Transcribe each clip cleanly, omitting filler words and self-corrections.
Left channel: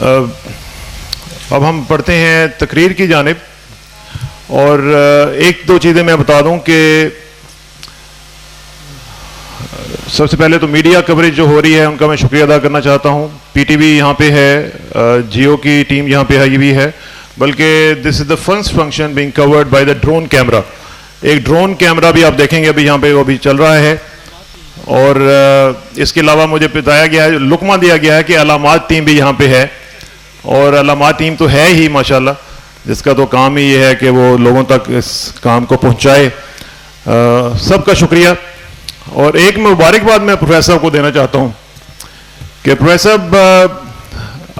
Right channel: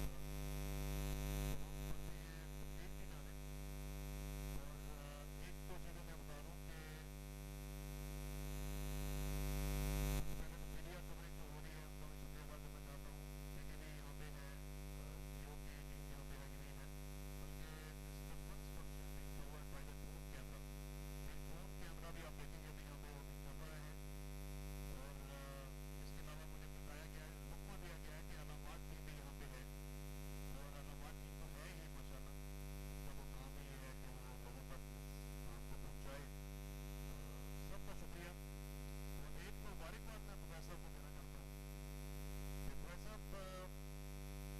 اب ہم پڑھتے ہیں تقریر کی جانب، اور ایک دو چیزیں میں بتا دوں کہ سب سے پہلے تو میڈیا کوریج جو ہو رہی ہے ان کا میں شکریہ ادا کرنا چاہتا ہوں. پی ٹی وی یہاں پہ ہے، جیو کی ٹیم یہاں پہ بھی ہے، بلکہ this is the first function being covered by the drone camera. ایک ڈرون کیمرا بھی آپ دیکھیں گے ابھی یہاں پہ وہ بھی چل رہا ہے. اور اس کے علاوہ مجھے بتایا گیا ہے، لقمہ دیا گیا ہے کہ علامات ٹیم بھی یہاں پہ ہے، اور علامات ٹیم تو ہے ہی ماشاءاللہ، جس کا تو کام ہی یہ ہے کہ وہ لوگوں تک اس کام کو پہنچائے. سب کا شکریہ. اور ایک مبارکباد میں پروفیسر صاحب کو دینا چاہتا ہوں کہ پروفیسر صاحب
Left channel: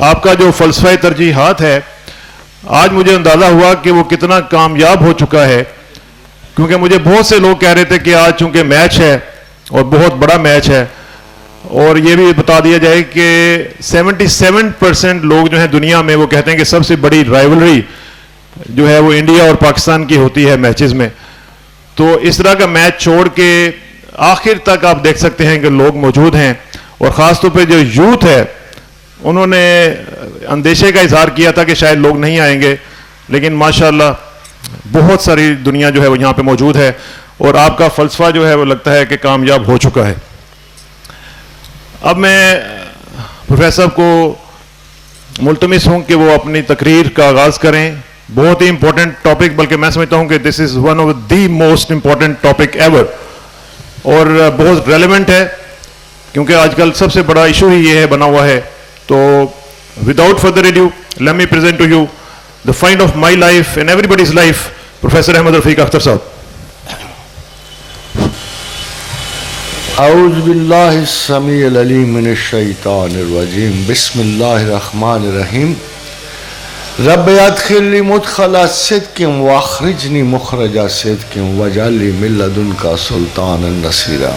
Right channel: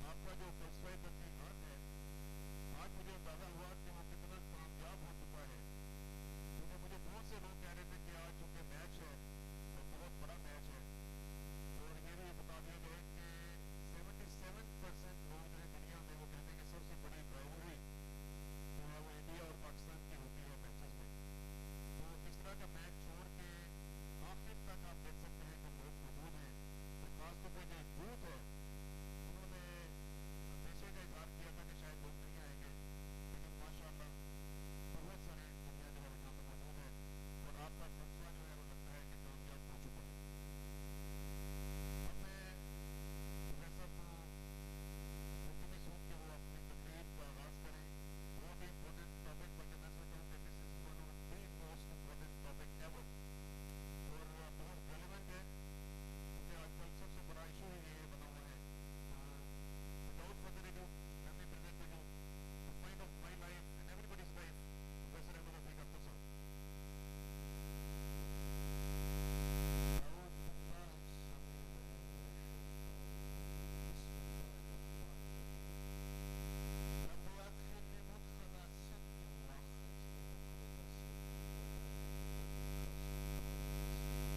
آپ کا جو فلسفہ ترجیحات ہے، آج مجھے اندازہ ہوا کہ وہ کتنا کامیاب ہو چکا ہے. کیونکہ مجھے بہت سے لوگ کہہ رہے تھے کہ آج چونکہ میچ ہے اور بہت بڑا میچ ہے، اور یہ بھی بتا دیا جائے کہ 77% لوگ جو ہیں دنیا میں وہ کہتے ہیں کہ سب سے بڑی رائیولری جو ہے وہ انڈیا اور پاکستان کی ہوتی ہے میچز میں. تو اس طرح کا میچ چھوڑ کے آخر تک آپ دیکھ سکتے ہیں کہ لوگ موجود ہیں، اور خاص طور پہ جو یوتھ ہے انہوں نے اندیشے کا اظہار کیا تھا کہ شاید لوگ نہیں آئیں گے، لیکن ماشاءاللہ بہت ساری دنیا جو ہے وہ یہاں پہ موجود ہے، اور آپ کا فلسفہ جو ہے وہ لگتا ہے کہ کامیاب ہو چکا ہے. اب میں پروفیسر صاحب کو ملتمس ہوں کہ وہ اپنی تقریر کا آغاز کریں. بہت ہی امپورٹنٹ ٹاپک، بلکہ میں سمجھتا ہوں کہ this is one of the most important topic ever, اور بہت ریلیونٹ ہے کیونکہ آج کل سب سے بڑا ایشو ہی یہ ہے بنا ہوا ہے. تو without further adieu let me present to you the find of my life and everybody's life, Professor Ahmed Rafiq Akhtar Sahab. اعوذ باللہ السمیع العلیم من الشیطان الرجیم، بسم اللہ الرحمن الرحیم. رب ادخلنی مدخل صدق واخرجنی مخرج صدق واجعل لی من لدنک سلطانا نصیرا.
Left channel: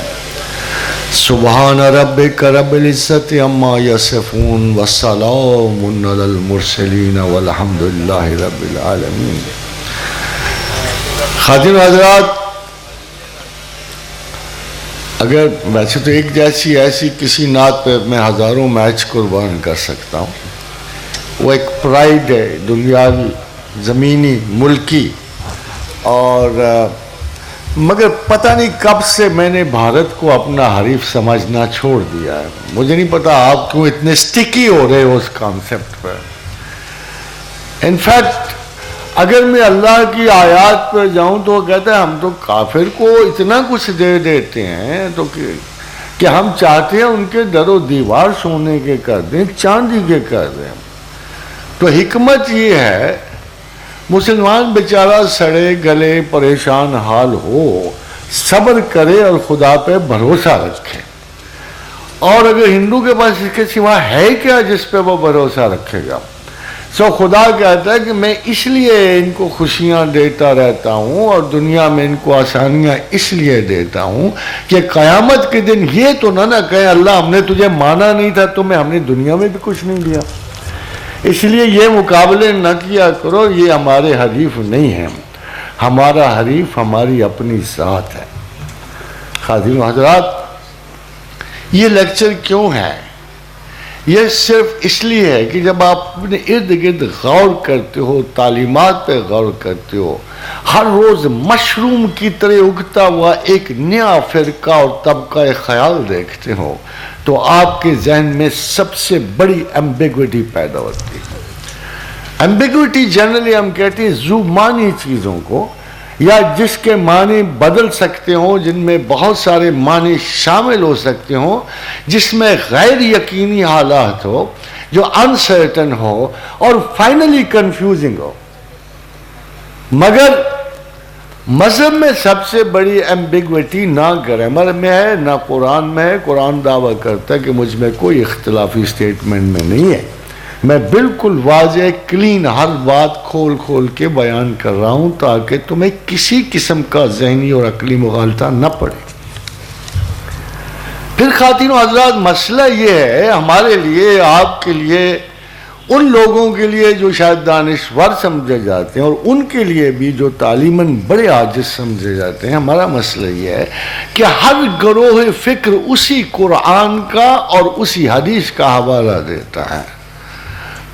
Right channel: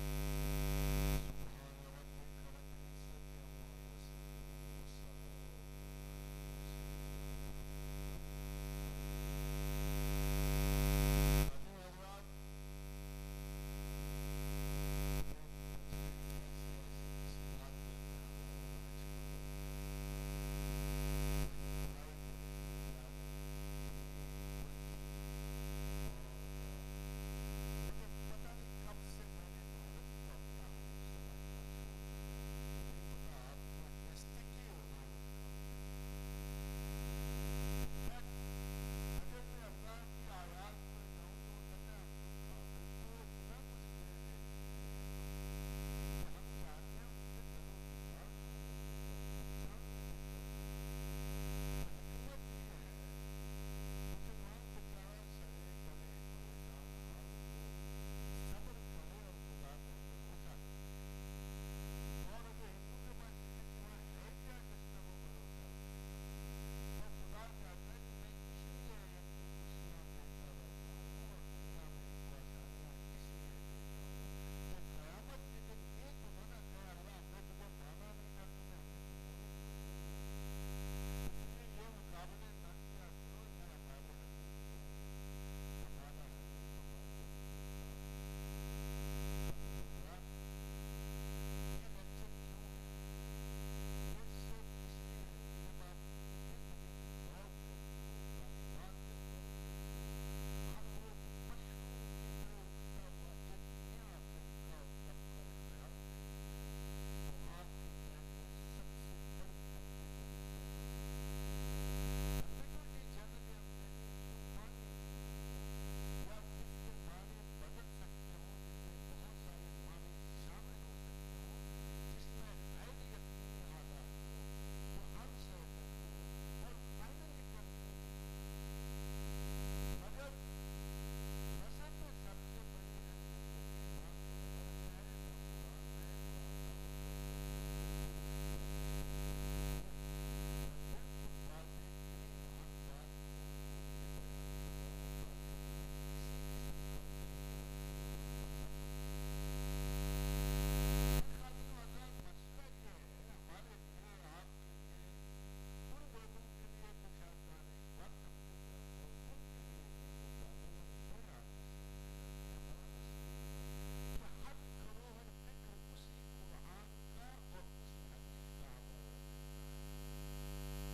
سبحان ربک رب العزت عما یصفون والسلام علی المرسلین والحمد للہ رب العالمین. خواتین و حضرات، اگر ویسے تو ایک جیسی ایسی کسی نعت پہ میں ہزاروں میچ قربان کر سکتا ہوں، وہ ایک پرائیڈ ہے دنیاوی، زمینی، ملکی، اور مگر پتہ نہیں کب سے میں نے بھارت کو اپنا حریف سمجھنا چھوڑ دیا ہے. مجھے نہیں پتا آپ کیوں اتنے سٹکی ہو رہے ہو اس کانسیپٹ پر. انفیکٹ اگر میں اللہ کی آیات پر جاؤں تو وہ کہتا ہے ہم تو کافر کو اتنا کچھ دے دیتے ہیں تو کہ ہم چاہتے ہیں ان کے در و دیوار سونے کے کر دیں، چاندی کے کر دیں. تو حکمت یہ ہے مسلمان بیچارہ سڑے گلے پریشان حال ہو، صبر کرے اور خدا پہ بھروسہ رکھے. اور اگر ہندو کے پاس اس کے سوا ہے کیا جس پہ وہ بھروسہ رکھے گا؟ سو خدا کہتا ہے کہ میں اس لیے ان کو خوشیاں دیتا رہتا ہوں اور دنیا میں ان کو آسانیاں اس لیے دیتا ہوں کہ قیامت کے دن یہ تو نہ کہے اللہ ہم نے تجھے مانا نہیں تھا تمہیں ہم نے دنیا میں بھی کچھ نہیں دیا. اس لیے یہ مقابلے نہ کیا کرو، یہ ہمارے حریف نہیں ہیں. ہمارا حریف ہماری اپنی ذات ہے. خواتین و حضرات، یہ لیکچر کیوں ہے؟ یہ صرف اس لیے ہے کہ جب آپ اپنے ارد گرد غور کرتے ہو، تعلیمات پہ غور کرتے ہو، ہر روز مشروم کی طرح اگتا ہوا ایک نیا فرقہ اور طبقہ خیال دیکھتے ہو، تو آپ کے ذہن میں سب سے بڑی ایمبیگوٹی پیدا ہوتی ہے. ایمبیگوٹی جنرلی ہم کہتے ہیں ذو معنی چیزوں کو، یا جس کے معنی بدل سکتے ہوں، جن میں بہت سارے معنی شامل ہو سکتے ہوں، جس میں غیر یقینی حالات ہو، جو انسرٹن ہو اور فائنلی کنفیوزنگ ہو. مگر مذہب میں سب سے بڑی ایمبیگوٹی نہ گرامر میں ہے نہ قرآن میں ہے. قرآن دعویٰ کرتا ہے کہ مجھ میں کوئی اختلافی سٹیٹمنٹ میں نہیں ہے، میں بالکل واضح کلین ہر بات کھول کھول کے بیان کر رہا ہوں تاکہ تمہیں کسی قسم کا ذہنی اور عقلی مغالطہ نہ پڑے. پھر خواتین و حضرات، مسئلہ یہ ہے ہمارے لیے، آپ کے لیے، ان لوگوں کے لیے جو شاید دانشور سمجھے جاتے ہیں اور ان کے لیے بھی جو تعلیماً بڑے عاجز سمجھے جاتے ہیں، ہمارا مسئلہ یہ ہے کہ ہر گروہ فکر اسی قرآن کا اور اسی حدیث کا حوالہ دیتا ہے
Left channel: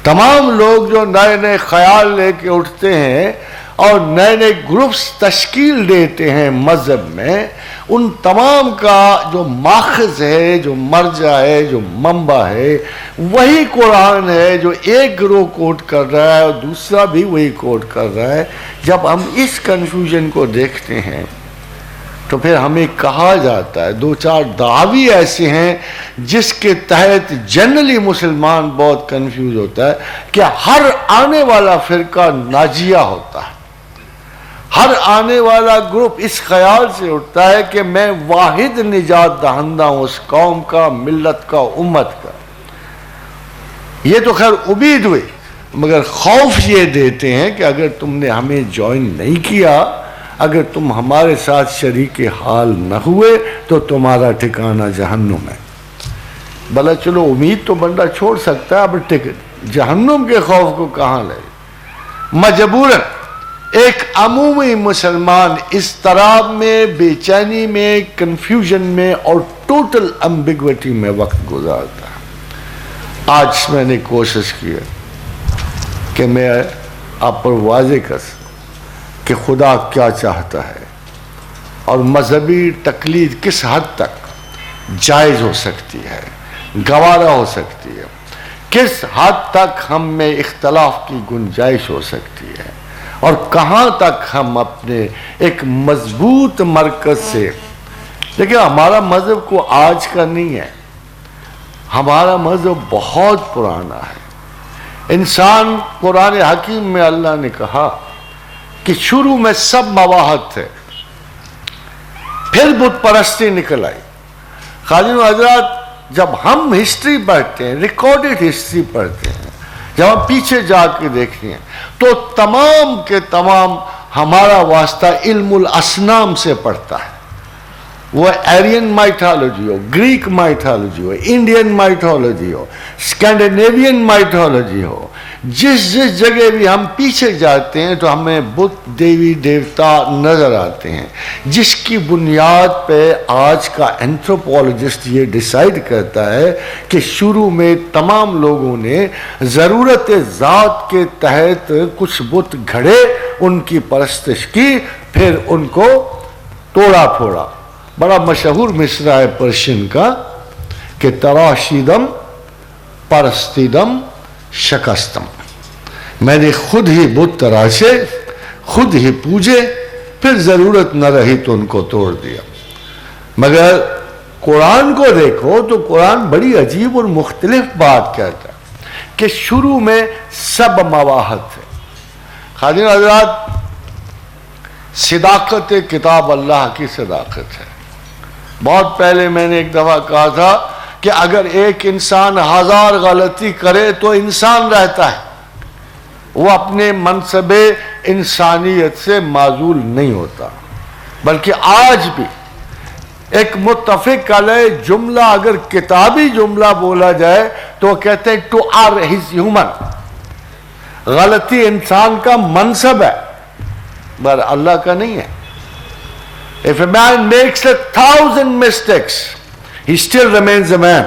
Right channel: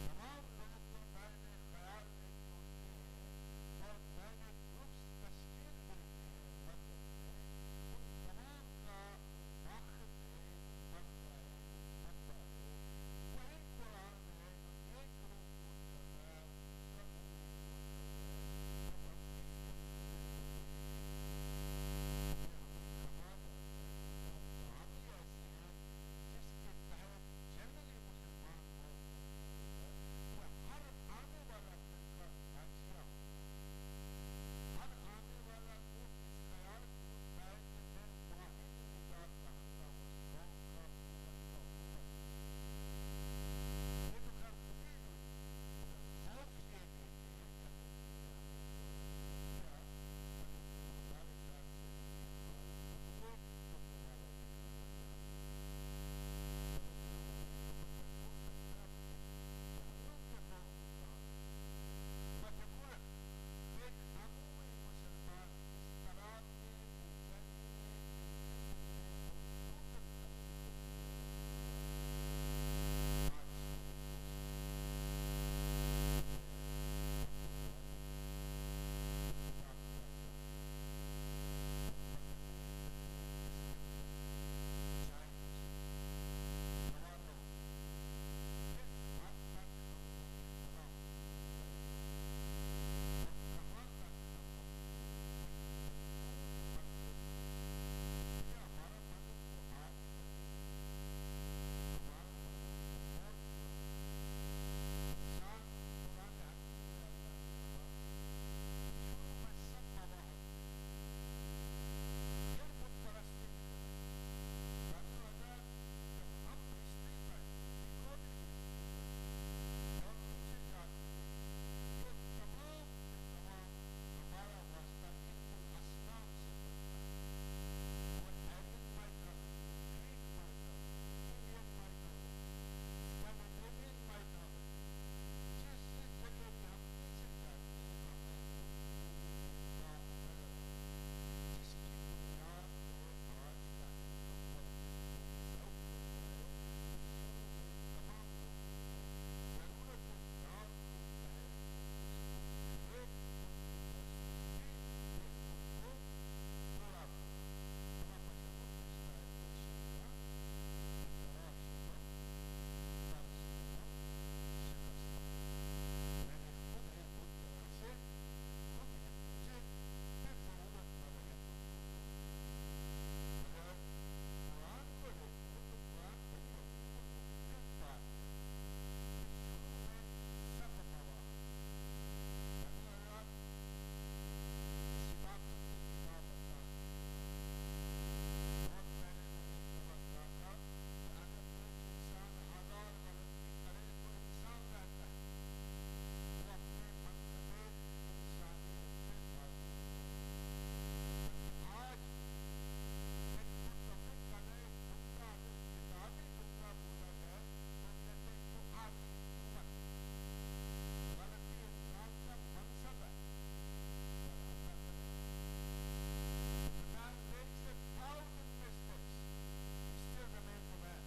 تمام لوگ جو نئے نئے خیال لے کے اٹھتے ہیں اور نئے نئے گروپس تشکیل دیتے ہیں مذہب میں، ان تمام کا جو ماخذ ہے، جو مرجع ہے، جو منبع ہے، وہی قرآن ہے جو ایک گروہ کوٹ کر رہا ہے اور دوسرا بھی وہی کوٹ کر رہا ہے۔ جب ہم اس کنفیوژن کو دیکھتے ہیں تو پھر ہمیں کہا جاتا ہے، دو چار دعوی ایسے ہیں جس کے تحت جنرلی مسلمان بہت کنفیوز ہوتا ہے کہ ہر آنے والا فرقہ ناجیہ ہوتا ہے، ہر آنے والا گروپ اس خیال سے اٹھتا ہے کہ میں واحد نجات دہندہ ہوں اس قوم کا، ملت کا، امت کا۔ یہ تو خیر امید ہوئی، مگر خوف یہ دیتے ہیں کہ اگر تم نے ہمیں جوائن نہیں کیا، اگر تم ہمارے ساتھ شریک حال نہ ہوئے تو تمہارا ٹھکانہ جہنم ہے۔ بھلا چلو امید تو بندہ چھوڑ سکتا ہے، اب جہنم کے خوف کو کہاں لے؟ مجبوراً ایک عمومی مسلمان اس طرح میں، بے چینی میں، کنفیوژن میں اور ٹوٹل امبیگوٹی میں وقت گزارتا ہے۔ آج میں نے کوشش کی ہے کہ میں آپ پر واضح کر سکوں کہ خدا کیا چاہتا ہے اور مذہبی تقلید کس حد تک جائز ہو سکتی ہے، گوارا ہو سکتی ہے، کس حد تک ہم میں اختلاف کی گنجائش ہو سکتی ہے، اور کہاں تک ہم اپنے ایک مضبوط مرکز سے، لیکن ہمارا مذہب کو آج کا نہیں ہے، ہمارا مذہب بہت پرانا ہے۔ انسان، قرآن حکیم میں اللہ نے کہا کہ شروع میں سب مواحد تھے، پھر بت پرستی نکل آئی۔ خادم حضرات، جب ہم ہسٹری پڑھتے ہیں، ریکارڈڈ ہسٹری پڑھتے ہیں، جب ہم پیچھے جا کے دیکھتے ہیں تو تمام کے تمام ہمارا واسطہ علم الاصنام سے پڑتا ہے۔ وہ ایرین مائتھالوجی ہو، گریک مائتھالوجی ہو، انڈین مائتھالوجی ہو، اسکینڈینیوین مائتھالوجی ہو، جس جگہ بھی ہم پیچھے جاتے ہیں تو ہمیں بت، دیوی دیوتا نظر آتے ہیں، جس کی بنیاد پہ آج کا اینتھروپولوجسٹ یہ ڈیسائیڈ کرتا ہے کہ شروع میں تمام لوگوں نے ضرورت ذات کے تحت کچھ بت گھڑے، ان کی پرستش کی، پھر ان کو توڑا پھوڑا۔ بڑا مشہور مصرع ہے پرشین کا کہ تراشیدم پرستیدم شکستم، میں نے خود ہی بت تراشے، خود ہی پوجے، پھر ضرورت نہ رہی تو ان کو توڑ دیا۔ مگر قرآن کو دیکھو تو قرآن بڑی عجیب اور مختلف بات کہتا ہے کہ شروع میں سب مواحد تھے۔ خادم حضرات، صداقت کتاب اللہ کی صداقت ہے۔ بہت پہلے میں نے ایک دفعہ کہا تھا کہ اگر ایک انسان 1000 غلطی کرے تو انسان رہتا ہے، وہ اپنے منصب انسانیت سے معزول نہیں ہوتا، بلکہ آج بھی ایک متفق علیہ جملہ اگر کتابی جملہ بولا جائے تو وہ کہتے ہیں ٹو آر ہز ہیومن، غلطی انسان کا منصب ہے، پر اللہ کا نہیں ہے۔ If a man makes 1,000 mistakes, he still remains a man.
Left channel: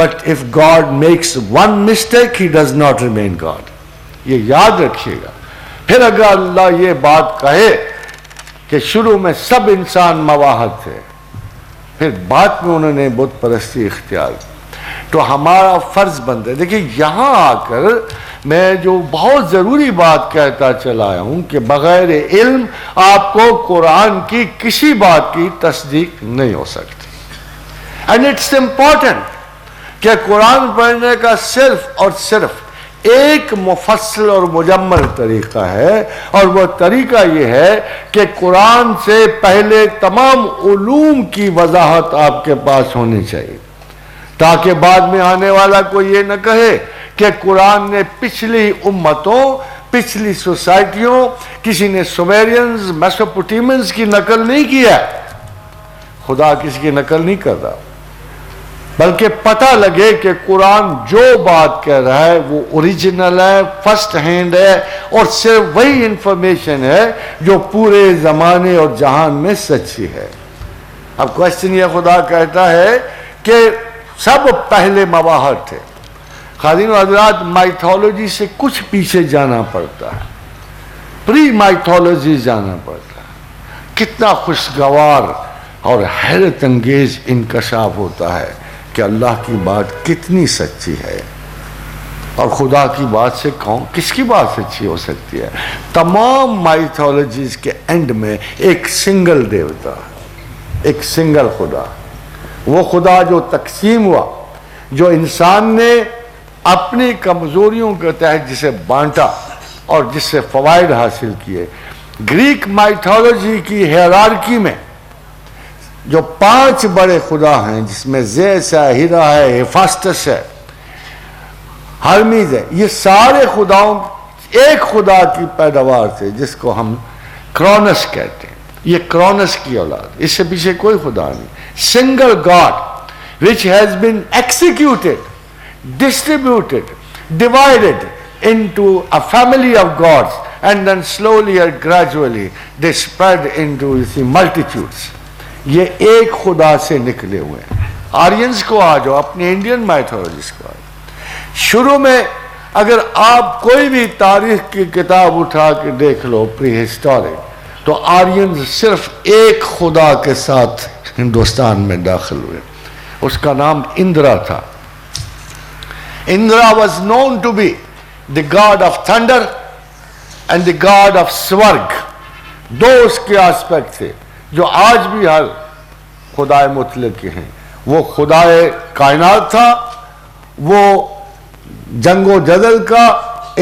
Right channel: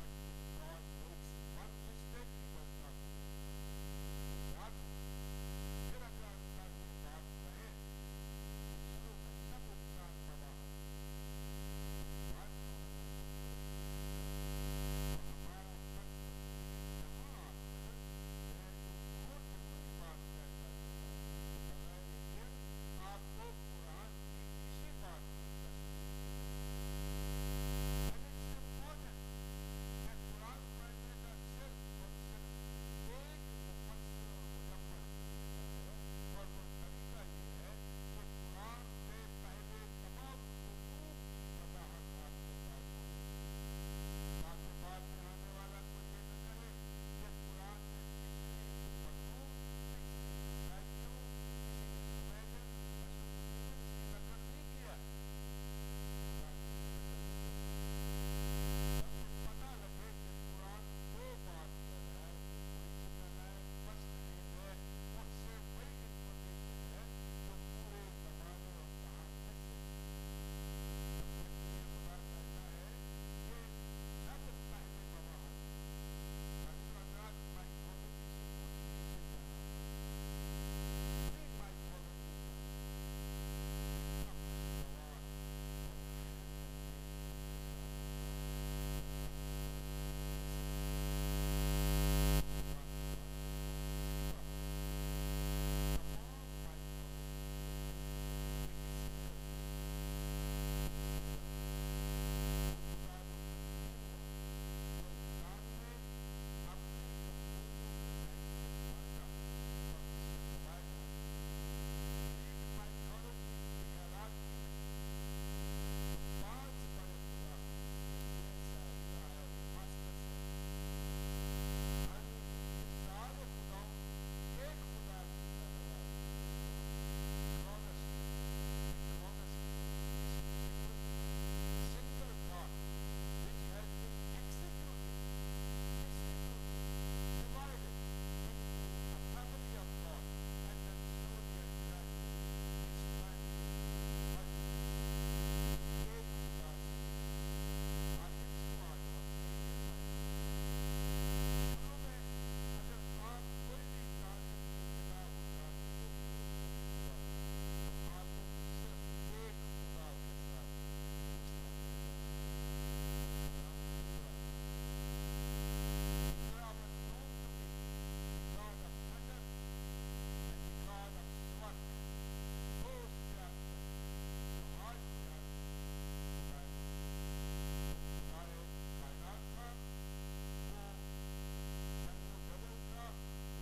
But if God makes one mistake, he does not remain God. یہ یاد رکھیے گا۔ پھر اگر اللہ یہ بات کہے کہ شروع میں سب انسان مواحد تھے، پھر بعد میں انہوں نے بت پرستی اختیار کی، تو ہمارا فرض بنتا ہے۔ دیکھیے یہاں آ کر میں جو بہت ضروری بات کہتا چلا آیا ہوں کہ بغیر علم آپ کو قرآن کی کسی بات کی تصدیق نہیں ہو سکتی۔ اینڈ اٹس امپورٹنٹ کہ قرآن پڑھنے کا صرف اور صرف ایک مفصل اور مجمل طریقہ ہے، اور وہ طریقہ یہ ہے کہ قرآن سے پہلے تمام علوم کی وضاحت آپ کے پاس ہونی چاہیے، تاکہ بعد میں آنے والا کوئی یہ نہ کہے کہ قرآن نے پچھلی امتوں، پچھلی سوسائٹیوں، کسی نے سومیرینز، میسوپوٹیمنز کی نقل نہیں کیا۔ خدا کسی کی نقل نہیں کر رہا، بلکہ پتہ لگے کہ قرآن جو بات کہہ رہا ہے وہ اوریجنل ہے، فرسٹ ہینڈ ہے، اور صرف وہی انفارمیشن ہے جو پورے زمانے اور جہان میں سچی ہے۔ اب کوشچن یہ خدا کہتا ہے کہ سب پہلے مواحد تھے، خادم حضرات مائتھولوجی سے کچھ پیچھے جانا پڑتا ہے، پری مائتھولوجی جانا پڑتا ہے، کتنا خوشگوار اور حیرت انگیز انکشاف ہوتا ہے کہ اللہ کی بات کتنی سچی ہے، اور خدا کی بات سے کس کی بات سچی ہو سکتی ہے؟ تمام مائتھولوجیز کے اینڈ میں ایک سنگل دیوتا، ایک سنگل خدا، وہ خدا جو تقسیم ہوا، جو انسان نے اپنی کمزوریوں کے تحت جسے بانٹا اور جس سے فوائد حاصل کیے۔ گریک مائتھولوجی کی ہیرارکی میں جو 5 بڑے خدا ہیں، جس میں زیس ہے، ہیرا ہے، ہیفاسٹس ہے، ہرمیز ہے، یہ سارے خداؤں ایک خدا کی پیداوار تھے جس کو ہم کرونس کہتے ہیں۔ یہ کرونس کی اولاد، اس سے پیچھے کوئی خدا نہیں۔ Single God which has been executed, distributed, divided into a family of gods, and then slowly or gradually they spread into multitudes. یہ ایک خدا سے نکلے ہوئے ہیں۔ آرینز کو آ جاؤ، اپنے انڈین مائتھولوجیز کو آ جاؤ۔ شروع میں اگر آپ کوئی بھی تاریخ کی کتاب اٹھا کے دیکھ لو پری ہسٹورک، تو آرینز صرف ایک خدا کے ساتھ ہندوستان میں داخل ہوئے، اس کا نام اندرا تھا۔ Indira was known to be the god of thunder and the god of سورگ، دو اس کے آسپیکٹ تھے جو آج بھی ہر خدائے مطلق کے ہیں۔ وہ خدائے کائنات تھا، وہ جنگ و جدل کا،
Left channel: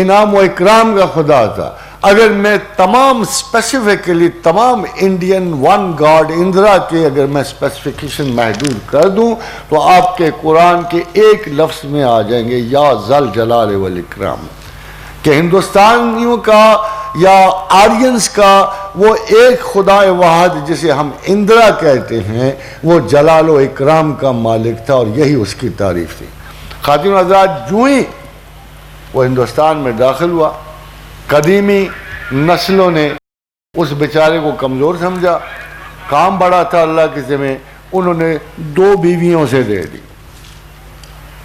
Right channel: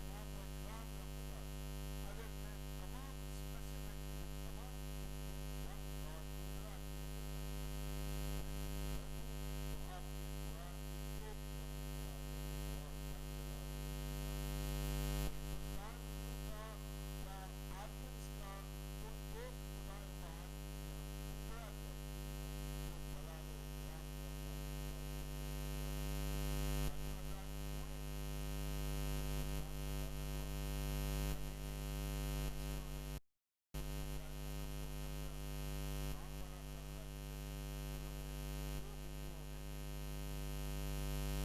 انعام و اکرام کا خدا تھا۔ اگر میں تمام اسپیسیفکلی تمام انڈین ون گاڈ اندرا کے اگر میں اسپیسیفیکیشن محدود کر دوں تو آپ کے قرآن کے ایک لفظ میں آ جائیں گے، یا ذل جلال والاکرام، کہ ہندوستانیوں کا یا آرینز کا وہ ایک خدا واحد جسے ہم اندرا کہتے ہیں، وہ جلال و اکرام کا مالک تھا، اور یہی اس کی تعریف تھی۔ خاتون حضرات، جو ہی وہ ہندوستان میں داخل ہوا، قدیمی نسلوں نے اس بیچارے کو کمزور سمجھا، کام بڑا تھا اللہ کے ذمہ، انہوں نے 2 بیویوں سے دے دی،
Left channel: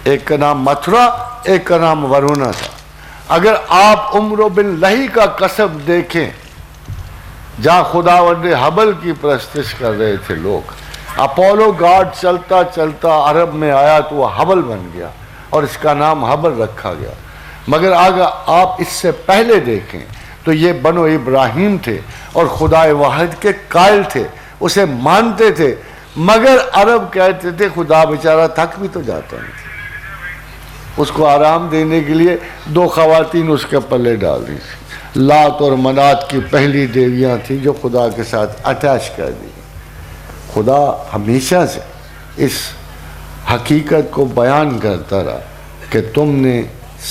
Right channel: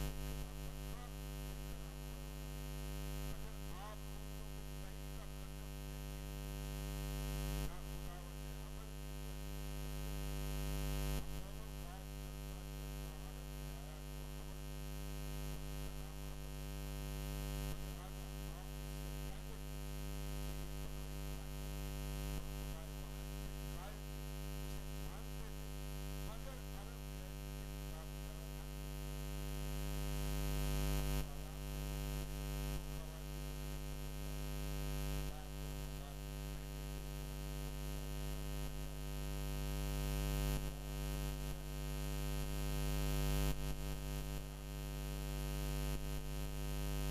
ایک کا نام متھرا، ایک کا نام ورونا تھا۔ اگر آپ عمر بن لہی کا قصب دیکھیں، جہاں خداوند حبل کی پرستش کر رہے تھے لوگ، اپولو گاڈ چلتا چلتا عرب میں آیا تو وہ حبل بن گیا اور اس کا نام حبل رکھا گیا۔ مگر اگر آپ اس سے پہلے دیکھیں تو یہ بنو ابراہیم تھے اور خدا واحد کے قائل تھے، اسے مانتے تھے، مگر عرب کہتے تھے خدا بیچارہ تھک بھی تو جاتا نہیں، اس کو آرام دینے کے لیے 2 خواتین اس کے پلے ڈال دی تھی۔ لات اور منات کی پہلی دیویاں تھیں جو خدا کے ساتھ اٹیچ کر دی۔ خدا ہمیشہ سے اس حقیقت کو بیان کرتا رہا کہ تم نے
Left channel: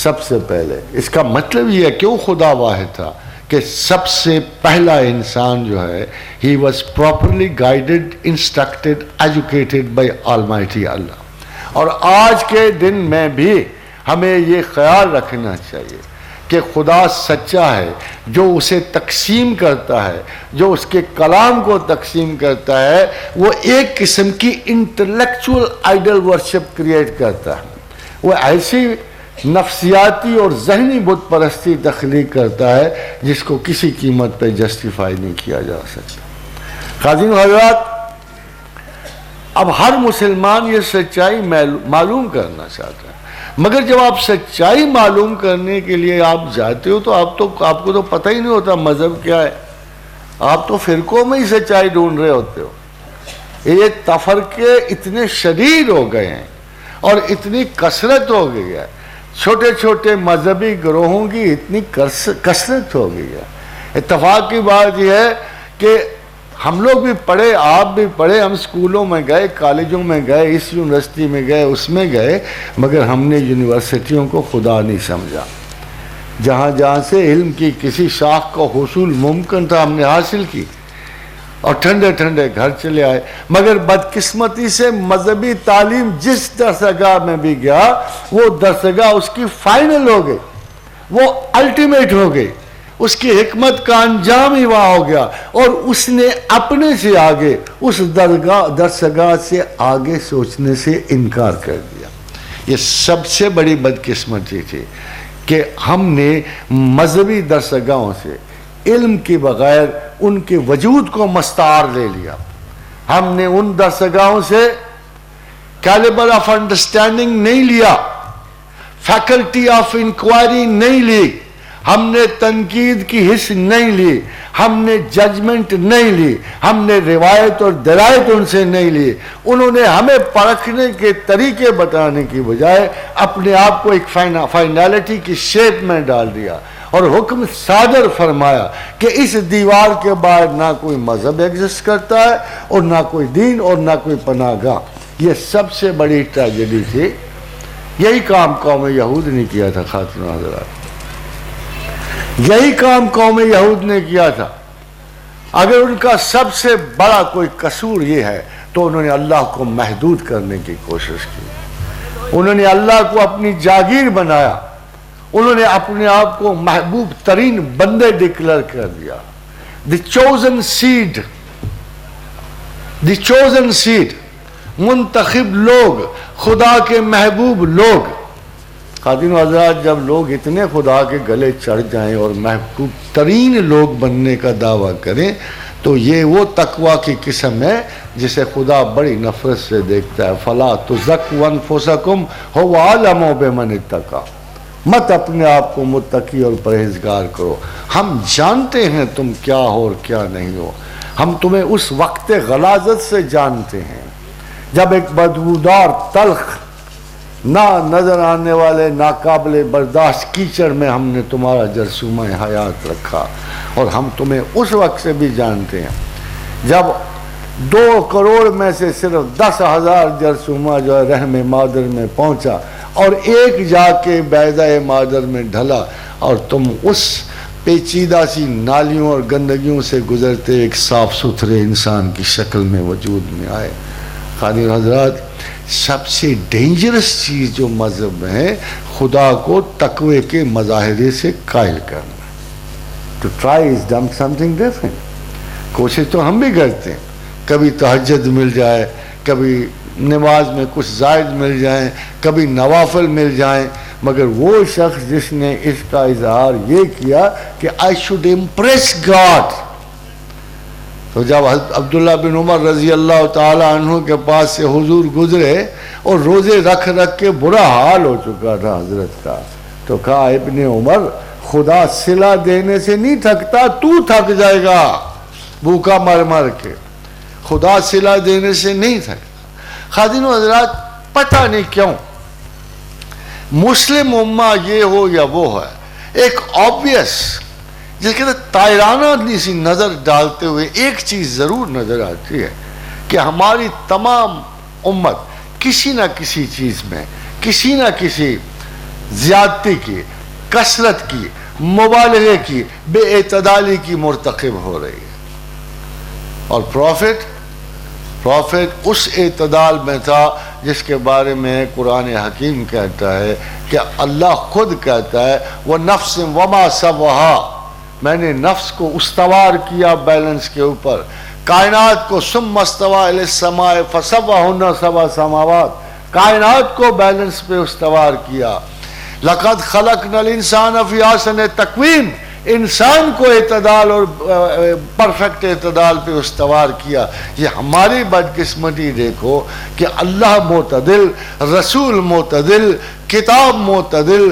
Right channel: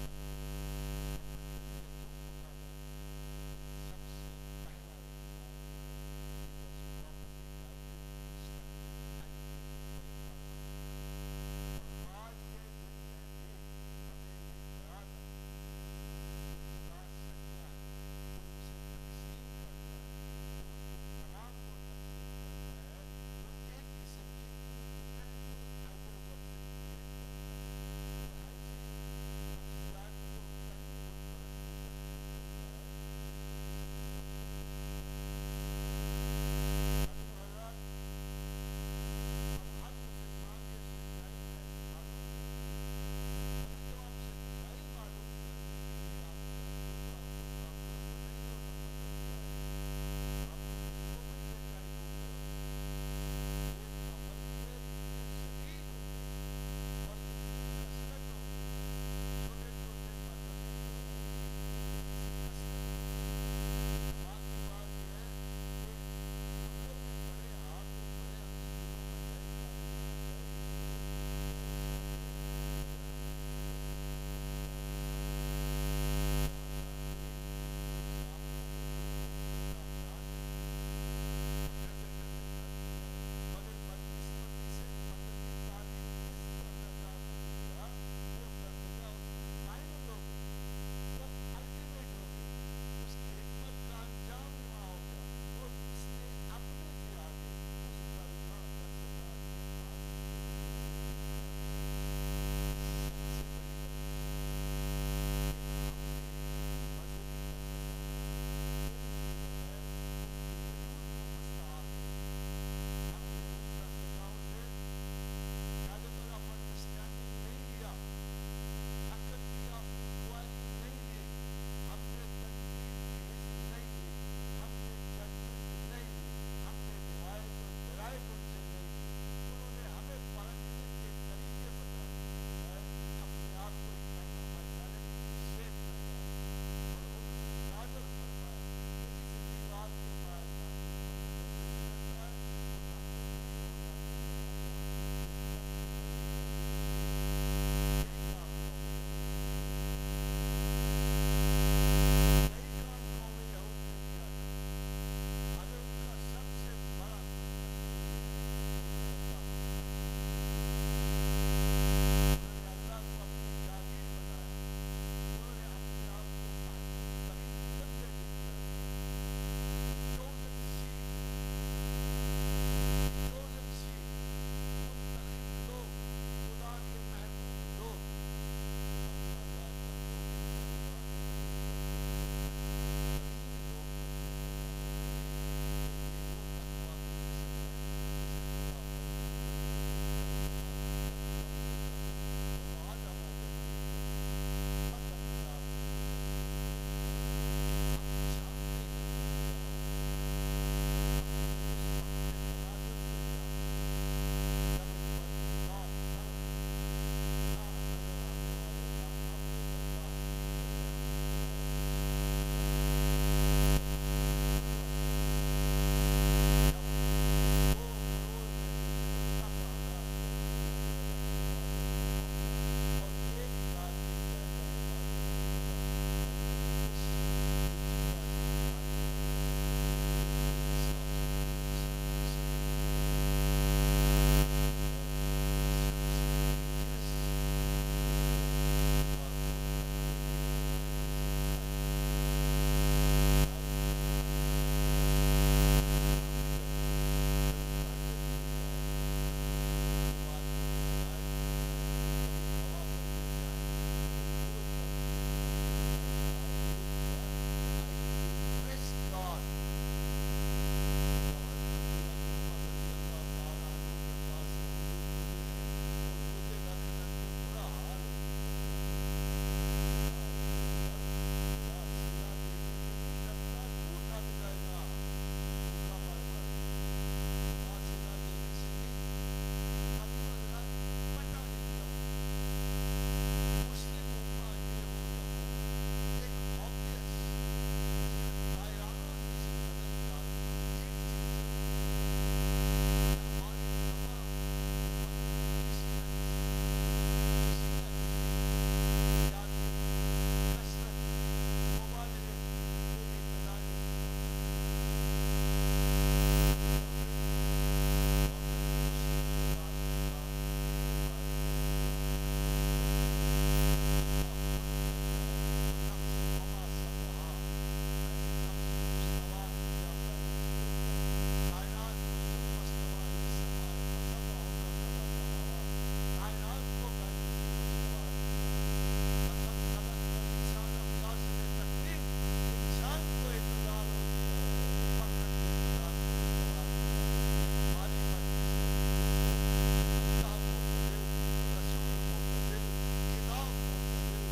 سب سے پہلے، اس کا مطلب یہ ہے کیوں خدا واحد تھا کہ سب سے پہلا انسان جو ہے he was properly guided, instructed, educated by Almighty Allah۔ اور آج کے دن میں بھی ہمیں یہ خیال رکھنا چاہیے کہ خدا سچا ہے، جو اسے تقسیم کرتا ہے، جو اس کے کلام کو تقسیم کرتا ہے، وہ ایک قسم کی انٹلیکچول آئیڈل ورشپ کریٹ کرتا ہے، وہ ایسی نفسیاتی اور ذہنی بت پرستی تخلیق کرتا ہے جس کو کسی قیمت پہ جسٹیفائی نہیں کیا جا سکتا۔ خادم حضرات، اب ہر مسلمان یہ سچائی معلوم کرنا چاہتا ہے، مگر جب آپ سچائی معلوم کرنے کے لیے آپ جاتے ہو تو آپ کو تو پتہ ہی نہیں ہوتا مذہب کیا ہے، آپ تو فرقوں میں ہی سچائی ڈھونڈ رہے ہوتے ہو۔ یہ تفرقے اتنے شدید ہو گئے ہیں اور اتنی کثرت ہو گئی ہے، چھوٹے چھوٹے مذہبی گروہوں کی اتنی کثرت ہو گئی ہے۔ اتفاق کی بات یہ ہے کہ ہم لوگ بھی پڑھے، آپ بھی پڑھے، ہم اسکولوں میں گئے، کالجوں میں گئے، اس یونیورسٹی میں گئے، اس میں گئے، مگر ہم نے یونیورسٹیوں کو خدا نہیں سمجھا۔ جہاں جہاں سے علم کی کسی شاخ کو حصول ممکن تھا ہم نے حاصل کی اور ٹھنڈے ٹھنڈے گھر چلے آئے، مگر بدقسمتی سے مذہبی تعلیم جس درسگاہ میں بھی گیا وہ درسگاہ اس کی فائنل ہو گئی، وہ الٹیمیٹ ہو گئی، اس کی حکمت کا انجام ہی وہاں ہو گیا، اور اس نے اپنے سے آگے اس درسگاہ سے آگے سوچنے سے انکار کر دیا۔ یہ سب سے بڑی بدقسمتی تھی کہ ہم نے مذہبی درسگاہوں سے علم کے بغیر ان کے وجود کو مستعار لے لیا. ہم نے ان درسگاہوں سے کیلیبر آف انڈرسٹینڈنگ نہیں لیا, فیکلٹی آف انکوائری نہیں لی, ہم نے تنقید کی حص نہیں لی, ہم نے ججمنٹ نہیں لی, ہم نے روایت اور درایت ان سے نہیں لی. انہوں نے ہمیں پرکھنے کے طریقے بتانے کی بجائے اپنے آپ کو ایک فائنالٹی کی شیپ میں ڈال دیا اور حکم صادر فرمایا کہ اس دیوار کے باہر نہ کوئی مذہب ایگزسٹ کرتا ہے اور نہ کوئی دین اور نہ کوئی پناہ گاہ. یہ سب سے بڑی ٹریجڈی تھی. یہی کام قوم یہود نے کیا تھا خاتون حضرات, یہی کام قوم یہود نے کیا تھا. اگر ان کا سب سے بڑا کوئی قصور یہ ہے تو انہوں نے اللہ کو محدود کرنے کی کوشش کی. انہوں نے اللہ کو اپنی جاگیر بنایا, انہوں نے اپنے آپ کو محبوب ترین بندے ڈکلیئر کر دیا. دی چوزن سیڈ, دی چوزن سیڈ, منتخب لوگ, خدا کے محبوب لوگ. خاتون و حضرات, جب لوگ اتنے خدا کے گلے چڑھ جائیں اور محبوب ترین لوگ بننے کا دعویٰ کریں تو یہ وہ تقویٰ کی قسم ہے جسے خدا بڑی نفرت سے دیکھتا ہے. فَلَا تُزَكُّوا أَنفُسَكُمْ هُوَ أَعْلَمُ بِمَنِ اتَّقَىٰ. مت اپنے آپ کو متقی اور پرہیزگار کرو, ہم جانتے ہیں تم کیا ہو اور کیا نہیں ہو. ہم تمہیں اس وقت غلاظت سے جانتے ہیں جب ایک بدبودار تلخ نہ نظر آنے والے ناقابل برداشت کیچڑ میں ہم نے تمہارا جرثومہ حیات رکھا, اور ہم تمہیں اس وقت سے بھی جانتے ہیں جب 2 کروڑ میں سے صرف 10,000 جرثومہ جو ہے رحم مادر میں پہنچا اور ایک جا کے بیضہ مادر میں ڈھلا, اور تم اس پیچیدہ سی نالیوں اور گندگیوں سے گزرتے ایک صاف ستھرے انسان کی شکل میں وجود میں آئے. خاتون حضرات, سب سے ڈینجرس چیز جو مذہب میں ہے خدا کو تقوی کے مظاہرے سے قائل کرنا. To try is done something different. کوشش تو ہم بھی کرتے ہیں, کبھی تہجد مل جائے, کبھی نماز میں کچھ زائد مل جائیں, کبھی نوافل مل جائیں, مگر وہ شخص جس نے اس کا اظہار یہ کیا کہ I should impress God. تو جب عبداللہ بن عمر رضی اللہ تعالی عنہ کے پاس سے حضور گزرے اور روزے رکھ رکھ کے برا حال ہو چکا تھا حضرت کا, تو کہا ابن عمر, خدا صلہ دینے سے نہیں تھکتا, تو تھک جائے گا بھوکا مر مر کے, خدا صلہ دینے سے نہیں تھک. خاتون و حضرات, پتہ نہیں کیوں مسلم امہ یہ ہو یا وہ ہے, ایک obvious جس کے تائرانہ سی نظر ڈالتے ہوئے ایک چیز ضرور نظر آتی ہے کہ ہماری تمام امت کسی نہ کسی چیز میں کسی نہ کسی زیادتی کی, کثرت کی, مبالغے کی, بے اعتدالی کی مرتکب ہو رہی ہے. اور پروفیٹ اس اعتدال میں تھا جس کے بارے میں قرآن حکیم کہتا ہے کہ اللہ خود کہتا ہے وَنَفْسٍ وَمَا سَوَّهَا, میں نے نفس کو استوار کیا بیلنس کے اوپر, کائنات کو ثُمَّ اسْتَوَىٰ إِلَى السَّمَاءِ فَسَوَّاهُنَّ سَبْعَ سَمَاوَاتٍ, کائنات کو بیلنس پہ استوار کیا. لَقَدْ خَلَقْنَا الْإِنسَانَ فِي أَحْسَنِ تَقْوِيمٍ, انسان کو اعتدال اور پرفیکٹ اعتدال پہ استوار کیا. یہ ہماری بدقسمتی دیکھو کہ اللہ معتدل, رسول معتدل, کتاب معتدل,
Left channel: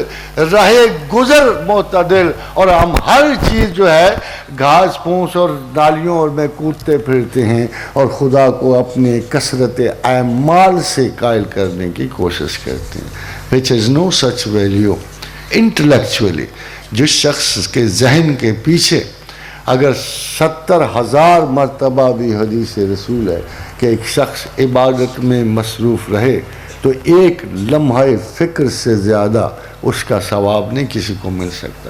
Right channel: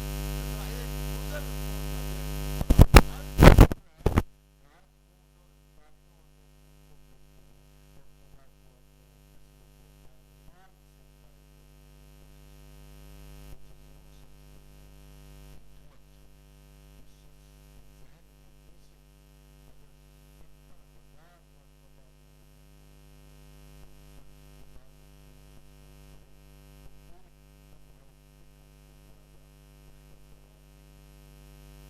راہ گزر معتدل, اور ہم ہر چیز جو ہے گھاس پھوس اور نالیوں اور میں کودتے پھرتے ہیں اور خدا کو اپنے کثرت اعمال سے قائل کرنے کی کوشش کرتے ہیں. which has no such value intellectually. جس شخص کے ذہن کے پیچھے اگر 70,000 مرتبہ بھی حدیث رسول ہے کہ ایک شخص عبادت میں مصروف رہے تو ایک لمحہ فکر سے زیادہ اس کا ثواب نہیں کسی کو مل سکتا.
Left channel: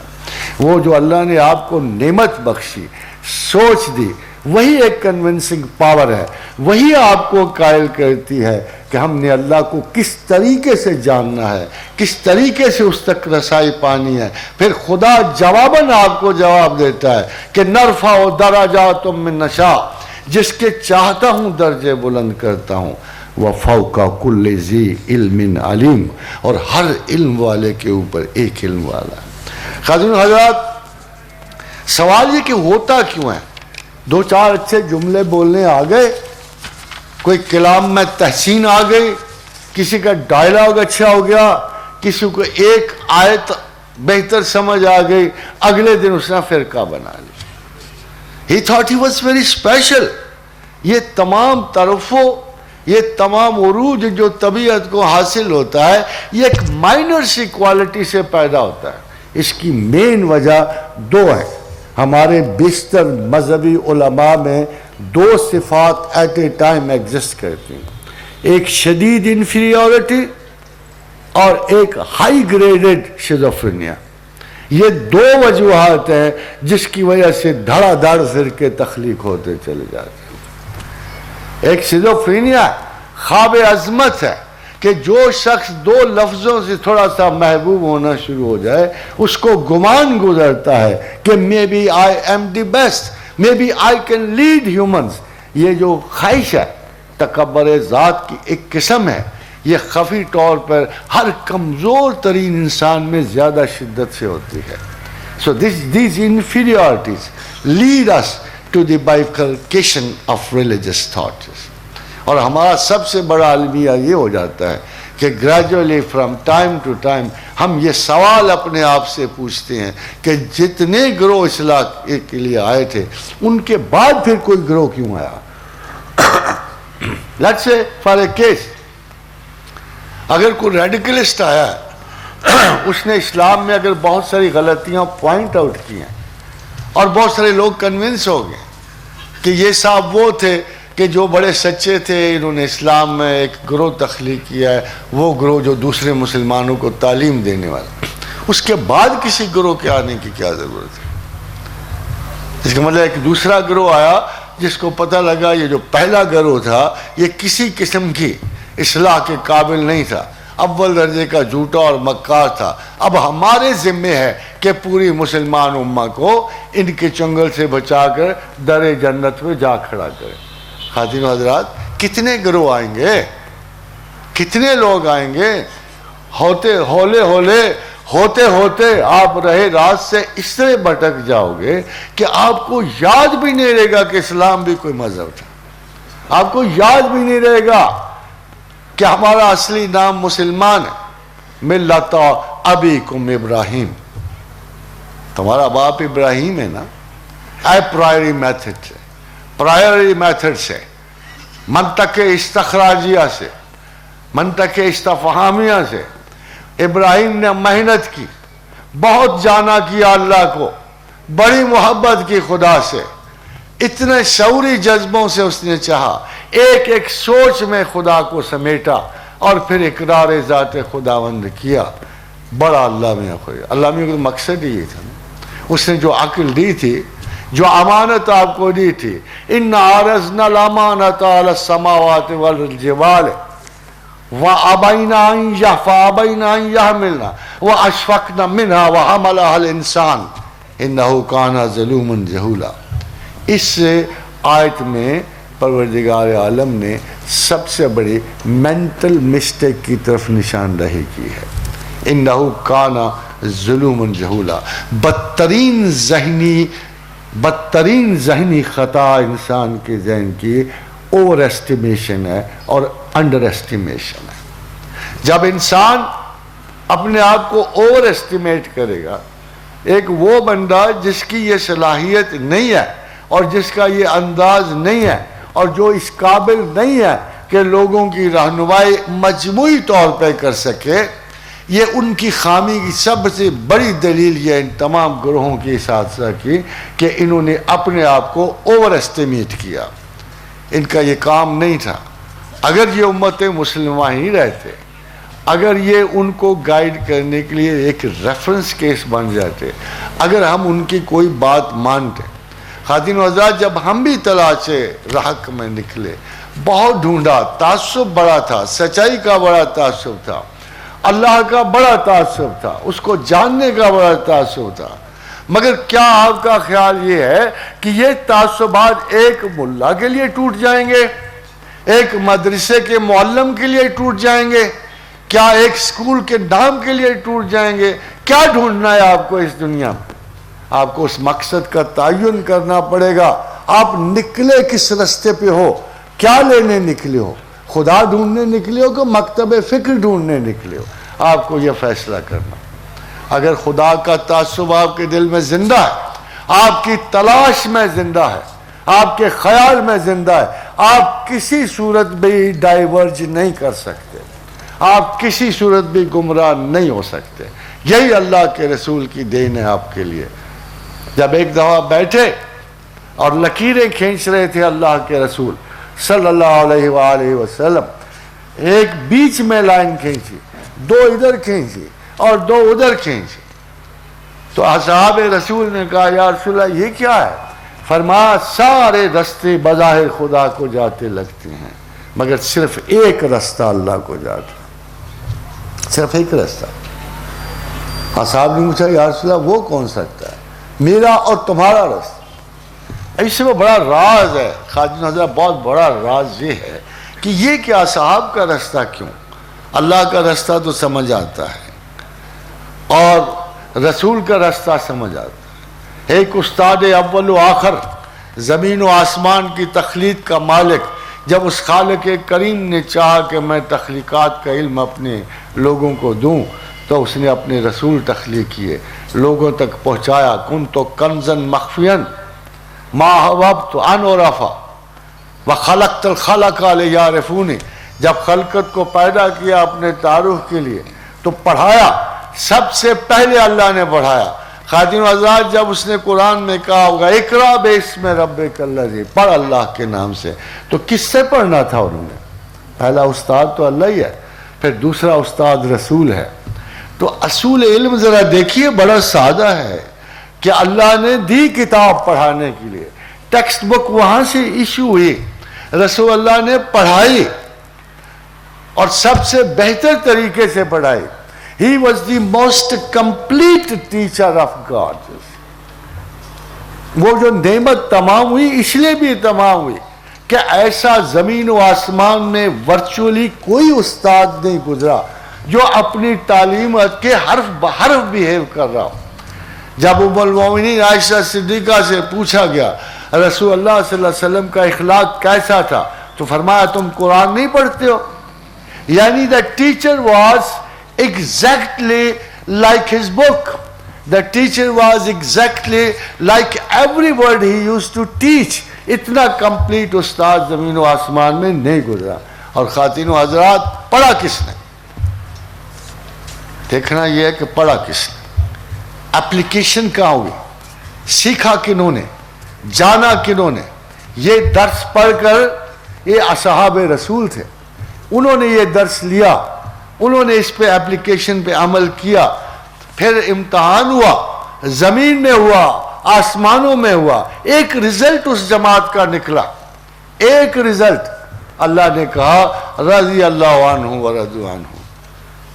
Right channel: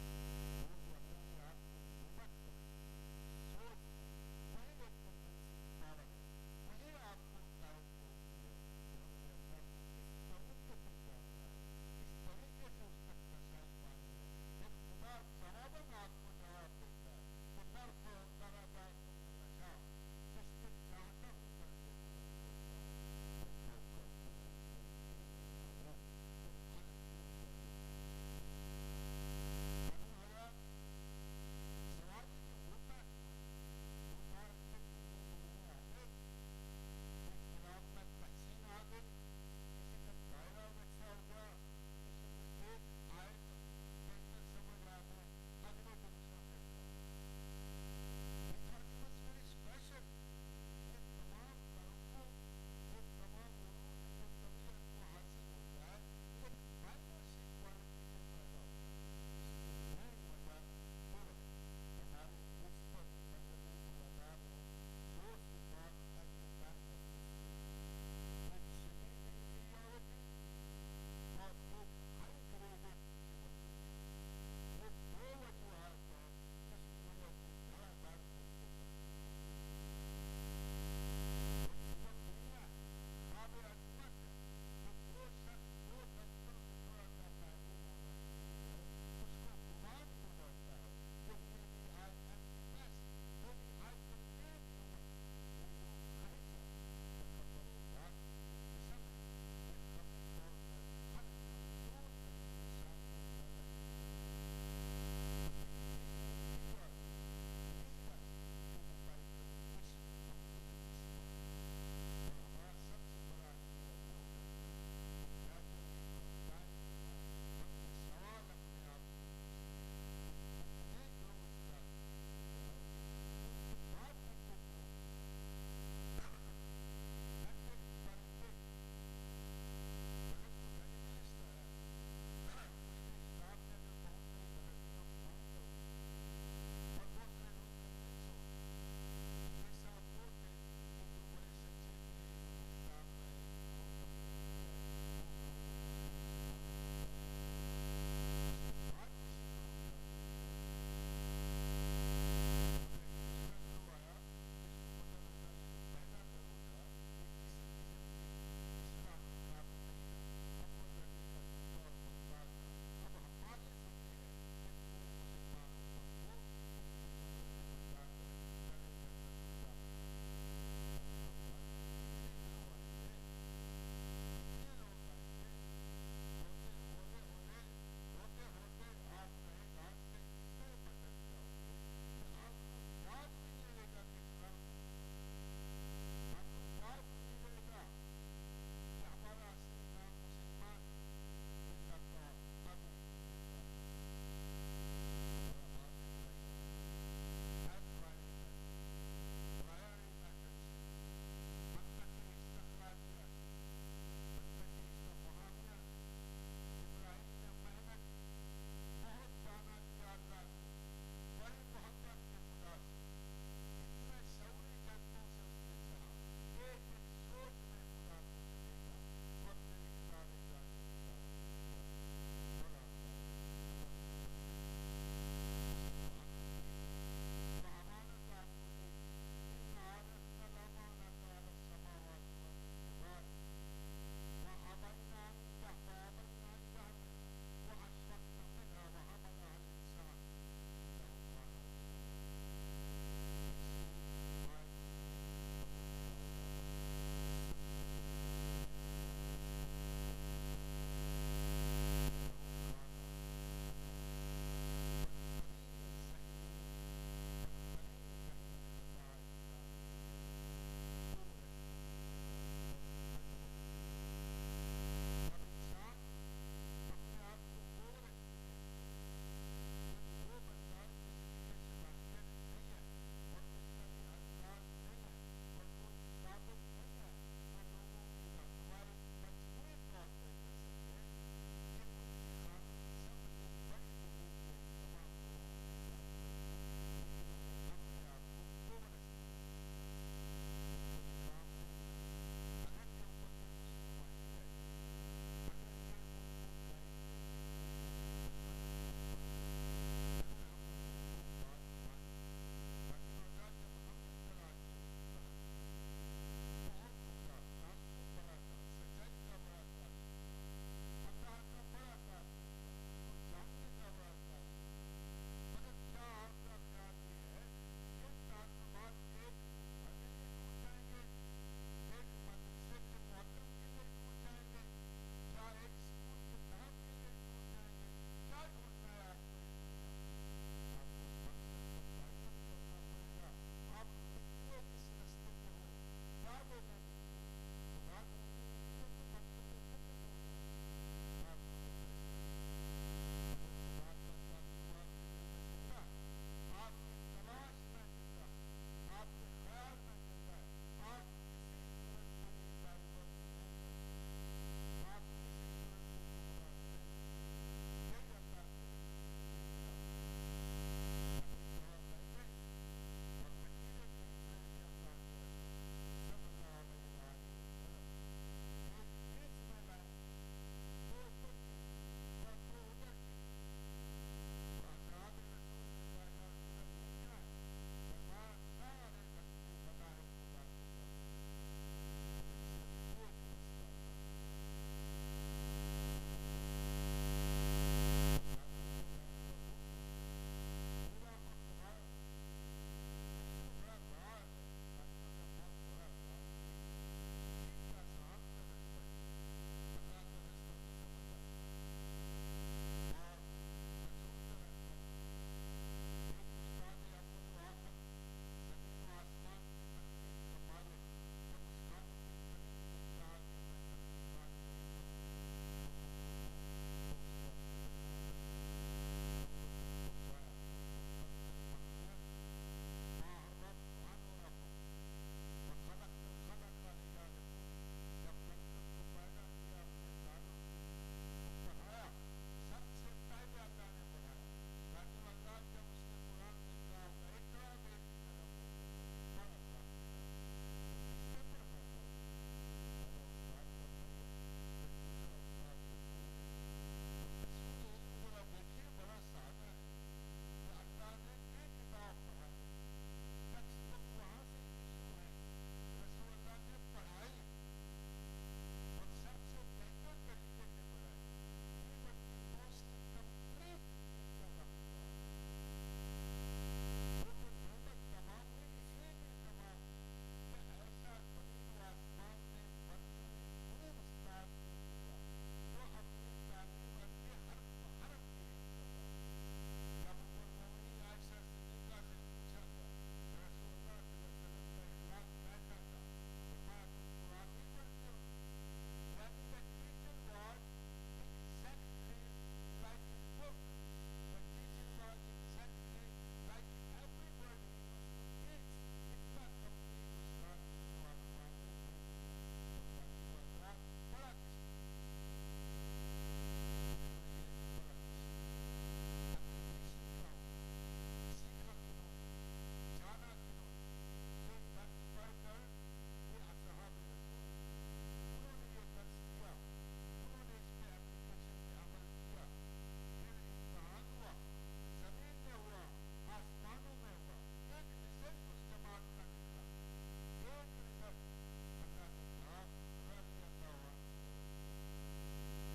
وہ جو اللہ نے آپ کو نعمت بخشی, سوچ دی, وہی ایک کنونسنگ پاور ہے, وہی آپ کو قائل کرتی ہے کہ ہم نے اللہ کو کس طریقے سے جاننا ہے, کس طریقے سے اس تک رسائی پانی ہے. پھر خدا جواباً آپ کو جواب دیتا ہے کہ نرفع درجات من نشاء, جس کے چاہتا ہوں درجے بلند کرتا ہوں. وَفَوْقَ كُلِّ ذِي عِلْمٍ عَلِيمٍ، اور ہر علم والے کے اوپر ایک علم والا ہے۔ خاتون حضرات، سوال یہ کہ ہوتا کیوں ہے؟ دو چار اچھے جملے بولنے آ گئے، کوئی کلام میں تحسین آ گئی، کسی کا ڈائلاگ اچھا ہو گیا، کسی کو ایک آیت بہتر سمجھ آ گئی، اگلے دن اس نے فرقہ بنا لی۔ He thought he was very special۔ یہ تمام طرفوں، یہ تمام عروج جو طبیعت کو حاصل ہوتا ہے، یہ ایک مائنر سی کوالٹی سے پیدا ہوتا ہے۔ اس کی مین وجہ دو ہے۔ ہمارے بیشتر مذہبی علماء میں دو صفات ایٹ اے ٹائم ایگزسٹ کرتی ہیں، ایک شدید انفیریورٹی اور ایک ہائی گریڈڈ شیزوفرینیا۔ یہ دو وجوہات ہیں جس کی وجہ سے دھڑا دھڑ فرقے تخلیق ہوتے چلے جاتے ہیں۔ ایک شیزوفرینیا خواب عظمت ہے کہ جو شخص دو لفظوں سے تھوڑا سا محبوب ہونا شروع ہو جائے، اس کو گمان گزرتا ہے کہ maybe I am the best, maybe I can lead humans. یہ جو خواہش ہے تکبر ذات کی ایک قسم ہے، یہ خفی طور پر ہر کمزور ترین انسان میں زیادہ شدت سے ہوتی ہے۔ So these inferiorities lead us to the bifurcation of religious thoughts۔ اور ہمارا سب سے بڑا المیہ یہ ہو جاتا ہے کہ gradually from time to time ہم یہ سوال اپنے آپ سے پوچھتے ہیں کہ جتنے گروہ اصلاح کے لیے آئے تھے، ان کے بعد پھر کوئی گروہ کیوں آیا؟ Let's say for a case، اگر کوئی ریڈیکلسٹ آیا ہے، اس نے اسلام میں اگر بہت ساری غلطیاں پوائنٹ آؤٹ کی ہیں اور بہت سارے لوگ کنونس ہو گئے کہ یہ صاحب وہ تھے کہ جو بڑے سچے تھے، انہوں نے اسلام میں ایک گروہ تخلیق کیا ہے، وہ گروہ جو دوسرے مسلمانوں کو تعلیم دینے والا، اس کے بعد کسی گروہ کے آنے کی کیا ضرورت ہے؟ اس کا مطلب ایک دوسرا گروہ آیا جس کو پتہ لگا یہ جو پہلا گروہ تھا یہ کسی قسم کی اصلاح کے قابل نہیں تھا، اول درجے کا جھوٹا اور مکار تھا۔ اب ہمارے ذمہ ہے کہ پوری مسلمان امہ کو ان کے چنگل سے بچا کر در جنت میں جا کھڑا کرے۔ خواتین و حضرات، کتنے گروہ آئیں گے، کتنے لوگ آئیں گے؟ ہوتے ہوتے آپ رہے راز سے اس طرح بھٹک جاؤ گے کہ آپ کو یاد بھی نہیں رہے گا کہ اسلام بھی کوئی مذہب تھا، آپ کو یاد بھی نہیں رہے گا کہ ہمارا اصلی نام مسلمان ہے۔ ملت ابیکم ابراہیم، تمہارا باپ ابراہیم ہے نا۔ اے پرائری میتھڈ سے، منطق استخراجیہ سے، منطق استفہامیہ سے ابراہیم نے محنت کی، بہت جانا کیا اللہ کو، بڑی محبت کی خدا سے، اتنے شعوری جذبوں سے اس نے چاہا، ایک ایک سوچ میں خدا کو سمیٹا اور پھر اقرار ذات خداوند کیا۔ بڑا اللہ میں کا مقصد ہی یہ تھا، اس نے جو عقل دی تھی، جو امانت آپ کو دی تھی، اِنَّا عَرَضْنَا الْأَمَانَةَ عَلَى السَّمَاوَاتِ وَالْجِبَالِ وَأَبَيْنَا أَن يَحْمِلْنَا وَأَشْفَقْنَا مِنْهَا وَحَمَلَهَا الْإِنسَانُ إِنَّهُ كَانَ ظَلُومًا جَهُولًا۔ اس آیت میں پروردگار عالم نے سب سے بڑی مینٹل مسٹیک کی طرف نشاندہی کی ہے۔ انہو کانا ظلوم جہولا، بدترین ذہنی خطا انسان کے ذہن کی اوور ایسٹیمیشن ہے اور انڈر ایسٹیمیشن ہے۔ جب انسان اپنے آپ کو اوور ایسٹیمیٹ کرے گا، ایک وہ بندہ جس کی یہ صلاحیت نہیں ہے اور جس کا یہ انداز نہیں ہے اور جو اس قابل نہیں ہے کہ لوگوں کی رہنمائی مجموعی طور پہ کر سکے، یہ ان کی خامی کی سب سے بڑی دلیل یہ ان تمام گروہوں کی اساتذہ کی کہ انہوں نے اپنے آپ کو اوور ایسٹیمیٹ کیا۔ ان کا یہ کام نہیں تھا۔ اگر یہ امت مسلمہ ہی رہتے، اگر یہ ان کو گائیڈ کرنے کے لیے ایک ریفرنس کیس بن جاتے، اگر ہم ان کی کوئی بات مانتے۔ خواتین و حضرات، جب ہم بھی تلاشے حق میں نکلے، بہت ڈھونڈا، تعصب بڑا تھا، سچائی کا بڑا تعصب تھا، اللہ کا بڑا تعصب تھا، اس کو جاننے کا بڑا تعصب تھا، مگر کیا آپ کا خیال یہ ہے کہ یہ تعصبات ایک ملا کے لیے ٹوٹ جائیں گے؟ ایک مدرسے کے معلم کے لیے ٹوٹ جائیں گے؟ کیا ایک سکول کے نام کے لیے ٹوٹ جائیں گے؟ کیا ڈھونڈنا ہے آپ کو اس دنیا میں؟ آپ کو اس مقصد کا تعین کرنا پڑے گا. آپ نکلے کس رستے پہ ہو؟ کیا لینے نکلے ہو؟ خدا ڈھونڈنے نکلے ہو کہ مکتب فکر ڈھونڈنے نکلے ہو؟ آپ کو یہ فیصلہ کرنا. اگر خدا کا تعصب آپ کے دل میں زندہ ہے، آپ کی تلاش میں زندہ ہے، آپ کے خیال میں زندہ ہے، آپ کسی صورت بھی ڈائیورج نہیں کر سکتے، آپ کسی صورت بھی گمراہ نہیں ہو سکتے. یہی اللہ کے رسول کی دین ہے آپ کے لیے. جب ایک دفعہ بیٹھے اور لکیریں کھینچ رہے تھے اللہ کے رسول صلی اللہ علیہ وآلہ وسلم، ایک بیچ میں لائن کھینچی، دو ادھر کھینچی اور دو ادھر کھینچی. تو اصحاب رسول نے کہا یا رسول اللہ یہ کیا ہے؟ فرمایا سارے رستے بظاہر خدا کو جاتے لگتے ہیں مگر صرف ایک رستہ اللہ کو جاتا، صرف ایک رستہ. اصحاب نے پوچھا یا رسول اللہ وہ کون سکتا ہے؟ میرا اور تمہارا رستہ. اس میں بڑا راز ہے خواجہ حضرت، بہت بڑا راز یہ ہے کہ یہ کہ اصحاب کا رستہ کیوں؟ اللہ کا رستہ تو سمجھ آتا ہے اور رسول کا رستہ سمجھ آتا ہے. ایک استاد اول و آخر، زمین و آسمان کی تخلیق کا مالک، جب اس خالق کریم نے چاہا کہ میں تخلیقات کا علم اپنے لوگوں کو دوں تو اس نے اپنے رسول تخلیق کیے، لوگوں تک پہنچایا. کنت کنزا مخفیا ما حببت ان عرفا وخلقت الخلق لیعرفونی. جب خلقت کو پیدا کیا اپنے تعارف کے لیے تو پڑھایا، سب سے پہلے اللہ نے پڑھایا. خادم حضرات جب اس نے قرآن میں کہا ہوگا اقرا باسم ربک الذی، پڑھ اللہ کے نام سے، تو کس سے پڑھنا تھا انہوں نے؟ پہلا استاد تو اللہ ہی ہے، پھر دوسرا استاد رسول ہے. تو اصول علم ذرا دیکھیے بڑا سادہ ہے کہ اللہ نے دی کتاب پڑھانے کے لیے، ٹیکسٹ بک وہاں سے ایشو ہوئی، رسول اللہ نے پڑھائی اور سب سے بہتر طریقے سے پڑھائی. He was the most complete teacher of God. وہ جو نعمت تمام ہوئی اس لیے بھی تمام ہوئی کہ ایسا زمین و آسمان میں ورچولی کوئی استاد نہیں گزرا جو اپنی تعلیم کے حرف بحرف بیہیو کر رہا ہو. جب ام المومنین عائشہ صدیقہ سے پوچھا گیا رسول اللہ صلی اللہ علیہ وسلم کا اخلاق کیسا تھا تو فرمایا تم قرآن نہیں پڑھتے ہو. یعنی the teacher was exactly like his book. The teacher was exactly like every word he used to teach. اتنا کمپلیٹ استاد زمین و آسمان میں نہیں گزرا. اور خواتین و حضرات پڑھا کس نے؟ دیکھنا یہ ہے کہ پڑھا کس نے، اپلیکیشن کہاں ہوئی، سیکھا کنہوں نے، جانا کنہوں نے. یہ درس پڑھ کر یہ اصحاب رسول تھے، انہوں نے یہ درس لیا، انہوں نے اس پہ اپلیکیشن پہ عمل کیا. پھر امتحان ہوا، زمین میں ہوا، آسمانوں میں ہوا، ایک رزلٹ اس جماعت کا نکلا، ایک رزلٹ. اللہ نے کہا رضی اللہ عنہ ورضوا عنہ.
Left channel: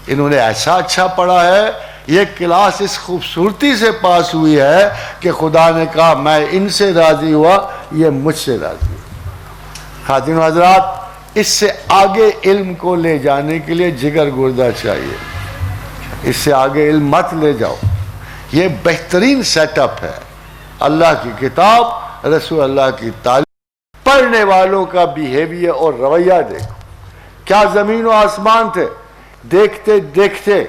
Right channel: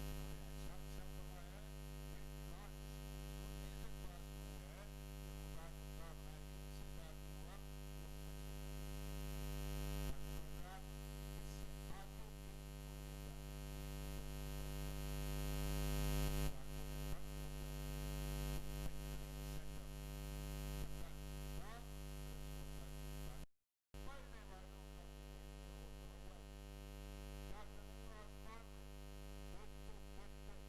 انہوں نے ایسا اچھا پڑھا ہے، یہ کلاس اس خوبصورتی سے پاس ہوئی ہے کہ خدا نے کہا میں ان سے راضی ہوا، یہ مجھ سے راضی ہوا. خاتون و حضرات اس سے آگے علم کو لے جانے کے لیے جگر گردہ چاہیے. اس سے آگے علم مت لے جاؤ. یہ بہترین سیٹ اپ ہے. اللہ کی کتاب، رسول اللہ کی تعلیم، پڑھنے والوں کا بیہیویئر اور رویہ دیکھو. کیا زمین و آسمان تھے، دیکھتے دیکھتے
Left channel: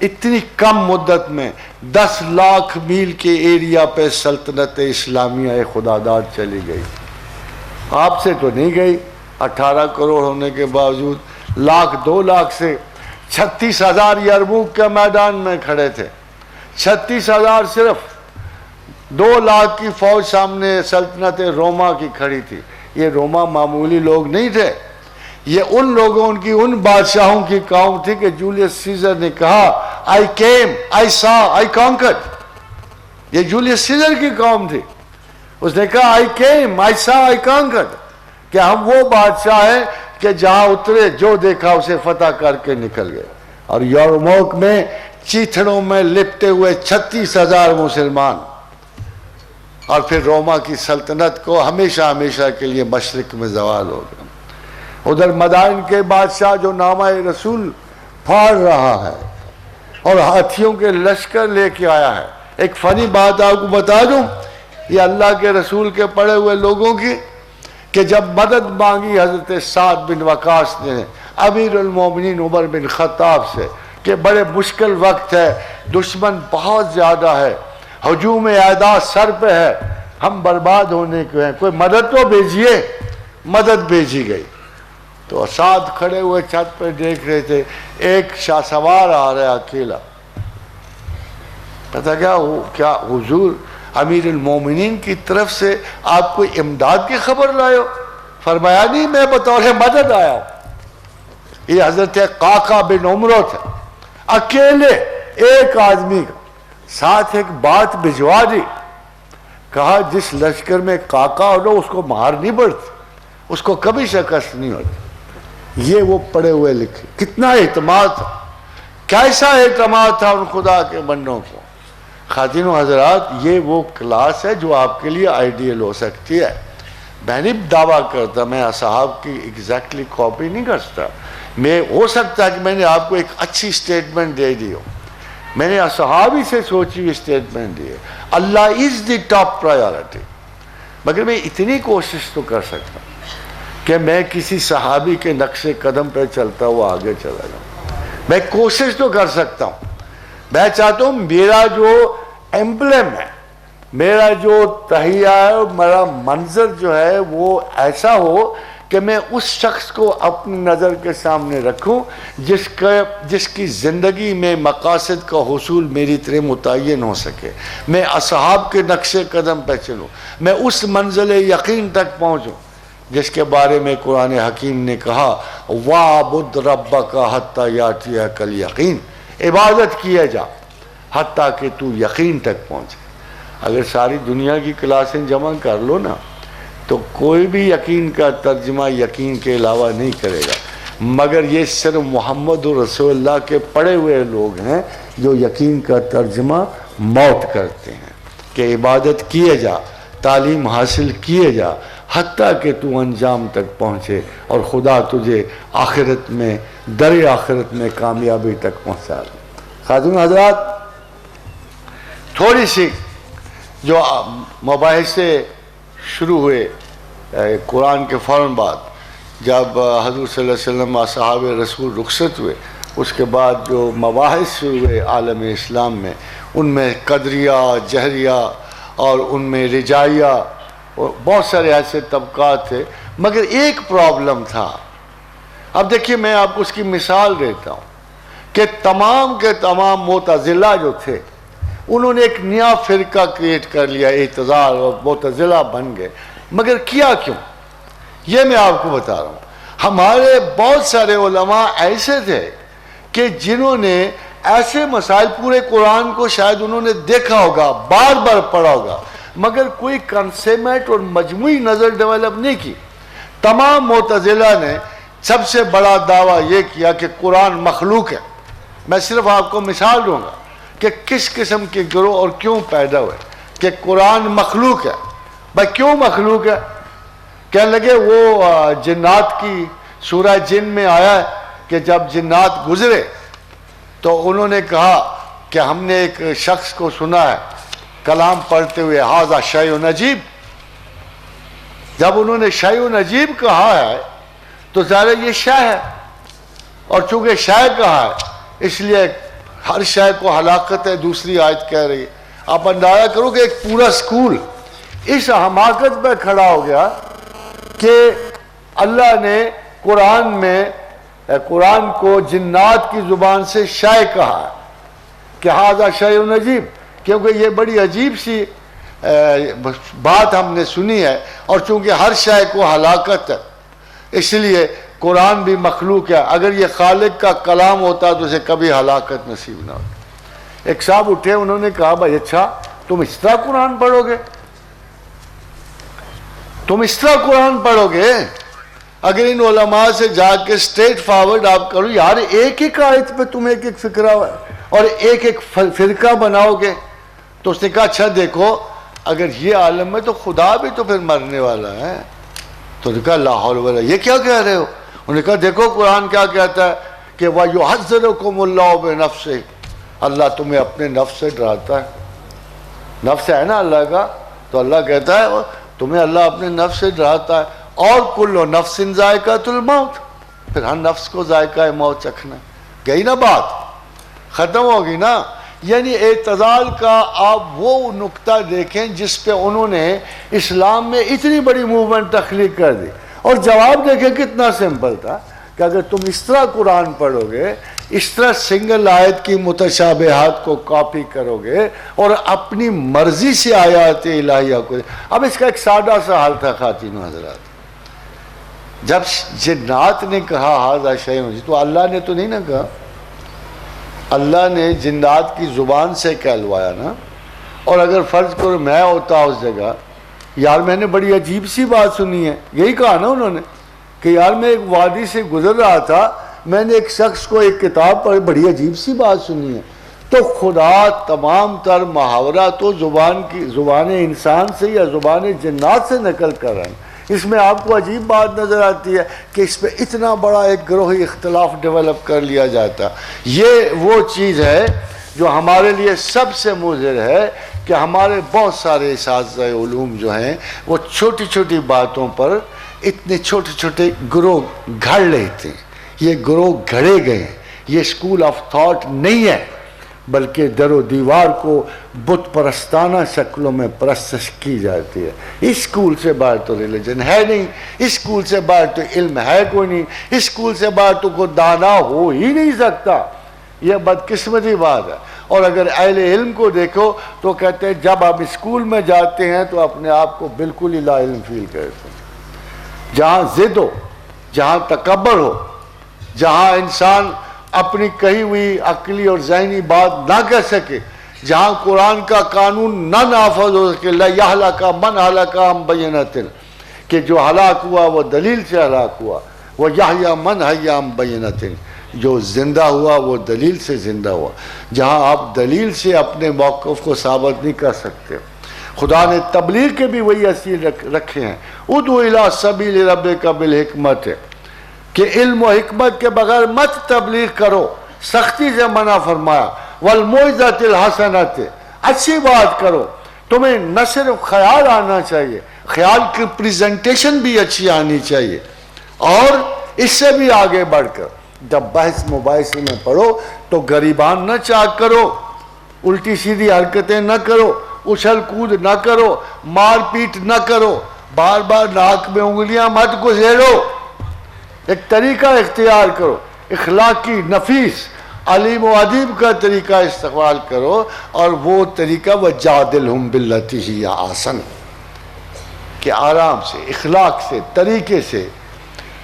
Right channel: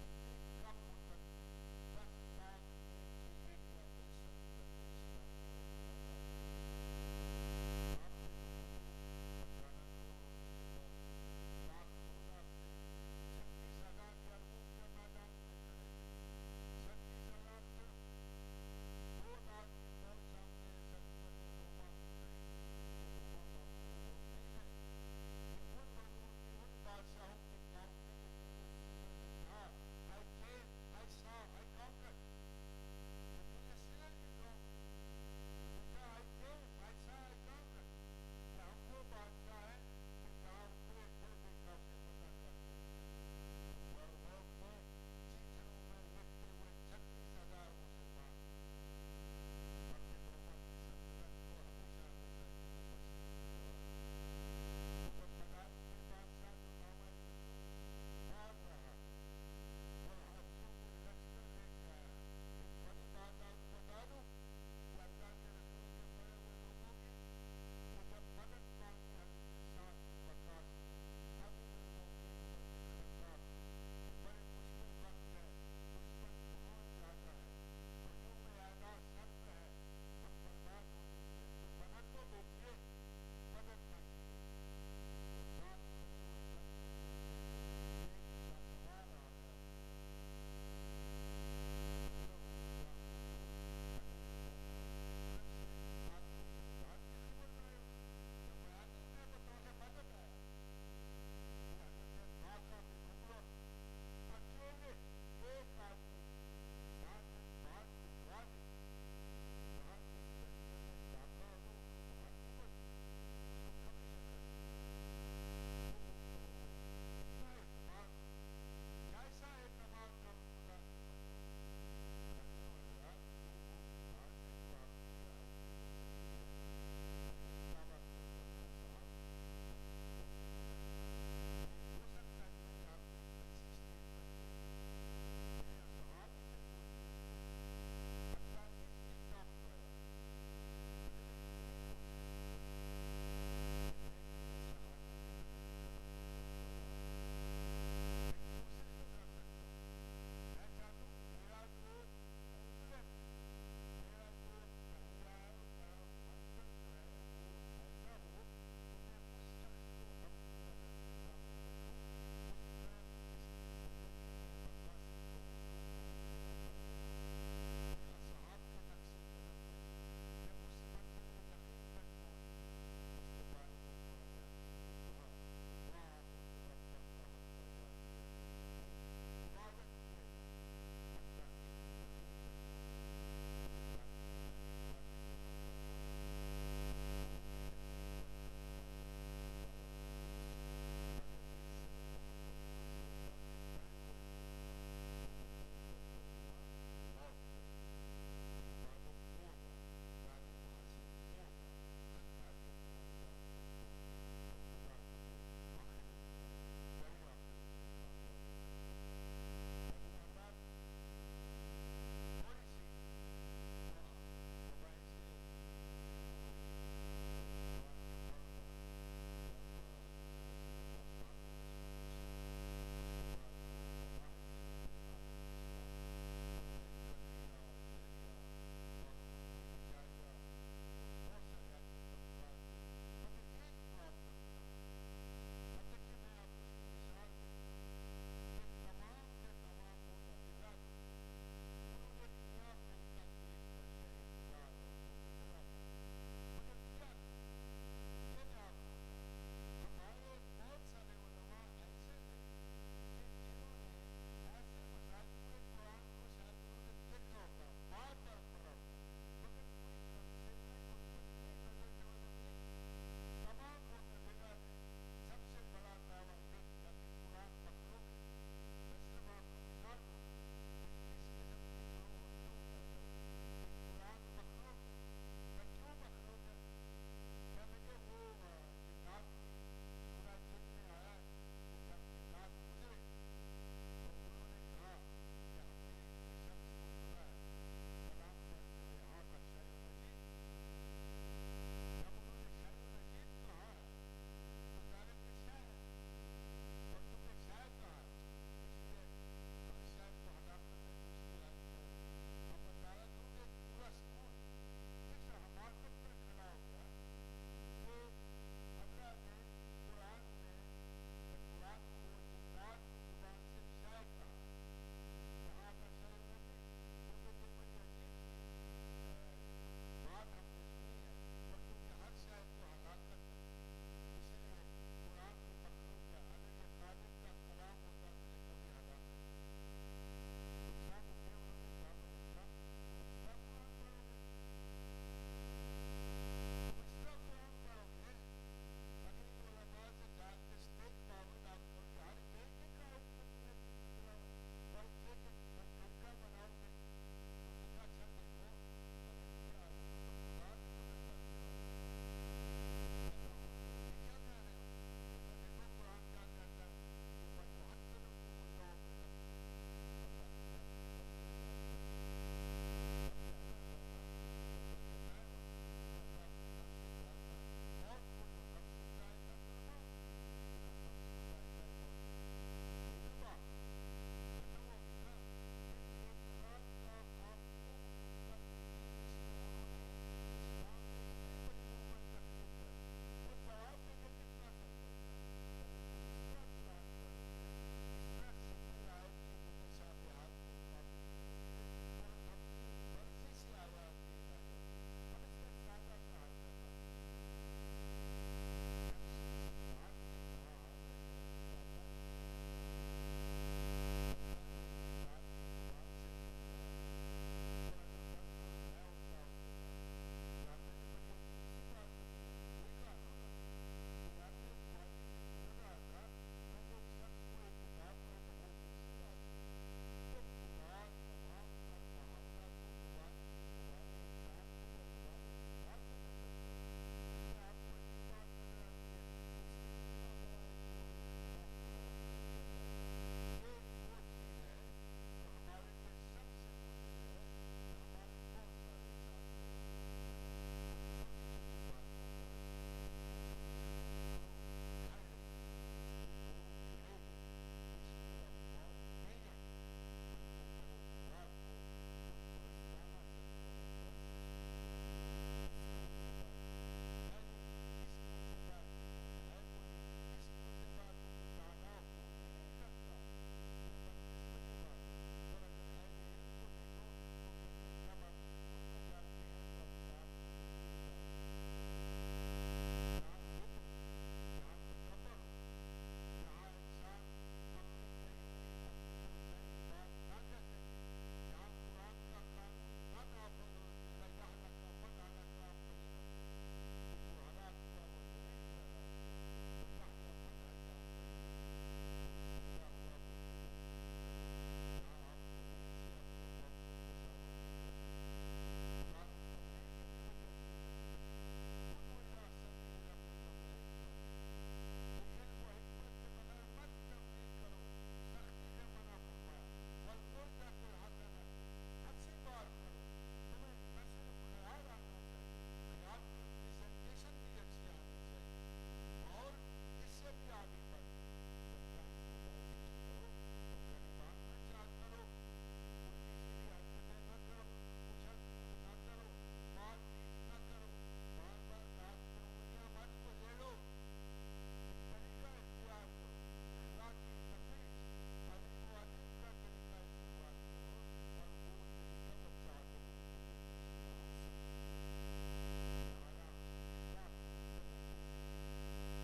اتنی کم مدت میں 10 لاکھ میل کے ایریا پہ سلطنت اسلامیہ خداداد چلی گئی. آپ سے تو نہیں گئی، 18 کروڑ ہونے کے باوجود، لاکھ 2 لاکھ سے 36,000 یرموک کے میدان میں کھڑے تھے. 36,000 صرف 2 لاکھ کی فوج سامنے سلطنت روما کی کھڑی تھی. یہ روما معمولی لوگ نہیں تھے، یہ ان لوگوں کی، ان بادشاہوں کی قوم تھی کہ جولیس سیزر نے کہا I came, I saw, I conquered. یہ جولیس سیزر کی قوم تھی. اس نے کہا I came, I saw, I conquered. کہ ہم وہ بادشاہ ہیں کہ جہاں اترے جو دیکھا اسے فتح کر کے نکل گئے. اور یرموک میں چیتھڑوں میں لپٹے ہوئے 36,000 مسلمان. اور پھر روما کی سلطنت کو ہمیشہ ہمیشہ کے لیے مشرق میں زوال ہو گیا. ادھر مدائن کے بادشاہ جو نامہ رسول پھاڑ رہا ہے اور ہاتھیوں کے لشکر لے کے آیا ہے. ایک فنی بات آپ کو بتا دوں یہ اللہ کے رسول کے پڑے ہوئے لوگوں کی، کہ جب مدد مانگی حضرت سعد بن وقاص نے امیر المومنین عمر بن خطاب سے کہ بڑے مشکل وقت ہے، دشمن بہت زیادہ ہے، ہجوم اعداء سر پہ ہے، ہم برباد ہونے کے ہیں، کوئی مدد تو بھیجیے. مدد بھیجی گئی تو سعد کھڑے ہوئے چھت پہ دیکھ رہے تھے، ایک شاہ سوار آ رہا ہے اکیلا. پتہ کیا حضور امیر المومنین کی طرف سے آپ کوئی امداد کی خبر لائے ہو؟ فرمایا نہیں، میں بطور مدد آیا ہوں. یہ حضرت قعقاع بن عمرو تھے، اکیلے ایک آدمی کا ساتھ ایک بات بھجوا دی. کہا جس لشکر میں قعقاع ہو اس کو مار نہیں پڑتی، اس کو کبھی شکست نہیں ہوتی. یہ وہ پڑے ہوئے لکھے. کتنا اعتماد تھا، کیسا اعتماد تھا ان خدا کے بندوں کو. خواتین و حضرات، یہ وہ کلاس ہے جو آپ کے لیے آئیڈیل ہو سکتی ہے. میں نہیں دعویٰ کرتا میں اصحاب کی ایگزیکٹلی کاپی نہیں کرتا. میں ہو سکتا ہے کہ میں نے آپ کو ایک اچھی سٹیٹمنٹ دے دی ہو، میں نے اصحاب ہی سے سوچی ہوئی سٹیٹمنٹ دی ہے. اللہ از دی ٹاپ پرائیورٹی. مگر میں اتنی کوشش تو کر سکتا ہوں کہ میں کسی صحابی کے نقش قدم پہ چلتا ہوا آگے چلا جاؤں. میں کوشش تو کر سکتا ہوں. میں چاہتا ہوں میرا جو ایمبلم ہے، میرا جو تہیہ ہے، میرا منظر جو ہے وہ ایسا ہو کہ میں اس شخص کو اپنی نظر کے سامنے رکھوں جس کی زندگی میں مقاصد کا حصول میری طرح متعین ہو سکے. میں اصحاب کے نقش قدم پہ چلوں، میں اس منزل یقین تک پہنچوں جس کے بارے میں قرآن حکیم نے کہا وَاعْبُدْ رَبَّكَ حَتَّى يَأْتِيَكَ الْيَقِينُ. عبادت کیے جا حتیٰ کہ تو یقین تک پہنچے. اگر ساری دنیا کی کلاسیں جمع کر لو نا تو کوئی بھی یقین کا ترجمہ یقین کے علاوہ نہیں کرے گا، مگر یہ صرف محمد رسول اللہ کے پڑھے ہوئے لوگ ہیں جو یقین کا ترجمہ موت کرتے ہیں کہ عبادت کیے جا، تعلیم حاصل کیے جا حتیٰ کہ تو انجام تک پہنچے اور خدا تجھے آخرت میں در آخرت میں کامیابی تک پہنچا دے. خاتون حضرات، تھوڑی سی جو مباحثے شروع ہوئے قرآن کے فوراً بعد جب حضور صلی اللہ علیہ وسلم اصحاب رسول رخصت ہوئے، اس کے بعد جو مباحث شروع ہوئے عالم اسلام میں، ان میں قدریہ، جہریہ اور ان میں رجائیہ اور بہت سارے ایسے طبقات تھے. مگر ایک پرابلم تھا. اب دیکھیے میں آپ کو اس کی مثال دیتا ہوں کہ تمام کے تمام معتزلہ جو تھے انہوں نے ایک نیا فرقہ کریٹ کر لیا، اعتزال اور معتزلہ بن گئے. مگر کیا کیوں؟ یہ میں آپ کو بتا رہا ہوں. ہمارے بہت سارے علماء ایسے تھے کہ جنہوں نے ایسے مسائل، پورے قرآن کو شاید انہوں نے دیکھا ہوگا، بار بار پڑھا ہوگا، مگر کوئی کنسیپٹ اور مجموعی نظر ڈیولپ نہیں کی. تمام معتزلہ نے سب سے بڑا دعویٰ یہ کیا کہ قرآن مخلوق ہے. میں صرف آپ کو مثال دوں گا کہ کس قسم کے گروہ اور کیوں پیدا ہوئے کہ قرآن مخلوق ہے. بھائی کیوں مخلوق ہے؟ کہنے لگے وہ جنات کی سورہ جن میں آیا ہے کہ جب جنات گزرے تو انہوں نے کہا کہ ہم نے ایک شخص کو سنا ہے کلام پڑھتے ہوئے ھذا شیء عجیب. جب انہوں نے شیء عجیب کہا ہے تو ظاہر یہ شے ہے، اور چونکہ شے کہا ہے اس لیے ہر شے کو ہلاکت ہے. دوسری آیت کہہ رہی ہے. آپ اندازہ کرو کہ ایک پورا سکول اس حماقت پہ کھڑا ہو گیا کہ اللہ نے قرآن میں قرآن کو جنات کی زبان سے شے کہا ہے کہ ھذا شیء عجیب، کیونکہ یہ بڑی عجیب سی بات ہم نے سنی ہے، اور چونکہ ہر شے کو ہلاکت ہے اس لیے قرآن بھی مخلوق ہے. اگر یہ خالق کا کلام ہوتا تو اسے کبھی ہلاکت نصیب نہ ہوتی. ایک صاحب اٹھے، انہوں نے کہا بھائی اچھا تم اس طرح قرآن پڑھو گے؟ تم اس طرح قرآن پڑھو گے؟ اگر ان علماء سے جا کے اسٹریٹ فارورڈ آپ کرو یار ایک ایک آیت پہ تم ایک ایک فکرہ اور ایک ایک فرقہ بناؤ گے، تو اس نے کہا اچھا دیکھو اگر یہ عالم ہے تو خدا بھی تو پھر مرنے والا ہے. تو نے کہا لا حول ولا، یہ کیا کہہ رہے ہو؟ انہوں نے کہا دیکھو قرآن کیا کہتا ہے کہ وَيُحَذِّرُكُمُ اللَّهُ بِنَفْسِهِ، اللہ تمہیں اپنے نفس سے ڈراتا ہے، نفس ہے نا اللہ کا، تو اللہ کہتا ہے تمہیں اللہ اپنے نفس سے ڈراتا ہے، اور کل نفس ذائقۃ الموت، پھر ہر نفس کو ذائقہ موت چکھنا، گئی نا بات، ختم ہوگی نا۔ یعنی اعتزال کا آپ وہ نقطہ دیکھیں جس پہ انہوں نے اسلام میں اتنی بڑی موومنٹ تخلیق کر دی، اور جواب دیکھیں کتنا سمپل تھا کہ اگر تم اس طرح قرآن پڑھو گے، اس طرح سنگل آیت کی متشابہات کو کاپی کرو گے اور اپنی مرضی سے آیات الہیہ کو، اب اس کا ایک سادہ سا حال تھا خواتین حضرات، جب جنات نے کہا ھذا شیء، تو اللہ نے تو نہیں نہ کہا، اللہ نے جنات کی زبان سے کہلوایا نا۔ اور اگر فرض کرو میں ہوتا اس جگہ، یار میں نے بڑی عجیب سی بات سنی ہے، یہی کہا نا انہوں نے کہ یار میں ایک وادی سے گزر رہا تھا، میں نے ایک شخص کو ایک کتاب پڑھی، بڑی عجیب سی بات سنی ہے، تو خدا تمام تر محاورہ تو زبان انسان سے یا زبان جنات سے نقل کر رہا ہے۔ اس میں آپ کو عجیب بات نظر آتی ہے کہ اس پہ اتنا بڑا ایک گروہی اختلاف ڈیولپ کر لیا جاتا۔ یہ وہ چیز ہے جو ہمارے لیے سب سے مضر ہے کہ ہمارے بہت سارے اساتذہ علوم جو ہیں وہ چھوٹی چھوٹی باتوں پر اتنے چھوٹے چھوٹے گروہ گھڑ لیتے ہیں۔ یہ گروہ گھڑے گئے ہیں، یہ اسکول آف تھاٹ نہیں ہے، بلکہ در و دیوار کو بت پرستانہ شکلوں میں پرستش کی جاتی ہے۔ اس اسکول سے باہر تو ریلیجن ہے نہیں، اس اسکول سے باہر تو علم ہے کوئی نہیں، اس اسکول سے باہر تو کوئی دانا ہو ہی نہیں سکتا۔ یہ بدقسمتی بات ہے۔ اور اگر اہل علم کو دیکھو تو کہتے ہیں جب آپ اسکول میں جاتے ہیں تو اپنے آپ کو بالکل ہی لا علم فیل کرتے ہیں۔ جہاں ضد ہو، جہاں تکبر ہو، جہاں انسان اپنی کہی ہوئی عقلی اور ذہنی بات نہ کہہ سکے، جہاں قرآن کا قانون نہ نافذ ہو سکے، لا یہلک من ہلک عن بینۃ، کہ جو ہلاک ہوا وہ دلیل سے ہلاک ہوا، وہ یحییٰ من حی عن بینۃ، جو زندہ ہوا وہ دلیل سے زندہ ہوا، جہاں آپ دلیل سے اپنے موقف کو ثابت نہیں کر سکتے۔ خدا نے تبلیغ کے بھی وہی اصول رکھے ہیں، ادعو الی سبیل ربک بالحکمت، کہ علم و حکمت کے بغیر مت تبلیغ کرو، سختی سے منع فرمایا، والموعظۃ الحسنۃ، اچھی بات کرو، تمہیں نہ صرف خیال آنا چاہیے، خیال کی پریزنٹیشن بھی اچھی آنی چاہیے، اور اس سے بھی آگے بڑھ کر جب بحث مباحثے میں پڑھو تو غریبان نہ چاک کرو، الٹی سیدھی حرکتیں نہ کرو، اچھل کود نہ کرو، مار پیٹ نہ کرو، بار بار ناک میں انگلیاں مت گھسیڑو، ایک طریقہ اختیار کرو، اخلاقی نفیس علیم و ادیب کا طریقہ استعمال کرو، اور وہ طریقہ وجادلہم باللتی ہی احسن، کہ آرام سے، اخلاق سے، طریقے سے۔